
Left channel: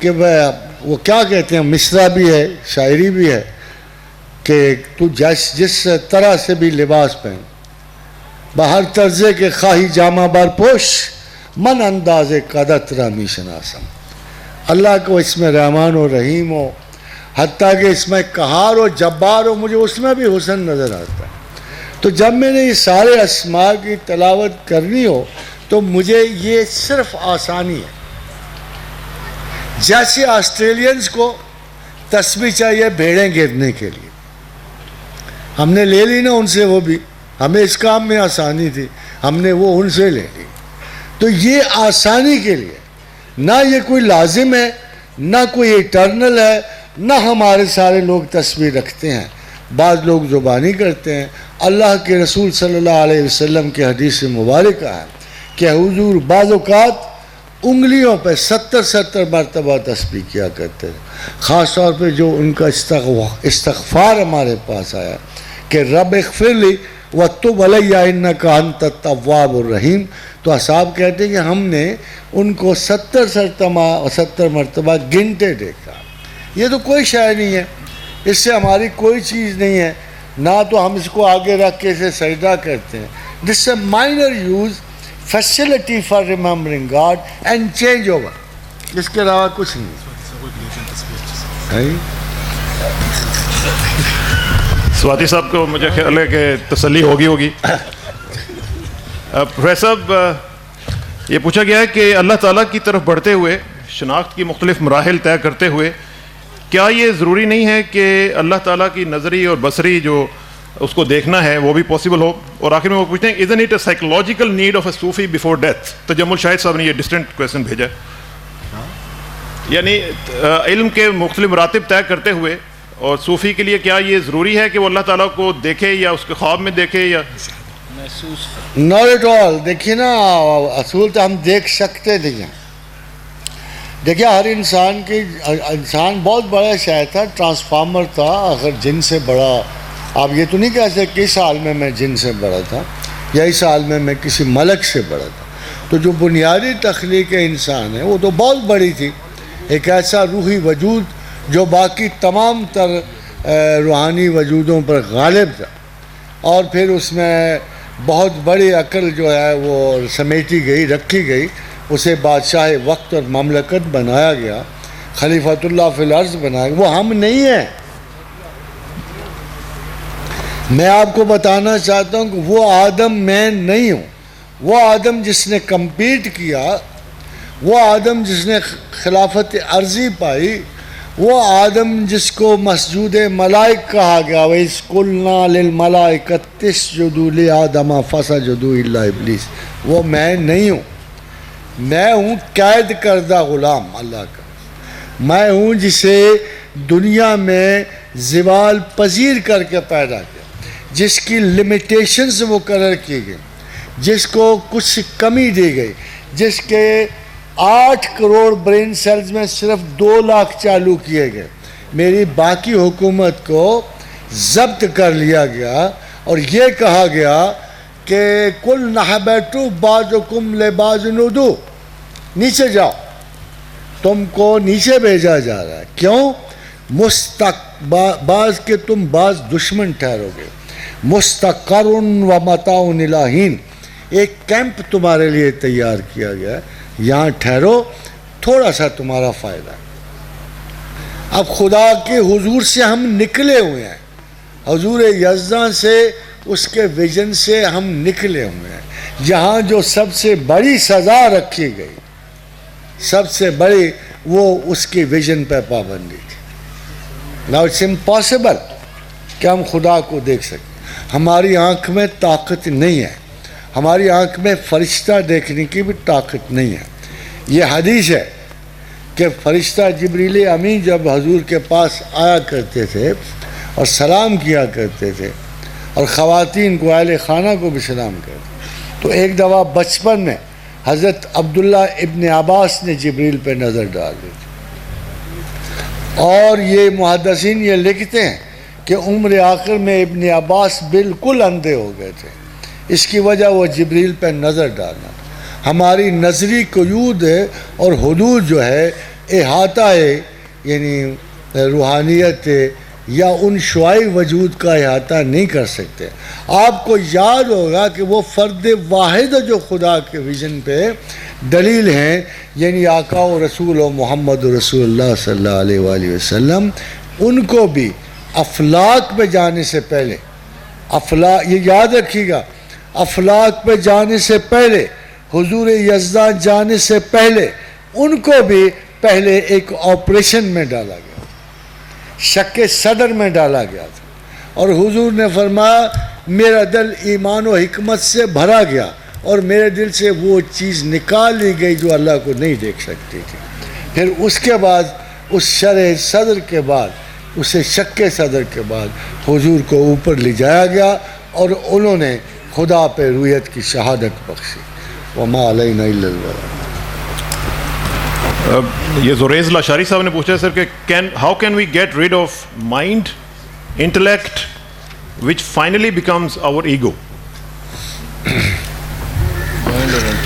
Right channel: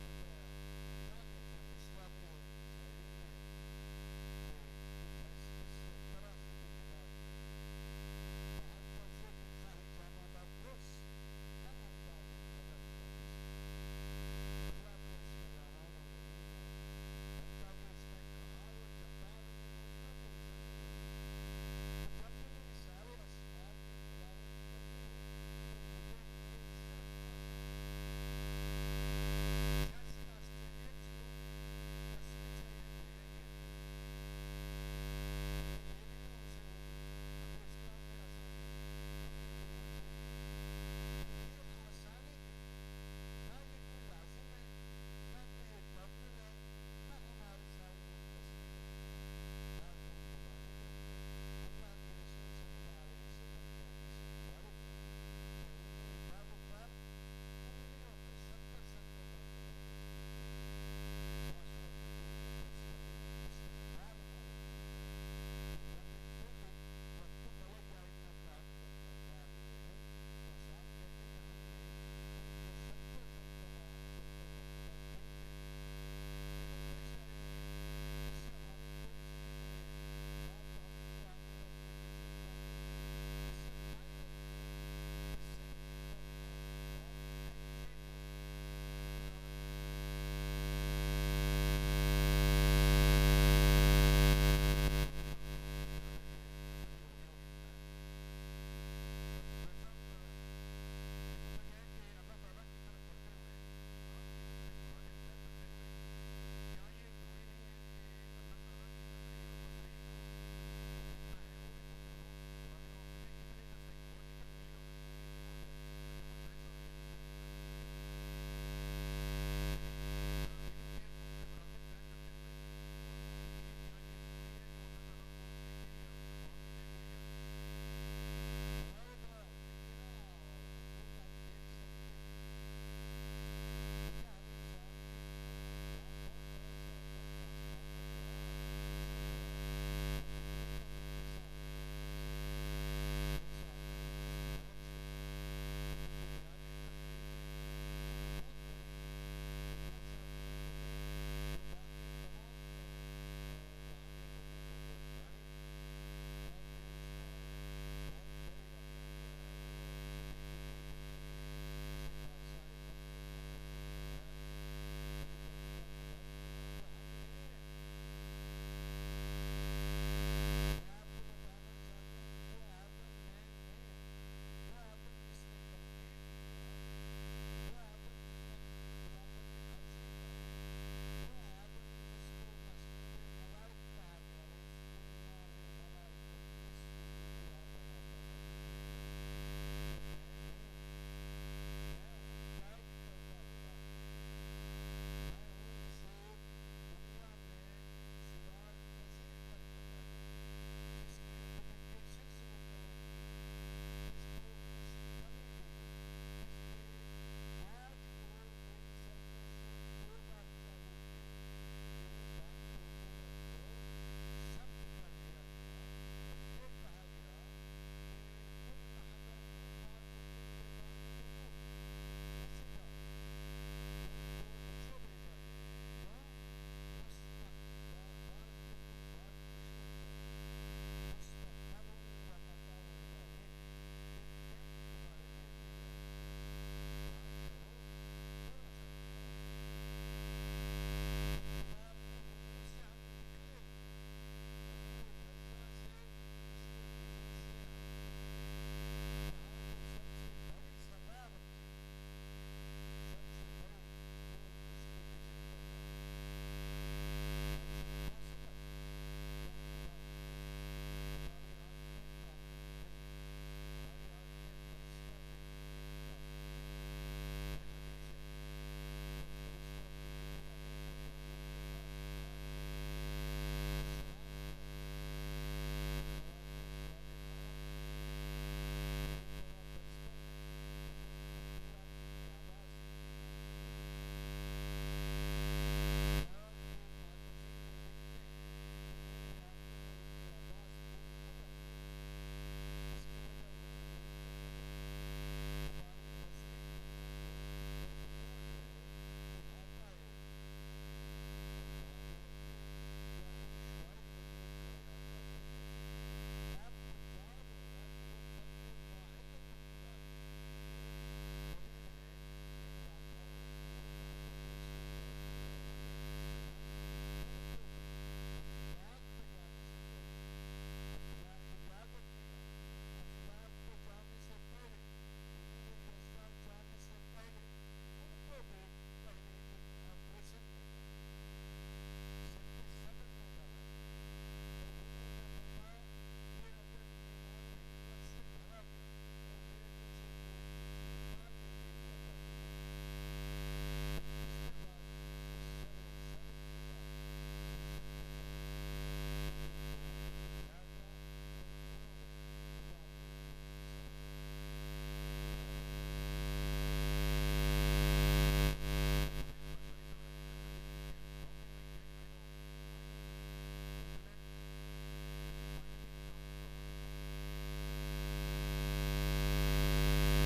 کہ وہ کیا کہتے ہیں، مصرع بھی ہے، شاعری بھی ہے کہ تو جس طرح سے بھی لباس پہن، بہر طرزے کے خواہی جامہ بار پوش، من انداز قدت رامی شناسم. اللہ کو اس میں رحمان و رحیم ہو، حتیٰ کہ اس میں قہار و جبار ہو، مجھے اس میں بھی حسن نظر آتا ہے. تو جب میں نے یہ سارے اسماء کی تلاوت کرنی ہو تو مجھے یہ صرف آسانی ہے. جیسے آسٹریلینز کو تسبیح چاہیے بھیڑیں گرنے کے لیے، ہم نے لے لی نا ان سے، وہ بھی ہمیں اس کام میں آسانی تھی، ہم نے وہ ان سے لے لی. تو یہ آسانی کے لیے، نہ یہ کوئی لازم ہے، نہ کوئی ایٹرنل ہے، نہ ہمارے سارے لوگ تسبیح رکھتے ہیں. بعض لوگ زبانی کرتے ہیں. اللہ کے رسول صلی اللہ علیہ وسلم کے حدیث مبارکہ ہے کہ حضور بعض اوقات انگلیوں پہ 70 مرتبہ تسبیح کیا کرتے ہیں. خاص طور پہ جو ان کا استغفار ہمارے پاس آیا کہ رب اغفر لی وتب علی انک انت التواب الرحیم. تو اصحاب کہتے ہیں کہ ہم نے ان کو 70 مرتبہ گنتے دیکھا. یہ تو کوئی شے نہیں ہے، اس سے ہماری کوئی چیز نہیں ہے، نہ تو ہم اس کو آگے رکھ کے اسے سجدہ کرتے ہیں. This a minor use facility for remembering God and change over. اس کے علاوہ کچھ نہیں. سواتی صاحب کو مجھے خیال ہے کہ تسلی ہوگی. پروفیسر صاحب یہ پوچھا گیا ہے کہ اللہ تعالیٰ کی طرف بڑھتے ہوئے شناخت کی مختلف مراحل طے کرتے ہوئے کیا یہ ضروری نہیں ہے کہ اللہ تعالیٰ کی نظری اور بصری جو اس کو دیکھنا ہے وہ بھی پاسبل ہو. اور آخر میں وہ پوچھتے ہیں isn't it a psychological need of a Sufi before death. Tajammul شاہد صاحب نے یہ ڈسٹنٹ کویشچن بھیجا ہے. یعنی علم کے مختلف مراتب طے کرتے ہوئے اور صوفی کے لیے کیا یہ ضروری ہے کہ وہ اللہ تعالیٰ کو دیکھے یا اس کے خواب میں دیکھے یا not at all. دیکھیے نا اصول تو ہم دیکھ سکتے نہیں ہیں. دیکھیے ہر انسان بہت بڑا شاید تھا, ٹرانسفارمر تھا, اگر جن سے بڑا. آپ یہ تو نہیں کہہ سکتے کہ اس عالم میں جن سے بڑا تھا یا اس عالم میں کسی ملک سے بڑا تھا. تو جو بنیادی تخلیق انسان ہے وہ تو بہت بڑی تھی, ایک ایسا روحی وجود جو باقی تمام تر روحانی وجودوں پر غالب تھا, اور پھر اس میں بہت بڑی عقل جو ہے وہ سمیٹی گئی, رکھی گئی, اسے بادشاہ وقت اور مملکت بنایا گیا, خلیفۃ اللہ فی الارض بنایا گیا. وہ ہم نہیں ہیں. میں آپ کو بتانا چاہتا ہوں کہ وہ آدم میں نہیں ہوں. وہ آدم جس نے کمپیٹ کیا, وہ آدم جس نے خلافت عرضی پائی, وہ آدم جس کو مسجود ملائک کہا گیا, وَإِذْ قُلْنَا لِلْمَلَائِكَةِ اسْجُدُوا لِآدَمَ فَسَجَدُوا إِلَّا إِبْلِيسَ. وہ میں نہیں ہوں. میں ہوں قید کردہ غلام اللہ کا. میں ہوں جسے دنیا میں زوال پذیر کر کے پیدا کیا, جس کی لمیٹیشنز مقرر کی گئی, جس کو کچھ کمی دی گئی, جس کے 8 کروڑ برین سیلز میں صرف 2 لاکھ چالو کیے گئے. میری باقی حکومت کو ضبط کر لیا گیا اور یہ کہا گیا کہ کل نحبتو بعضکم لبعض عدو, نیچے جاؤ, تم کو نیچے بھیجا جا رہا ہے. کیوں؟ بعض کے تم بعض دشمن ٹھہرو گے. مستقر و متاع الی حین, ایک کیمپ تمہارے لیے تیار کیا گیا ہے, یہاں ٹھہرو, تھوڑا سا تمہارا فائدہ ہے. اب خدا کے حضور سے ہم نکلے ہوئے ہیں, حضور یزداں سے, اس کے ویژن سے ہم نکلے ہوئے ہیں. جہاں جو سب سے بڑی سزا رکھی گئی, سب سے بڑی, وہ اس کی ویژن پہ پابندی تھی. Now it's impossible کہ ہم خدا کو دیکھ سکیں. ہماری آنکھ میں طاقت نہیں ہے, ہماری آنکھ میں فرشتہ دیکھنے کی بھی طاقت نہیں ہے. یہ حدیث ہے کہ فرشتہ جبریل امین جب حضور کے پاس آیا کرتے تھے اور سلام کیا کرتے تھے, اور خواتین کو, اہل خانہ کو بھی سلام کرتے, تو ایک دفعہ بچپن میں حضرت عبداللہ ابن عباس نے جبریل پہ نظر ڈال دی تھی. اور یہ محدثین یہ لکھتے ہیں کہ عمر آخر میں ابن عباس بالکل اندھے ہو گئے تھے. اس کی وجہ وہ جبریل پہ نظر ڈالنا. ہماری نظری قیود اور حدود جو ہے احاطہ ہے, یعنی روحانیت یا ان شعاعی وجود کا احاطہ نہیں کر سکتے. آپ کو یاد ہوگا کہ وہ فرد واحد جو خدا کے ویژن پہ دلیل ہیں, یعنی آقا و رسول و محمد رسول اللہ صلی اللہ علیہ وآلہ وسلم, ان کو بھی افلاک پہ جانے سے پہلے, یہ یاد رکھیے گا, افلاک پہ جانے سے پہلے, حضور یزداں جانے سے پہلے, ان کو بھی پہلے ایک آپریشن میں ڈالا گیا, شک صدر میں ڈالا گیا تھا. اور حضور نے فرمایا میرا دل ایمان و حکمت سے بھرا گیا, اور میرے دل سے وہ چیز نکال لی گئی جو اللہ کو نہیں دیکھ سکتی تھی. پھر اس کے بعد, اس شرح صدر کے بعد, اسے شک صدر کے بعد حضور کو اوپر لے جایا گیا, اور انہوں نے خدا پہ رویت کی شہادت بخشی. وما علینا الا البلاغ. یہ زریز لاشاری صاحب نے پوچھا سر کہ how can we get rid of mind, intellect, which finally becomes our ego.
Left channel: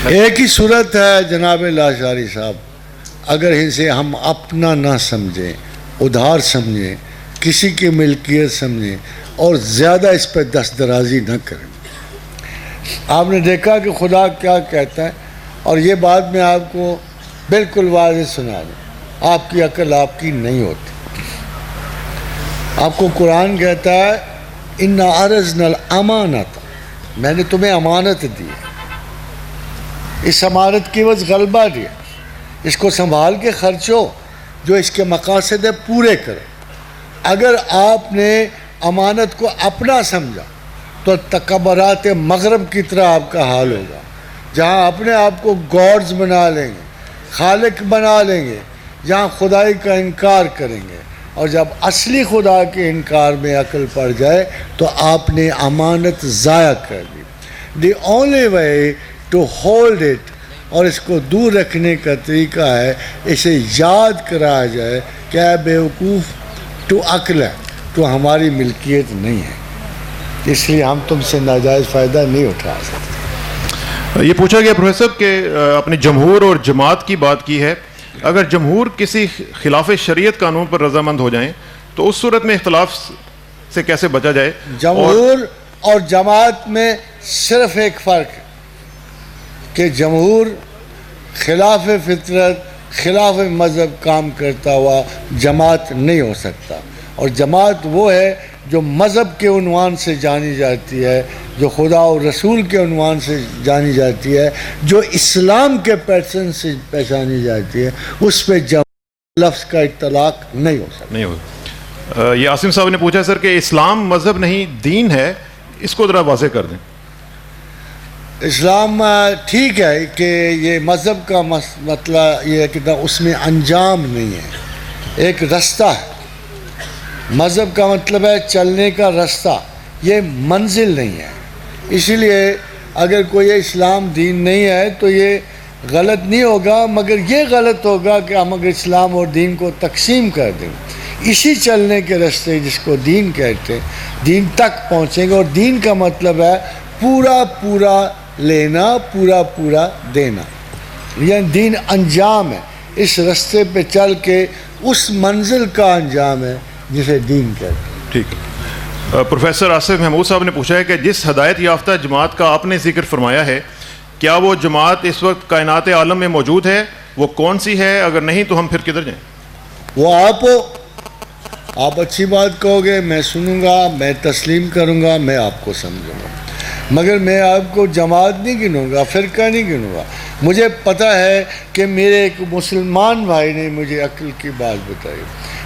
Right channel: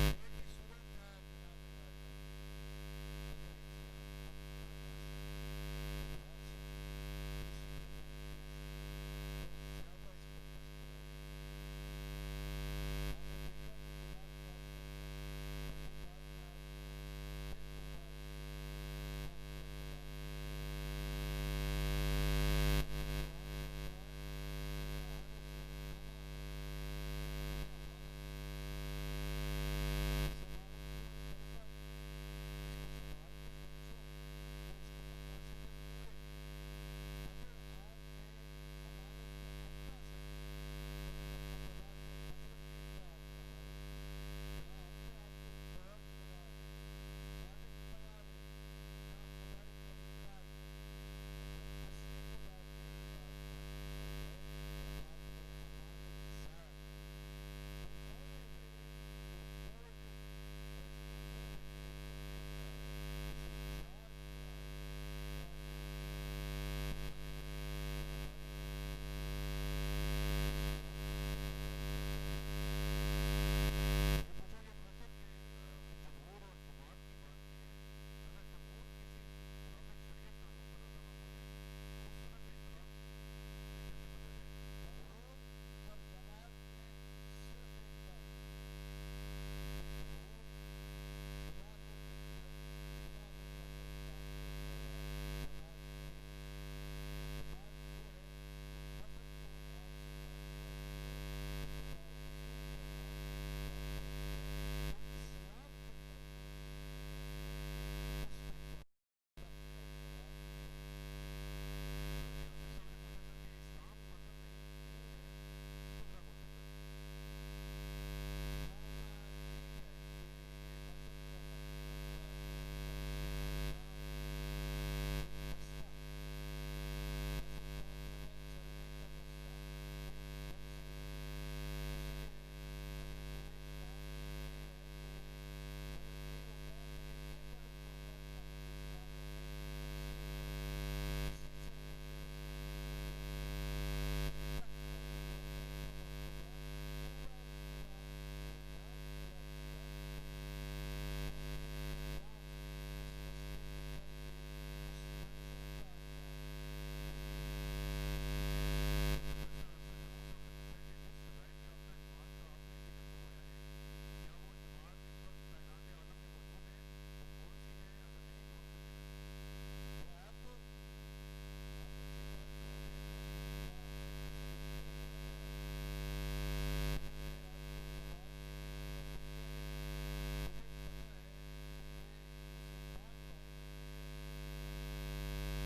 ایک ہی صورت ہے جناب لاشاری صاحب, اگر اسے ہم اپنا نہ سمجھیں, ادھار سمجھیں, کسی کی ملکیت سمجھیں, اور زیادہ اس پہ دست درازی نہ کریں. آپ نے دیکھا کہ خدا کیا کہتا ہے, اور یہ بات میں آپ کو بالکل واضح سنا دوں, آپ کی عقل آپ کی نہیں ہوتی. آپ کو قرآن کہتا ہے اِنَّا عَرَضْنَا الْأَمَانَةَ, میں نے تمہیں امانت دی, اس امانت کی وجہ غلبہ دیا, اس کو سنبھال کے خرچو, جو اس کے مقاصد ہے پورے کرو. اگر آپ نے امانت کو اپنا سمجھا تو تکبرات مغرب کی طرح آپ کا حال ہوگا، جہاں اپنے آپ کو گاڈز بنا لیں گے، خالق بنا لیں گے، جہاں خدائی کا انکار کریں گے، اور جب اصلی خدا کے انکار میں عقل پڑ جائے تو آپ نے امانت ضائع کر دی۔ The only way to hold it, اور اس کو دور رکھنے کا طریقہ ہے اسے یاد کرایا جائے کہ اے بیوقوف تو عقل ہے، تو ہماری ملکیت نہیں ہے، اس لیے ہم تم سے ناجائز فائدہ نہیں اٹھا سکتے۔ یہ پوچھا گیا پروفیسر کہ اپنے جمہور اور جماعت کی بات کی ہے، اگر جمہور کسی خلاف شریعت قانون پر رضامند ہو جائیں تو اس صورت میں اختلاف سے کیسے بچا جائے؟ جمہور اور جماعت میں صرف ایک فرق ہے کہ جمہور خلاف فطرت خلاف مذہب کام کرتا ہوا جماعت نہیں ہو سکتا، اور جماعت وہ ہے جو مذہب کے عنوان سے جانی جاتی ہے، جو خدا اور رسول کے عنوان سے جانی جاتی ہے، جو اسلام کے پیٹرن سے پہچانی جاتی ہے، اس پہ لفظ کا اطلاق نہیں ہو سکتا۔ نہیں ہوگا۔ یہ عاصم صاحب نے پوچھا سر کہ اسلام مذہب نہیں دین ہے، اس کو ذرا واضح کر دیں۔ اسلام ٹھیک ہے کہ یہ مذہب کا مطلب یہ ہے کہ اس میں انجام نہیں ہے، ایک رستہ ہے۔ مذہب کا مطلب ہے چلنے کا رستہ، یہ منزل نہیں ہے۔ اسی لیے اگر کوئی اسلام دین نہیں ہے تو یہ غلط نہیں ہوگا، مگر یہ غلط ہوگا کہ ہم اگر اسلام اور دین کو تقسیم کر دیں، اسی چلنے کے رستے جس کو دین کہتے ہیں، دین تک پہنچیں گے، اور دین کا مطلب ہے پورا پورا لینا، پورا پورا دینا، یعنی دین انجام ہے، اس رستے پہ چل کے اس منزل کا انجام ہے جسے دین کہتے ہیں۔ ٹھیک ہے۔ پروفیسر آصف محمود صاحب نے پوچھا ہے کہ جس ہدایت یافتہ جماعت کا آپ نے ذکر فرمایا ہے، کیا وہ جماعت اس وقت کائنات عالم میں موجود ہے؟ وہ کون سی ہے؟ اگر نہیں تو ہم پھر کدھر جائیں؟ وہ آپ اچھی بات کہو گے، میں سنوں گا، میں تسلیم کروں گا، میں آپ کو سمجھوں گا، مگر میں آپ کو جماعت نہیں گنوں گا، فرقہ نہیں گنوں گا۔ مجھے پتہ ہے کہ میرے ایک مسلمان بھائی نے مجھے عقل کی بات بتائی،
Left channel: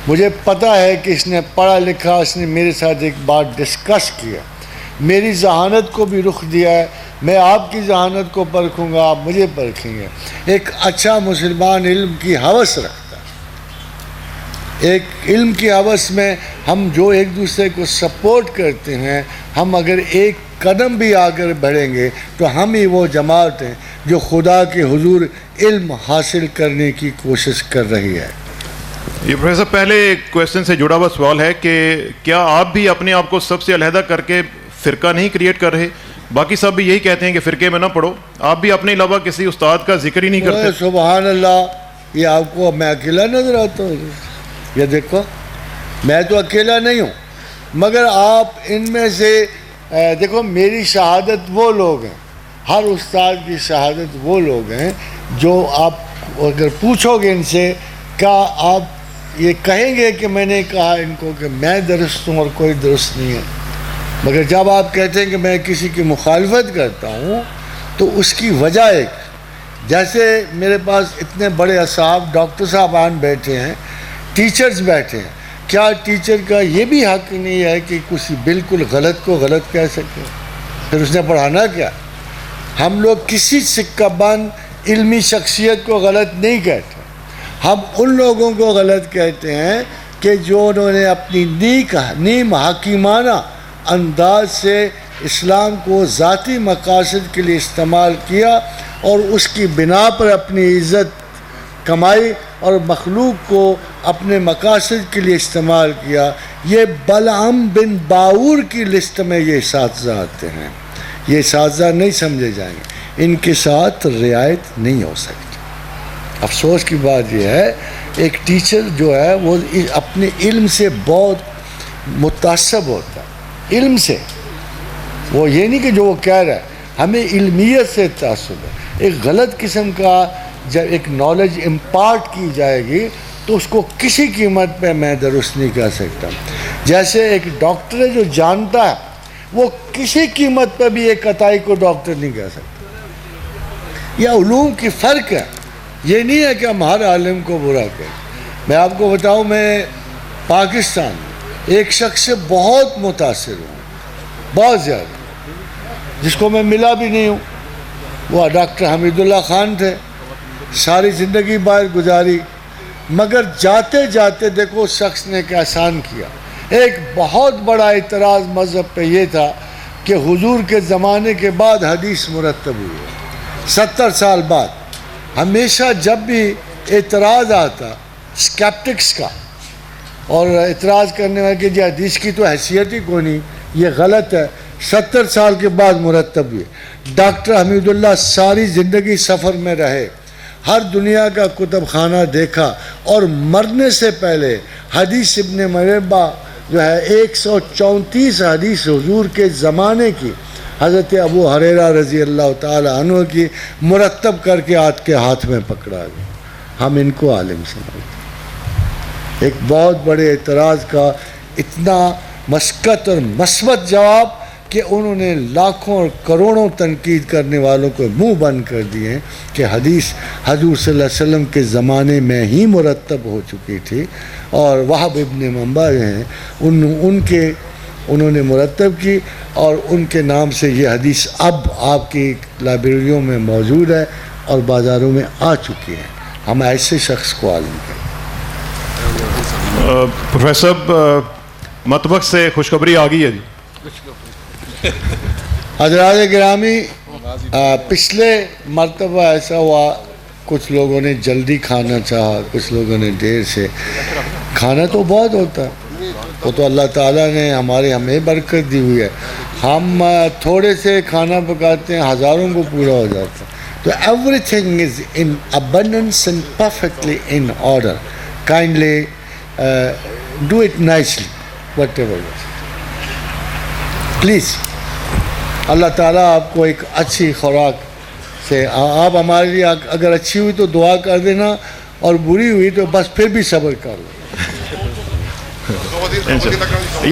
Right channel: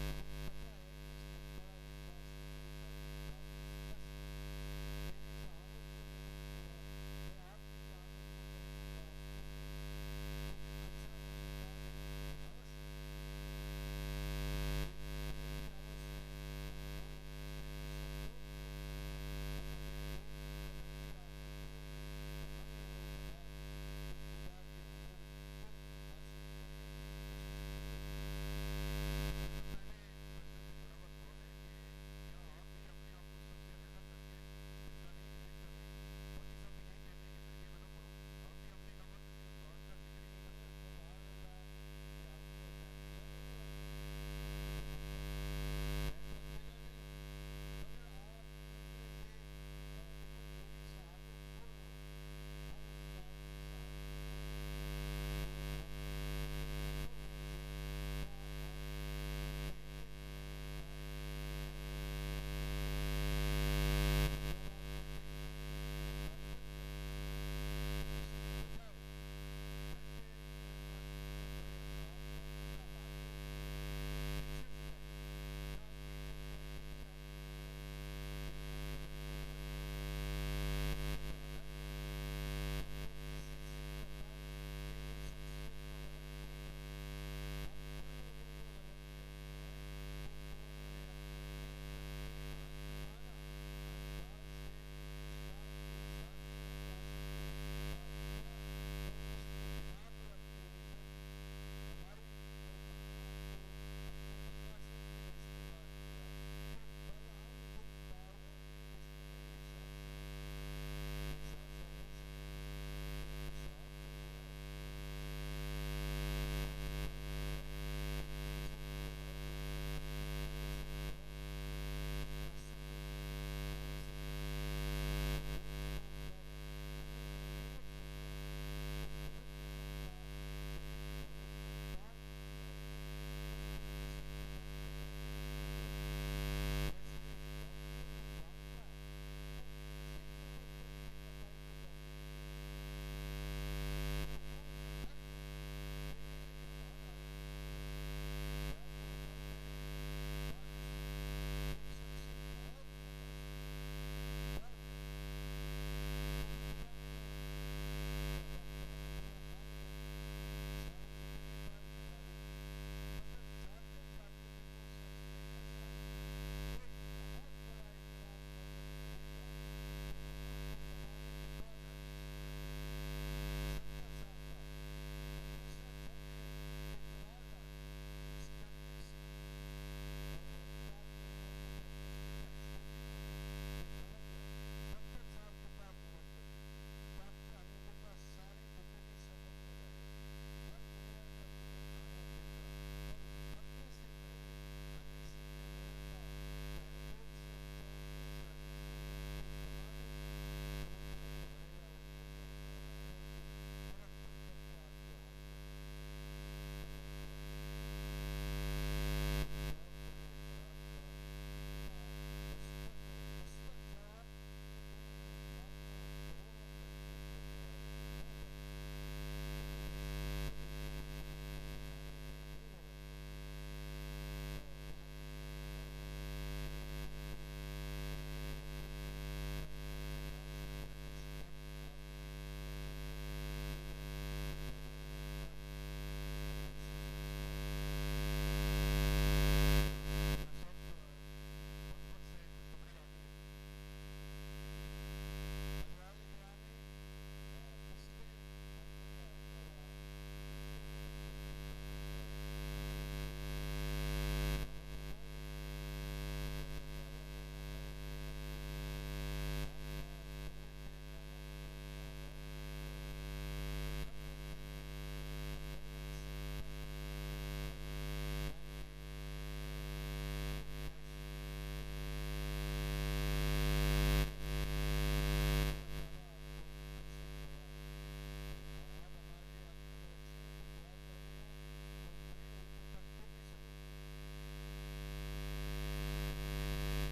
مجھے پتہ ہے کہ اس نے پڑھا لکھا، اس نے میرے ساتھ ایک بات ڈسکس کیا، میری ذہانت کو بھی رخ دیا ہے، میں آپ کی ذہانت کو پرکھوں گا، آپ مجھے پرکھیں گے۔ ایک اچھا مسلمان علم کی ہوس رکھتا ہے، ایک علم کی ہوس میں ہم جو ایک دوسرے کو سپورٹ کرتے ہیں، ہم اگر ایک قدم بھی آگر بڑھیں گے تو ہم ہی وہ جماعت ہیں جو خدا کے حضور علم حاصل کرنے کی کوشش کر رہی ہے۔ یہ پروفیسر پہلے کویسچن سے جڑا ہوا سوال ہے کہ کیا آپ بھی اپنے آپ کو سب سے علیحدہ کر کے فرقہ نہیں کریٹ کر رہے؟ باقی سب بھی یہی کہتے ہیں کہ فرقے میں نہ پڑھو، آپ بھی اپنے علاوہ کسی استاد کا ذکر ہی نہیں کرتے۔ سبحان اللہ، یہ آپ کو میں اکیلا نظر آتا ہوں؟ یہ دیکھو، میں تو اکیلا نہیں ہوں، مگر آپ ان میں سے دیکھو، میری شہادت وہ لوگ ہیں، ہر استاد کی شہادت وہ لوگ ہیں جو آپ اگر پوچھو گے ان سے، کیا آپ یہ کہیں گے کہ میں نے کہا ان کو کہ میں درست ہوں اور کوئی درست نہیں ہے؟ مگر جب آپ کہتے ہیں کہ میں کسی کی مخالفت کرتا ہوں تو اس کی وجہ ایک، جیسے میرے پاس اتنے بڑے اصحاب ڈاکٹر صاحبان بیٹھے ہیں، ٹیچرز بیٹھے ہیں، کیا ٹیچر کا یہ بھی حق نہیں ہے کہ کسی بالکل غلط کو غلط کہہ سکے؟ پھر اس نے پڑھانا کیا؟ ہم لوگ کسی سکہ بند علمی شخصیت کو غلط نہیں کہتے، ہم ان لوگوں کو غلط کہتے ہیں کہ جو انہوں نے اپنی نیم حکیمانہ انداز سے اسلام کو ذاتی مقاصد کے لیے استعمال کیا اور اس کی بنا پر اپنی عزت کمائی اور مخلوق کو اپنے مقاصد کے لیے استعمال کیا۔ یہ بلعم بن باور کی لسٹ میں یہ اساتذہ آتے ہیں، یہ اساتذہ نہیں سمجھے جائیں گے، ان کے ساتھ رعایت نہیں ہو سکتی۔ افسوس کی بات یہ ہے، ایک ٹیچر جو ہے وہ اپنے علم سے بہت متعصب ہوتا ہے، علم سے، وہ یہ نہیں کہ جو وہ کہہ رہا ہے، ہمیں علمیت سے تعصب ہے۔ ایک غلط قسم کا جب ایک نالج امپارٹ کی جائے گی تو اس کو کسی قیمت پہ میں درست نہیں کہہ سکتا۔ جیسے ایک ڈاکٹر ہے جو جانتا ہے، وہ کسی قیمت پہ بھی ایک قطعی کو ڈاکٹر نہیں کہہ سکتا۔ یہ علوم کی فرق ہے، یہ نہیں ہے کہ ہم ہر عالم کو برا کریں۔ میں آپ کو بتاؤں، میں پاکستان ایک شخص سے بہت متاثر ہوں، بہت زیادہ، جس کو میں ملا بھی نہیں ہوں، وہ ڈاکٹر حمید اللہ خان تھے. ساری زندگی باہر گزاری، مگر جاتے جاتے دیکھو اس شخص نے ایک احسان کیا. ایک بہت بڑا اعتراض مذہب پہ یہ تھا کہ حضور کے زمانے کے بعد حدیث مرتب ہوئی ہے. 70 سال بعد ہمیشہ جب بھی اعتراض آتا اسکیپٹکس کا، اور اعتراض کرنے والے کہ جی حدیث کی تو حیثیت ہی کوئی نہیں، یہ غلط ہے، 70 سال کے بعد مرتب ہوئے. ڈاکٹر حمید اللہ ساری زندگی سفر میں رہے، ہر دنیا کا کتب خانہ دیکھا، اور مرنے سے پہلے حدیث ابن مربع جو ہے 134 حدیث حضور کے زمانے کی، حضرت ابو ہریرہ رضی اللہ تعالی عنہ کی، مرتب کر کے آج کے ہاتھ میں پکڑا گیا. ہم ان کو عالم سمجھتے ہیں. ایک بہت بڑے اعتراض کا اتنا مسقط اور مثبت جواب کہ انہوں نے لاکھوں اور کروڑوں تنقید کرنے والوں کو منہ بند کر دیے ہیں کہ حدیث حضور صلی اللہ علیہ وسلم کے زمانے میں ہی مرتب ہو چکی تھی. اور وہب ابن منبع جو ہیں انہوں نے مرتب کی، اور ان کے نام سے یہ حدیث اب آپ کی لائبریریوں میں موجود ہے اور بازاروں میں آ چکی ہے. ہم ایسے شخص کو عالم کریں. پروفیسر صاحب، مطبخ سے خوشخبری آ گئی ہے جی. حضرات گرامی، پچھلے مرتبہ ایسا ہوا، کچھ لوگوں نے جلدی کھانا چاہا، کچھ لوگوں نے دیر سے. کھانا تو بہت ہوتا ہے، وہ تو اللہ تعالیٰ نے ہمیں برکت دی ہوئی ہے. ہم تھوڑے سے کھانا پکاتے ہیں، ہزاروں کو پورا ہو جاتا ہے. تو every thing is in abundance and perfectly in order. Kindly do it nicely, whatever it is. Please. اللہ تعالیٰ آپ کو ایک اچھی خوراک سے، آپ ہمارے لیے اگر اچھی ہوئی تو دعا کر دینا، اور بری ہوئی تو بس پھر بھی صبر کر لو.